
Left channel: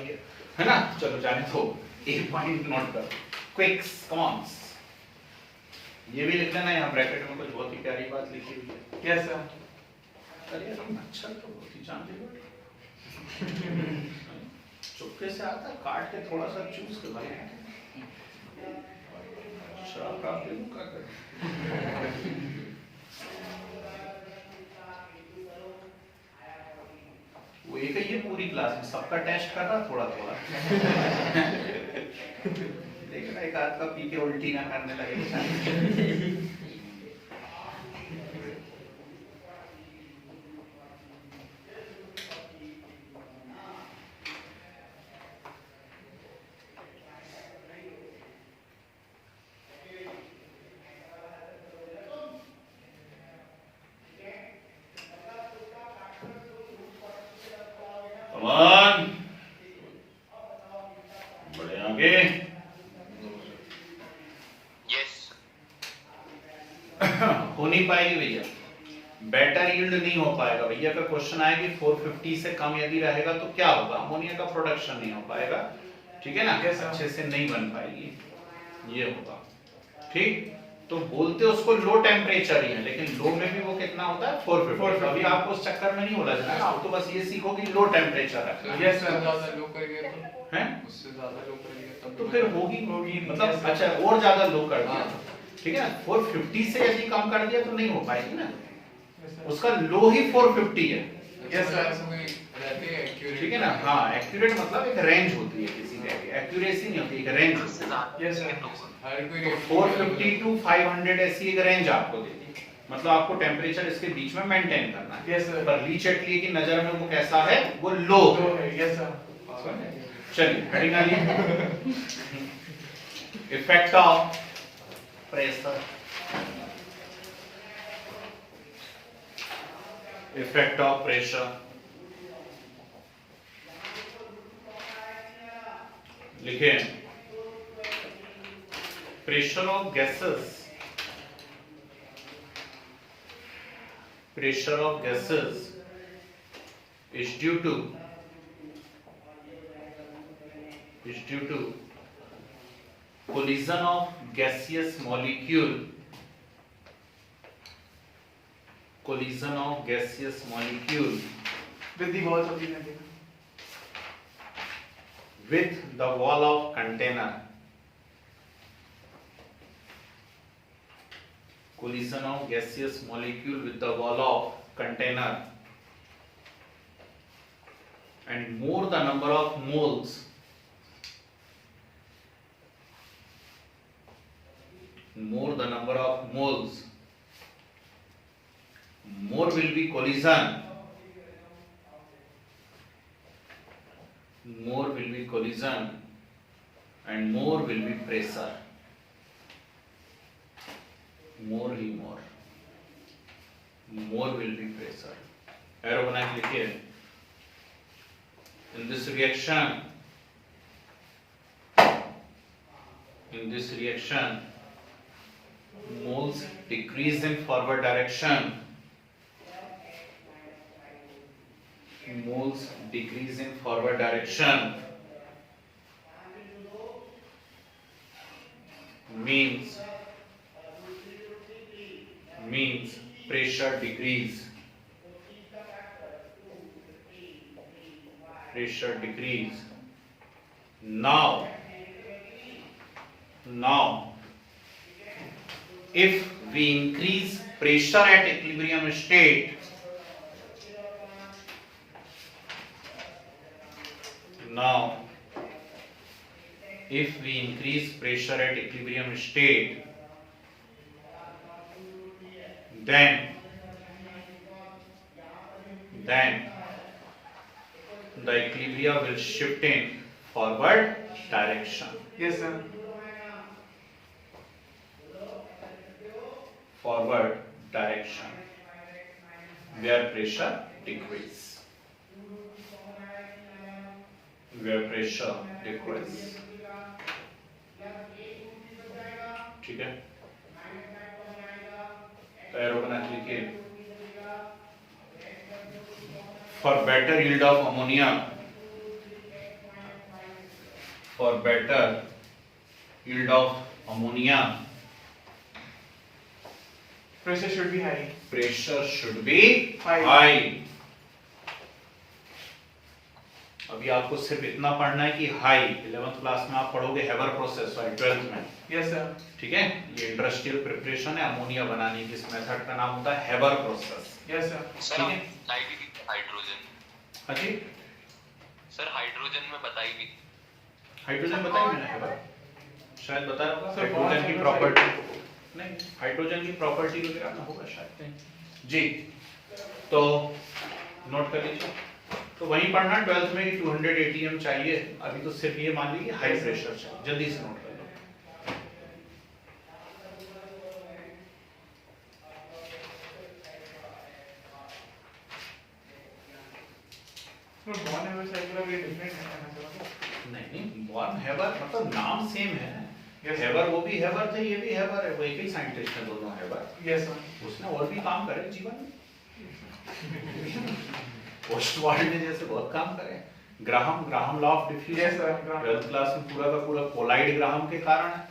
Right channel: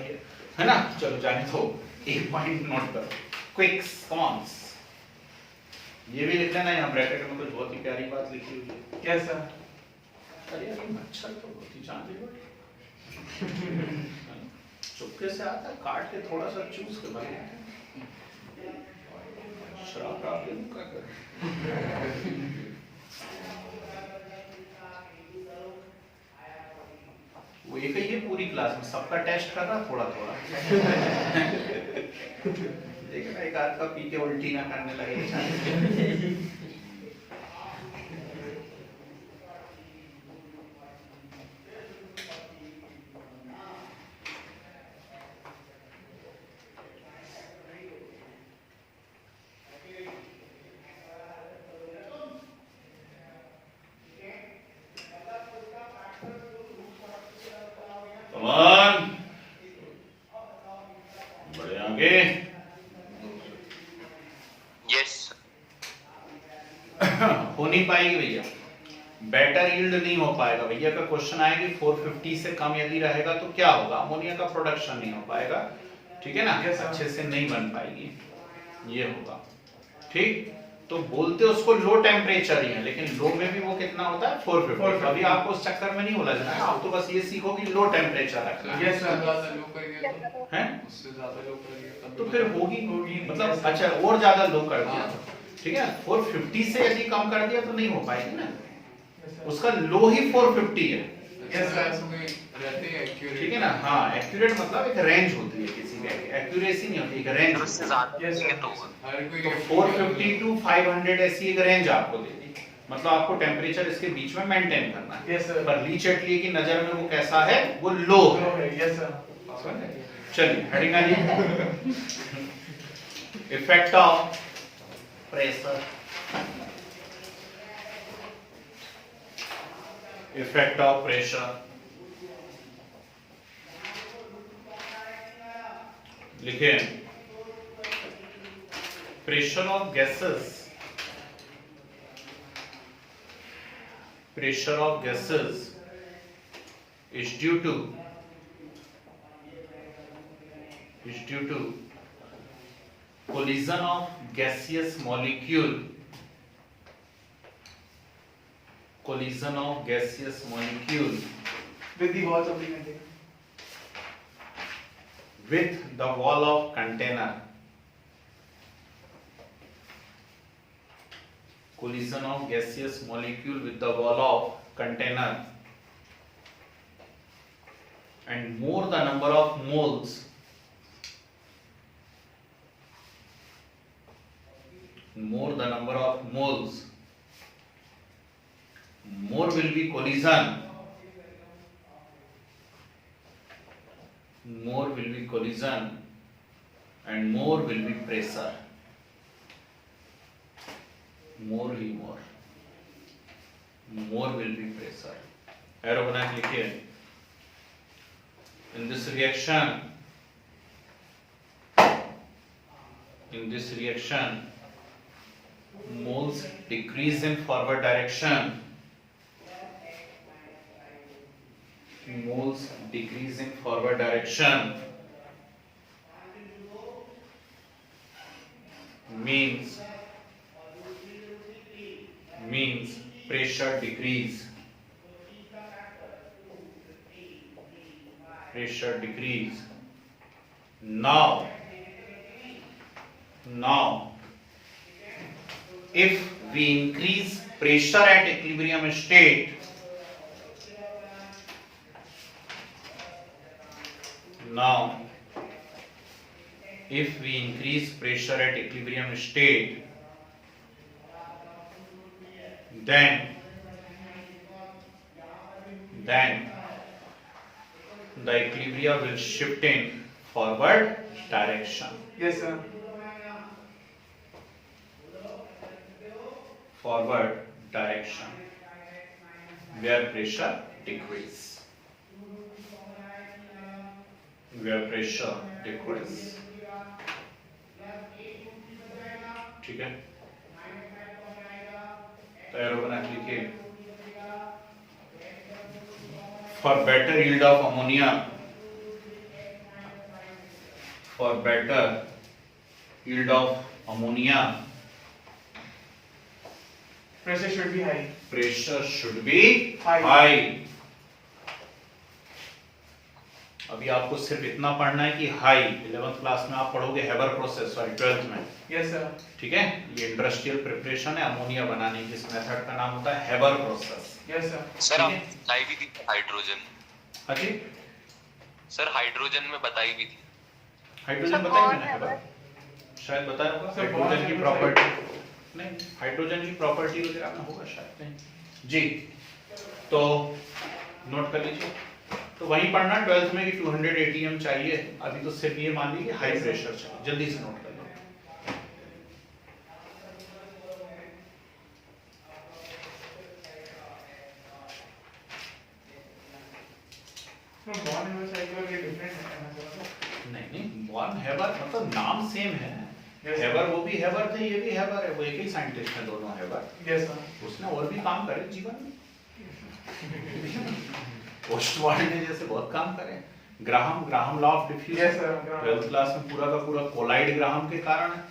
है ना. चलो जाने दो, एक पॉइंट नोट करो. क्विक्स कॉन्स ये भी लिख लेना यहाँ ब्रैकेट में. कुछ बहुत ही प्यारी बात लिखी हुई है. Yes sir. अरे यार ये मच्छर तो बहुत ही जान ले भाई. चुपके से आता, काट के थोड़ा सा चूस के भाई शराब का क्या करें. वो एक ही है पूरी क्लास में, सबका टेस्ट कर रहा थोड़ा थोड़ा. देखना एक आध का पी के उल्टी ना करने लगे. बड़े आगे. यस हो नहीं पाएगी भैया, बेटर यील्ड नहीं हो पाएगा भैया. का क्वेश्चन आएगी 450 से कम यदि रहेगा तो क्या होगा? अमोनिया का प्रोडक्शन नहीं हो पाएगा. ठीक है ना, अच्छे से नहीं बन पाएगी, ये होगा. ठीक, तो बोलते उसको लो टेम्परेचर ही है, लेकिन लो में भी वो कितना होता है? 450. अभी आपको उस चक्कर में नहीं बोला जाएगा, आप तो बस ये सीखो कि लो टेम्परेचर रखना है. Yes sir. ज्यादा लो करेंगे तो हैं? उससे ज्यादा लो करेंगे तब तो भी फिर बनेगा। होगी मतलब अच्छा और ज्यादा लो कर दिया. हाँ। ठीक है, 450 से यदि कम कर दिया तो नहीं हो पाएगी ना. Yes sir. उसका लो ही 450 है. अच्छा, ऐसे कोई रहते हैं accurate? ठीक है ना. हाँ, एक्यूरेट मतलब एक रेंज होती है किसी का, एक्यूरेसी नहीं होती, एक रेंज होती है. Yes sir. हर कोई तो 450 टू 500 ऐसी एक रेंज आपको दे दी. मतलब आपको टेम्परेचर इसके बीच में मेंटेन करना है. Yes sir. पर लीचेटली की नजर में वो कैसा है? वो लो है. Yes sir. चलिए हेडिंग आइए. Effect of pressure. Effect of pressure लिखे. Pressure of gases, pressure of gases is due to collision of gaseous molecule, collision of gaseous molecule With the walls of the container. with the wall of container. Collision of gaseous molecule with the wall of container, and more the number of moles, more the number of moles, more will be collision, more will be collision, and more will be pressure. More he more will be pressure. Arrow बना के लिखिए. In this reaction, moles decrease in forward direction. Moles decrease in forward direction means means pressure decrease. Pressure decrease. Now if we increase pressure at equilibrium state, now if we increase pressure at equilibrium state, then the equilibrium will shift in forward direction. Yes, sir. Forward direction where pressure decrease. Where pressure decrease. ठीक है, तो arrow बना के लिखिए. For better yield of ammonia, for better yield of ammonia, Pressure should be high. pressure should be High. high. अभी आपको सिर्फ इतना पढ़ना है कि हाई 11th क्लास में आप पढ़ोगे हेबर प्रोसेस, सॉरी 12th में. Yes, sir. ठीक है, ये इंडस्ट्रियल प्रिपरेशन है अमोनिया बनाने की. इस मेथड का नाम होता है Haber process. Yes, sir. Sir ठीक है. आप बताई भी थी हाइड्रोजन. हाँ जी, सर हाइड्रोजन में बताई भी थी. हाइड्रोजन बताया मैंने हेबर, शायद बताया होगा. सर, हाइड्रोजन की बहुत प्रॉपर्टी नहीं, हाइड्रोजन की प्रॉपर्टी वगैरह में होगा शायद जी. तो नोट कर लीजिए. तो वहीं पढ़ना 12th में कि 200 ATM चाहिए. अभी तो सिर्फ ये मान लीजिए हाई प्रेशर चाहिए. जल्दी से नोट कर लो. No, bond and cycle are very different. नहीं, वन हेबर मतलब नाम सेम है. Yes, sir. हेबर वो भी हेबर थे, ये भी हेबर है. वो एक ही साइंटिस्ट है दोनों हेबर. Yes, sir. उसने और भी काम करे जीवन में. पोस्ट वर्ल्ड में जैसे बहुत काम करे. Graham law of Yes, diffusion sir. Graham. 12th class में पूरा का पूरा कोलाइड ग्राहम के कारण है.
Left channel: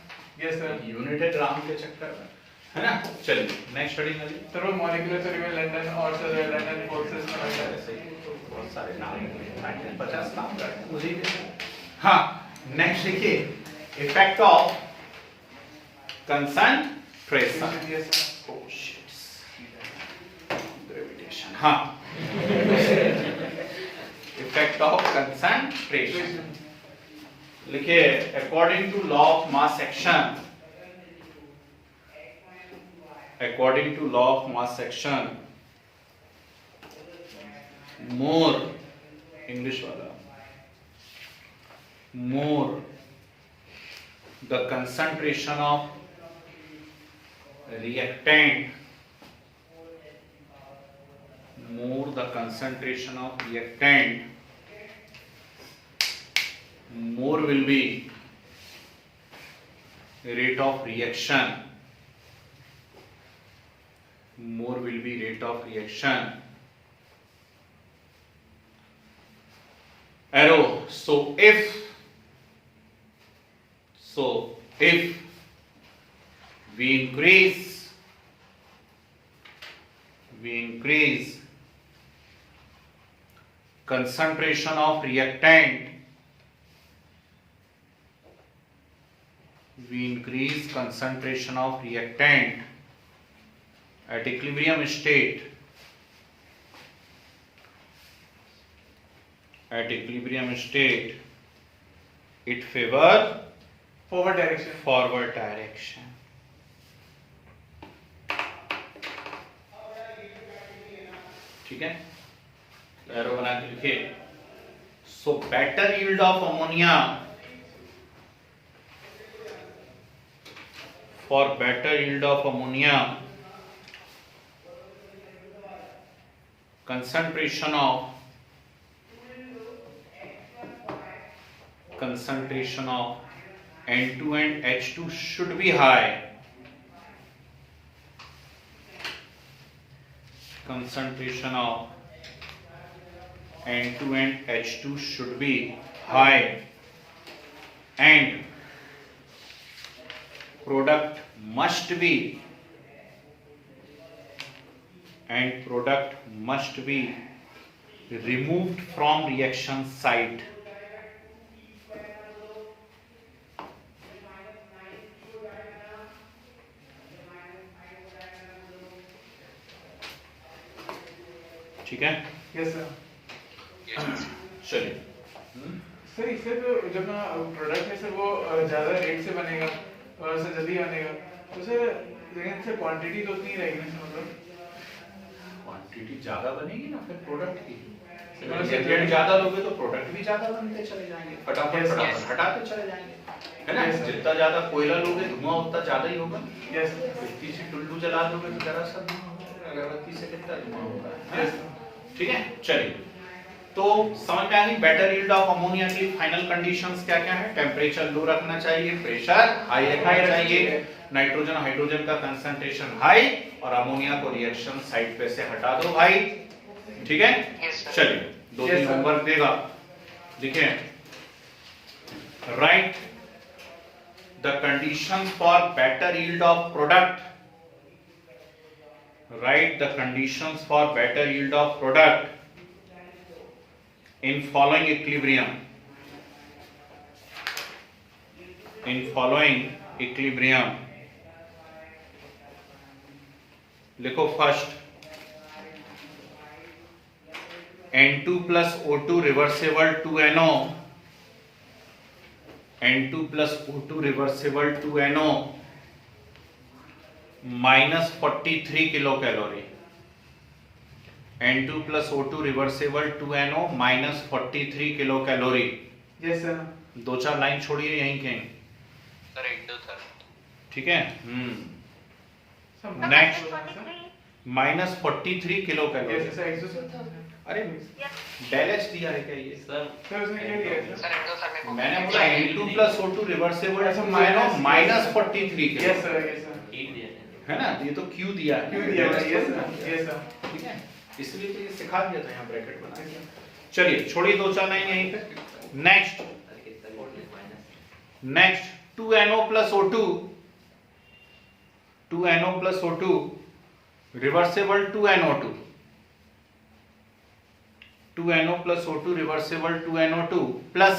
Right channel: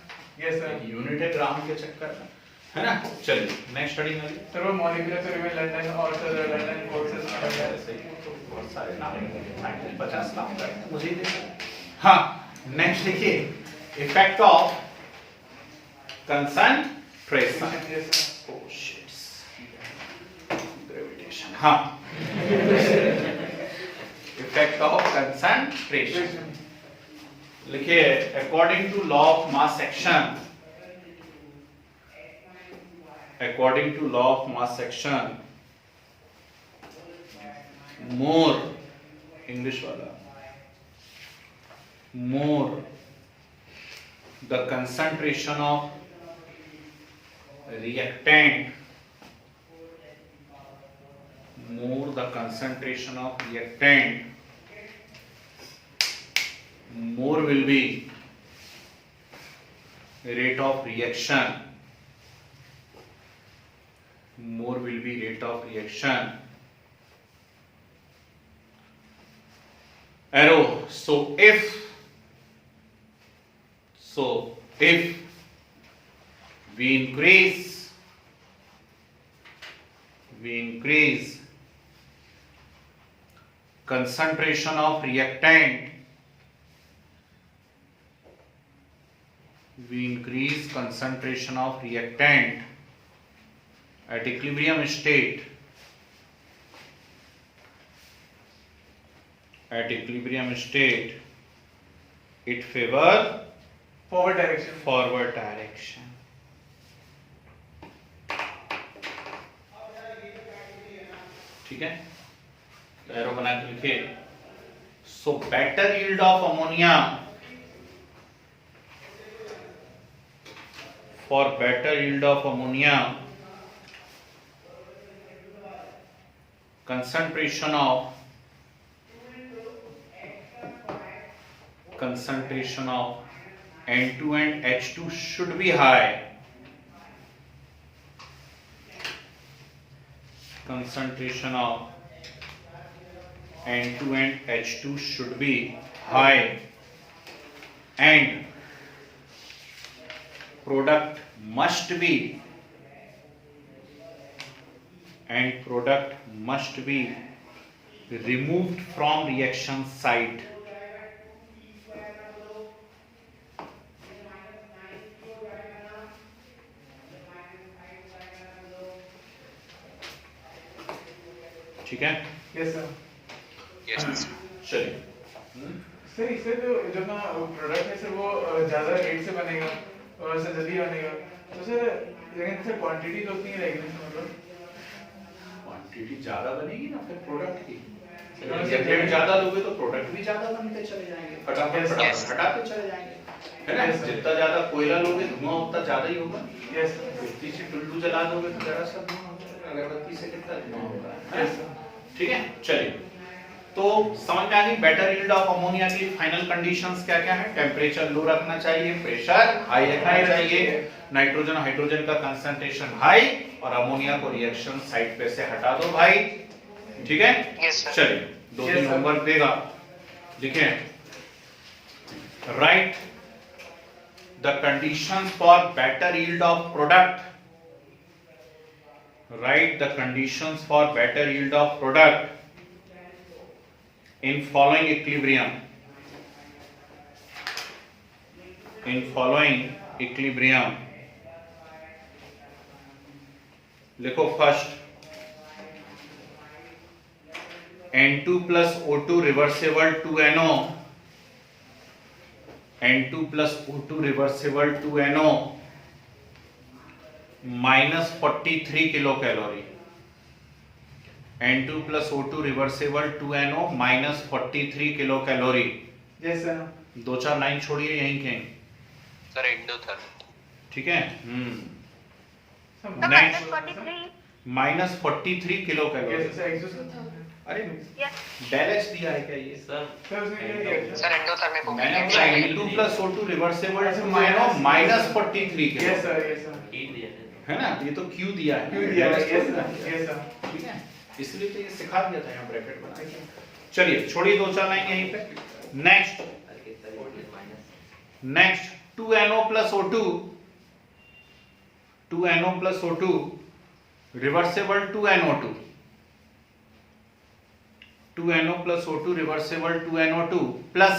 Yes, sir. यूनिट है ग्राहम के चक्कर में, है ना. चलिए नेक्स्ट स्टडी में. Sir, वो molecular sir, even London और sir London forces में आ गया. ऐसे ही बहुत सारे नाम हैं. 50 नाम करते हैं मुझे ही. हाँ, नेक्स्ट देखिए, effect of concentration. Yes, sir. Oh shit. Gravitation. हाँ. Effect of concentration. लिखिए, according to law of mass action. According to law of mass action. More English वाला. More the concentration of reactant, more the concentration of reactant, more will be rate of reaction. More will be rate of reaction. Arrow. So if we increase concentration of reactant, we increase concentration of reactant at equilibrium state, it favor Forward direction. forward direction. ठीक है, arrow बना के लिखिए. So better yield of ammonia, for better yield of ammonia, concentration of N2 and H2 should be high. Concentration of N2 and H2 should be high, and product must be and product must be removed from reaction site. ठीक है, yes sir. Yes. चलिए। Sir इससे तो जब ना product है sir वो ज़्यादा रेट से बनेगा और सर जल्दी बनेगा तो सर, लेकिन सर क्वांटिटी तो उतनी रहेगी ना मतलब। क्वांटिटी ज्यादा बनेगी ना फिर प्रोडक्ट की, हाँ, जब रेट ज्यादा लोगे तो प्रोडक्ट भी ज्यादा बनते चले जाएंगे, फटाफट Yes, फटाफट yes. हटाते चले जाएंगे, है ना। Yes, sir. जितना ज्यादा कोयला लोगे धुआं उतना ज्यादा ही होगा। यस मिट्टी से टुल्लू जला दोगे तो जरा सा धुआं होगा, अगरबत्ती से कितना धुआं होगा, है यस ना? ठीक है, चलिए। तो समझ में आ गई बेटर यील्ड ऑफ अमोनिया की फाइनल कंडीशंस क्या क्या है। टेम्परेचर लो रखना चाहिए, प्रेशर हाई रखना चाहिए, नाइट्रोजन हाइड्रोजन का कंसंट्रेशन हाई, और अमोनिया को रिएक्शन साइट पे से हटा दो भाई। ठीक है, Yes, sir. चलिए 2-3 Yes, sir. होमवर्क देगा, लिखें। Right the condition for better yield of product, write the conditions for better yield of product in following equilibrium. In following equilibrium, लिखो first N2 plus O2 reversible 2NO, N2 plus O2 reversible 2NO minus 43 kilocalorie, N2 plus O2 reversible 2NO minus 43 kilocalorie। Yes sir. 2-4 line छोड़िए यहीं कहीं, Sir, endotherm. ठीक है। Sir next minus 43 kilocalorie. Yes sir एक्सोस अरे del H दिया है क्या ये? सर सर उसने क्या दिया Sir, endotherm. मैंने बोला N2 plus O2 reversible to minus 43 kilo, yes sir yes sir heat दिया है। है ना। ये तो क्यू दिया है, क्यों दिया यस सर यस सर ठीक है, इसलिए तो ये सिखा दिया था यहाँ ब्रैकेट बना के। चलिए छोड़िए 2-4 लाइन यहीं पे। नेक्स्ट अरे कितना voltage minus next 2NO plus O2, 2NO plus O2 reversible 2NO2, 2NO plus O2 reversible 2NO2 plus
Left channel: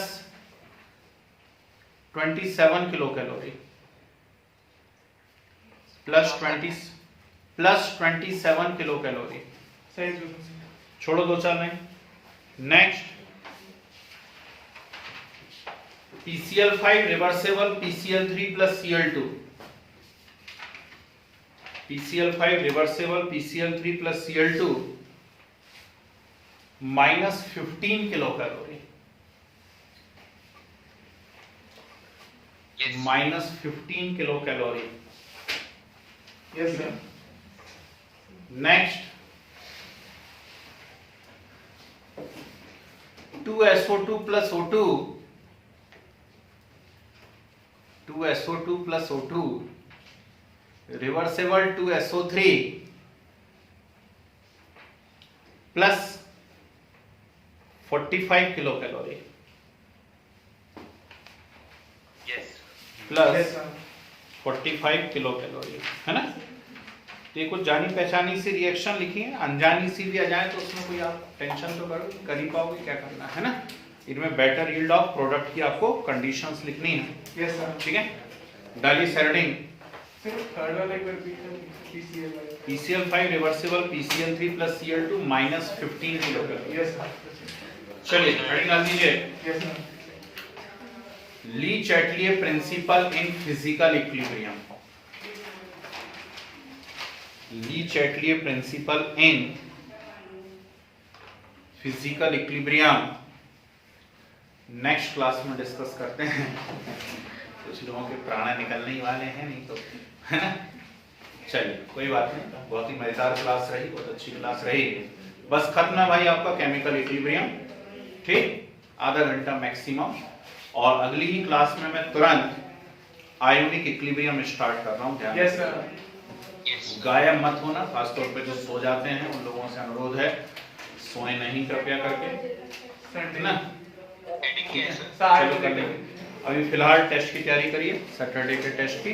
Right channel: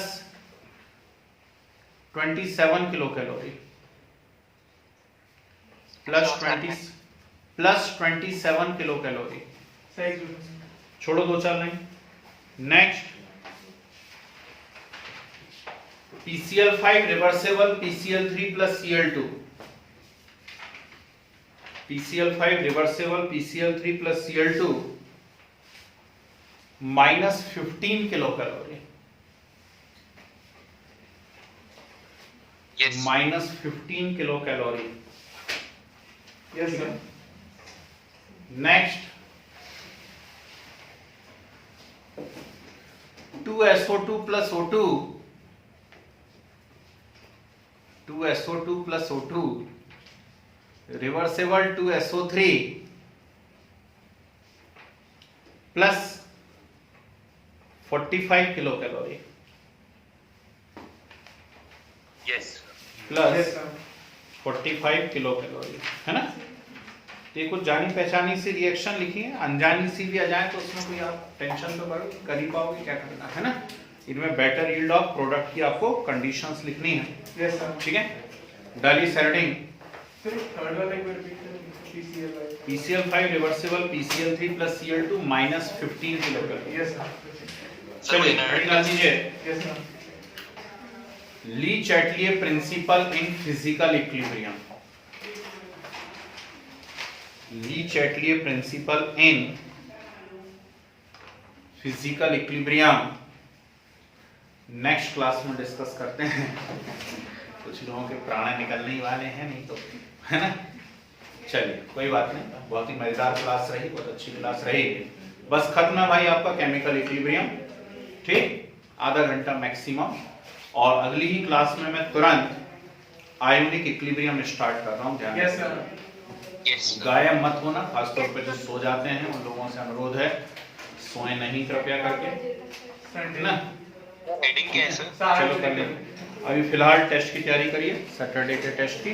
27 kilocalorie, plus 27 kilocalorie। Sir एक्सोस छोड़ो 2-4 line. Next PCl5 reversible PCl3 plus Cl2, PCl5 reversible PCl3 plus Cl2 minus 15 kilocalorie, Yes. minus 15 kilocalorie। Yes sir next 2SO2 plus O2, 2SO2 plus O2 reversible to SO3 plus 45 kilocalorie, Yes. plus yes sir 45 kilocalorie, है ना। तो ये कुछ जानी पहचानी सी reaction लिखी है, अनजानी सी भी आ जाए तो उसमें कोई आप टेंशन तो कर ही पाओगे, क्या करना है ना। इनमें बेटर यील्ड ऑफ प्रोडक्ट की आपको कंडीशंस लिखनी है, यस सर ठीक है। डाली सेरेडिंग सर थर्ड वाला एक बार रिपीट कर PCL PCl5 reversible PCl3 plus Cl2 minus 15 kilocalorie. Yes sir चलिए हेडिंग डाल दीजिए, yes sir Le Chatelier principle in physical equilibrium. Le Chatelier principle in physical equilibrium next class में डिस्कस करते हैं। कुछ लोगों के प्राण निकलने ही वाले हैं, नहीं तो, है ना। चलिए कोई बात नहीं, बहुत ही मजेदार क्लास रही, बहुत अच्छी क्लास रही। बस खत्म है भाई आपका केमिकल इक्विलिब्रियम, ठीक, आधा घंटा मैक्सिमम। और अगली ही क्लास में मैं तुरंत आयोनिक इक्विलिब्रियम स्टार्ट कर रहा हूँ, ध्यान यस रखिएगा। Sir Yes. गायब मत होना, खासतौर पे जो सो जाते हैं उन लोगों से अनुरोध है सोए नहीं कृपया करके, है ना। Heading क्या है sir? चलो कर लेंगे। अभी फिलहाल टेस्ट की तैयारी करिए, सैटरडे के टेस्ट की।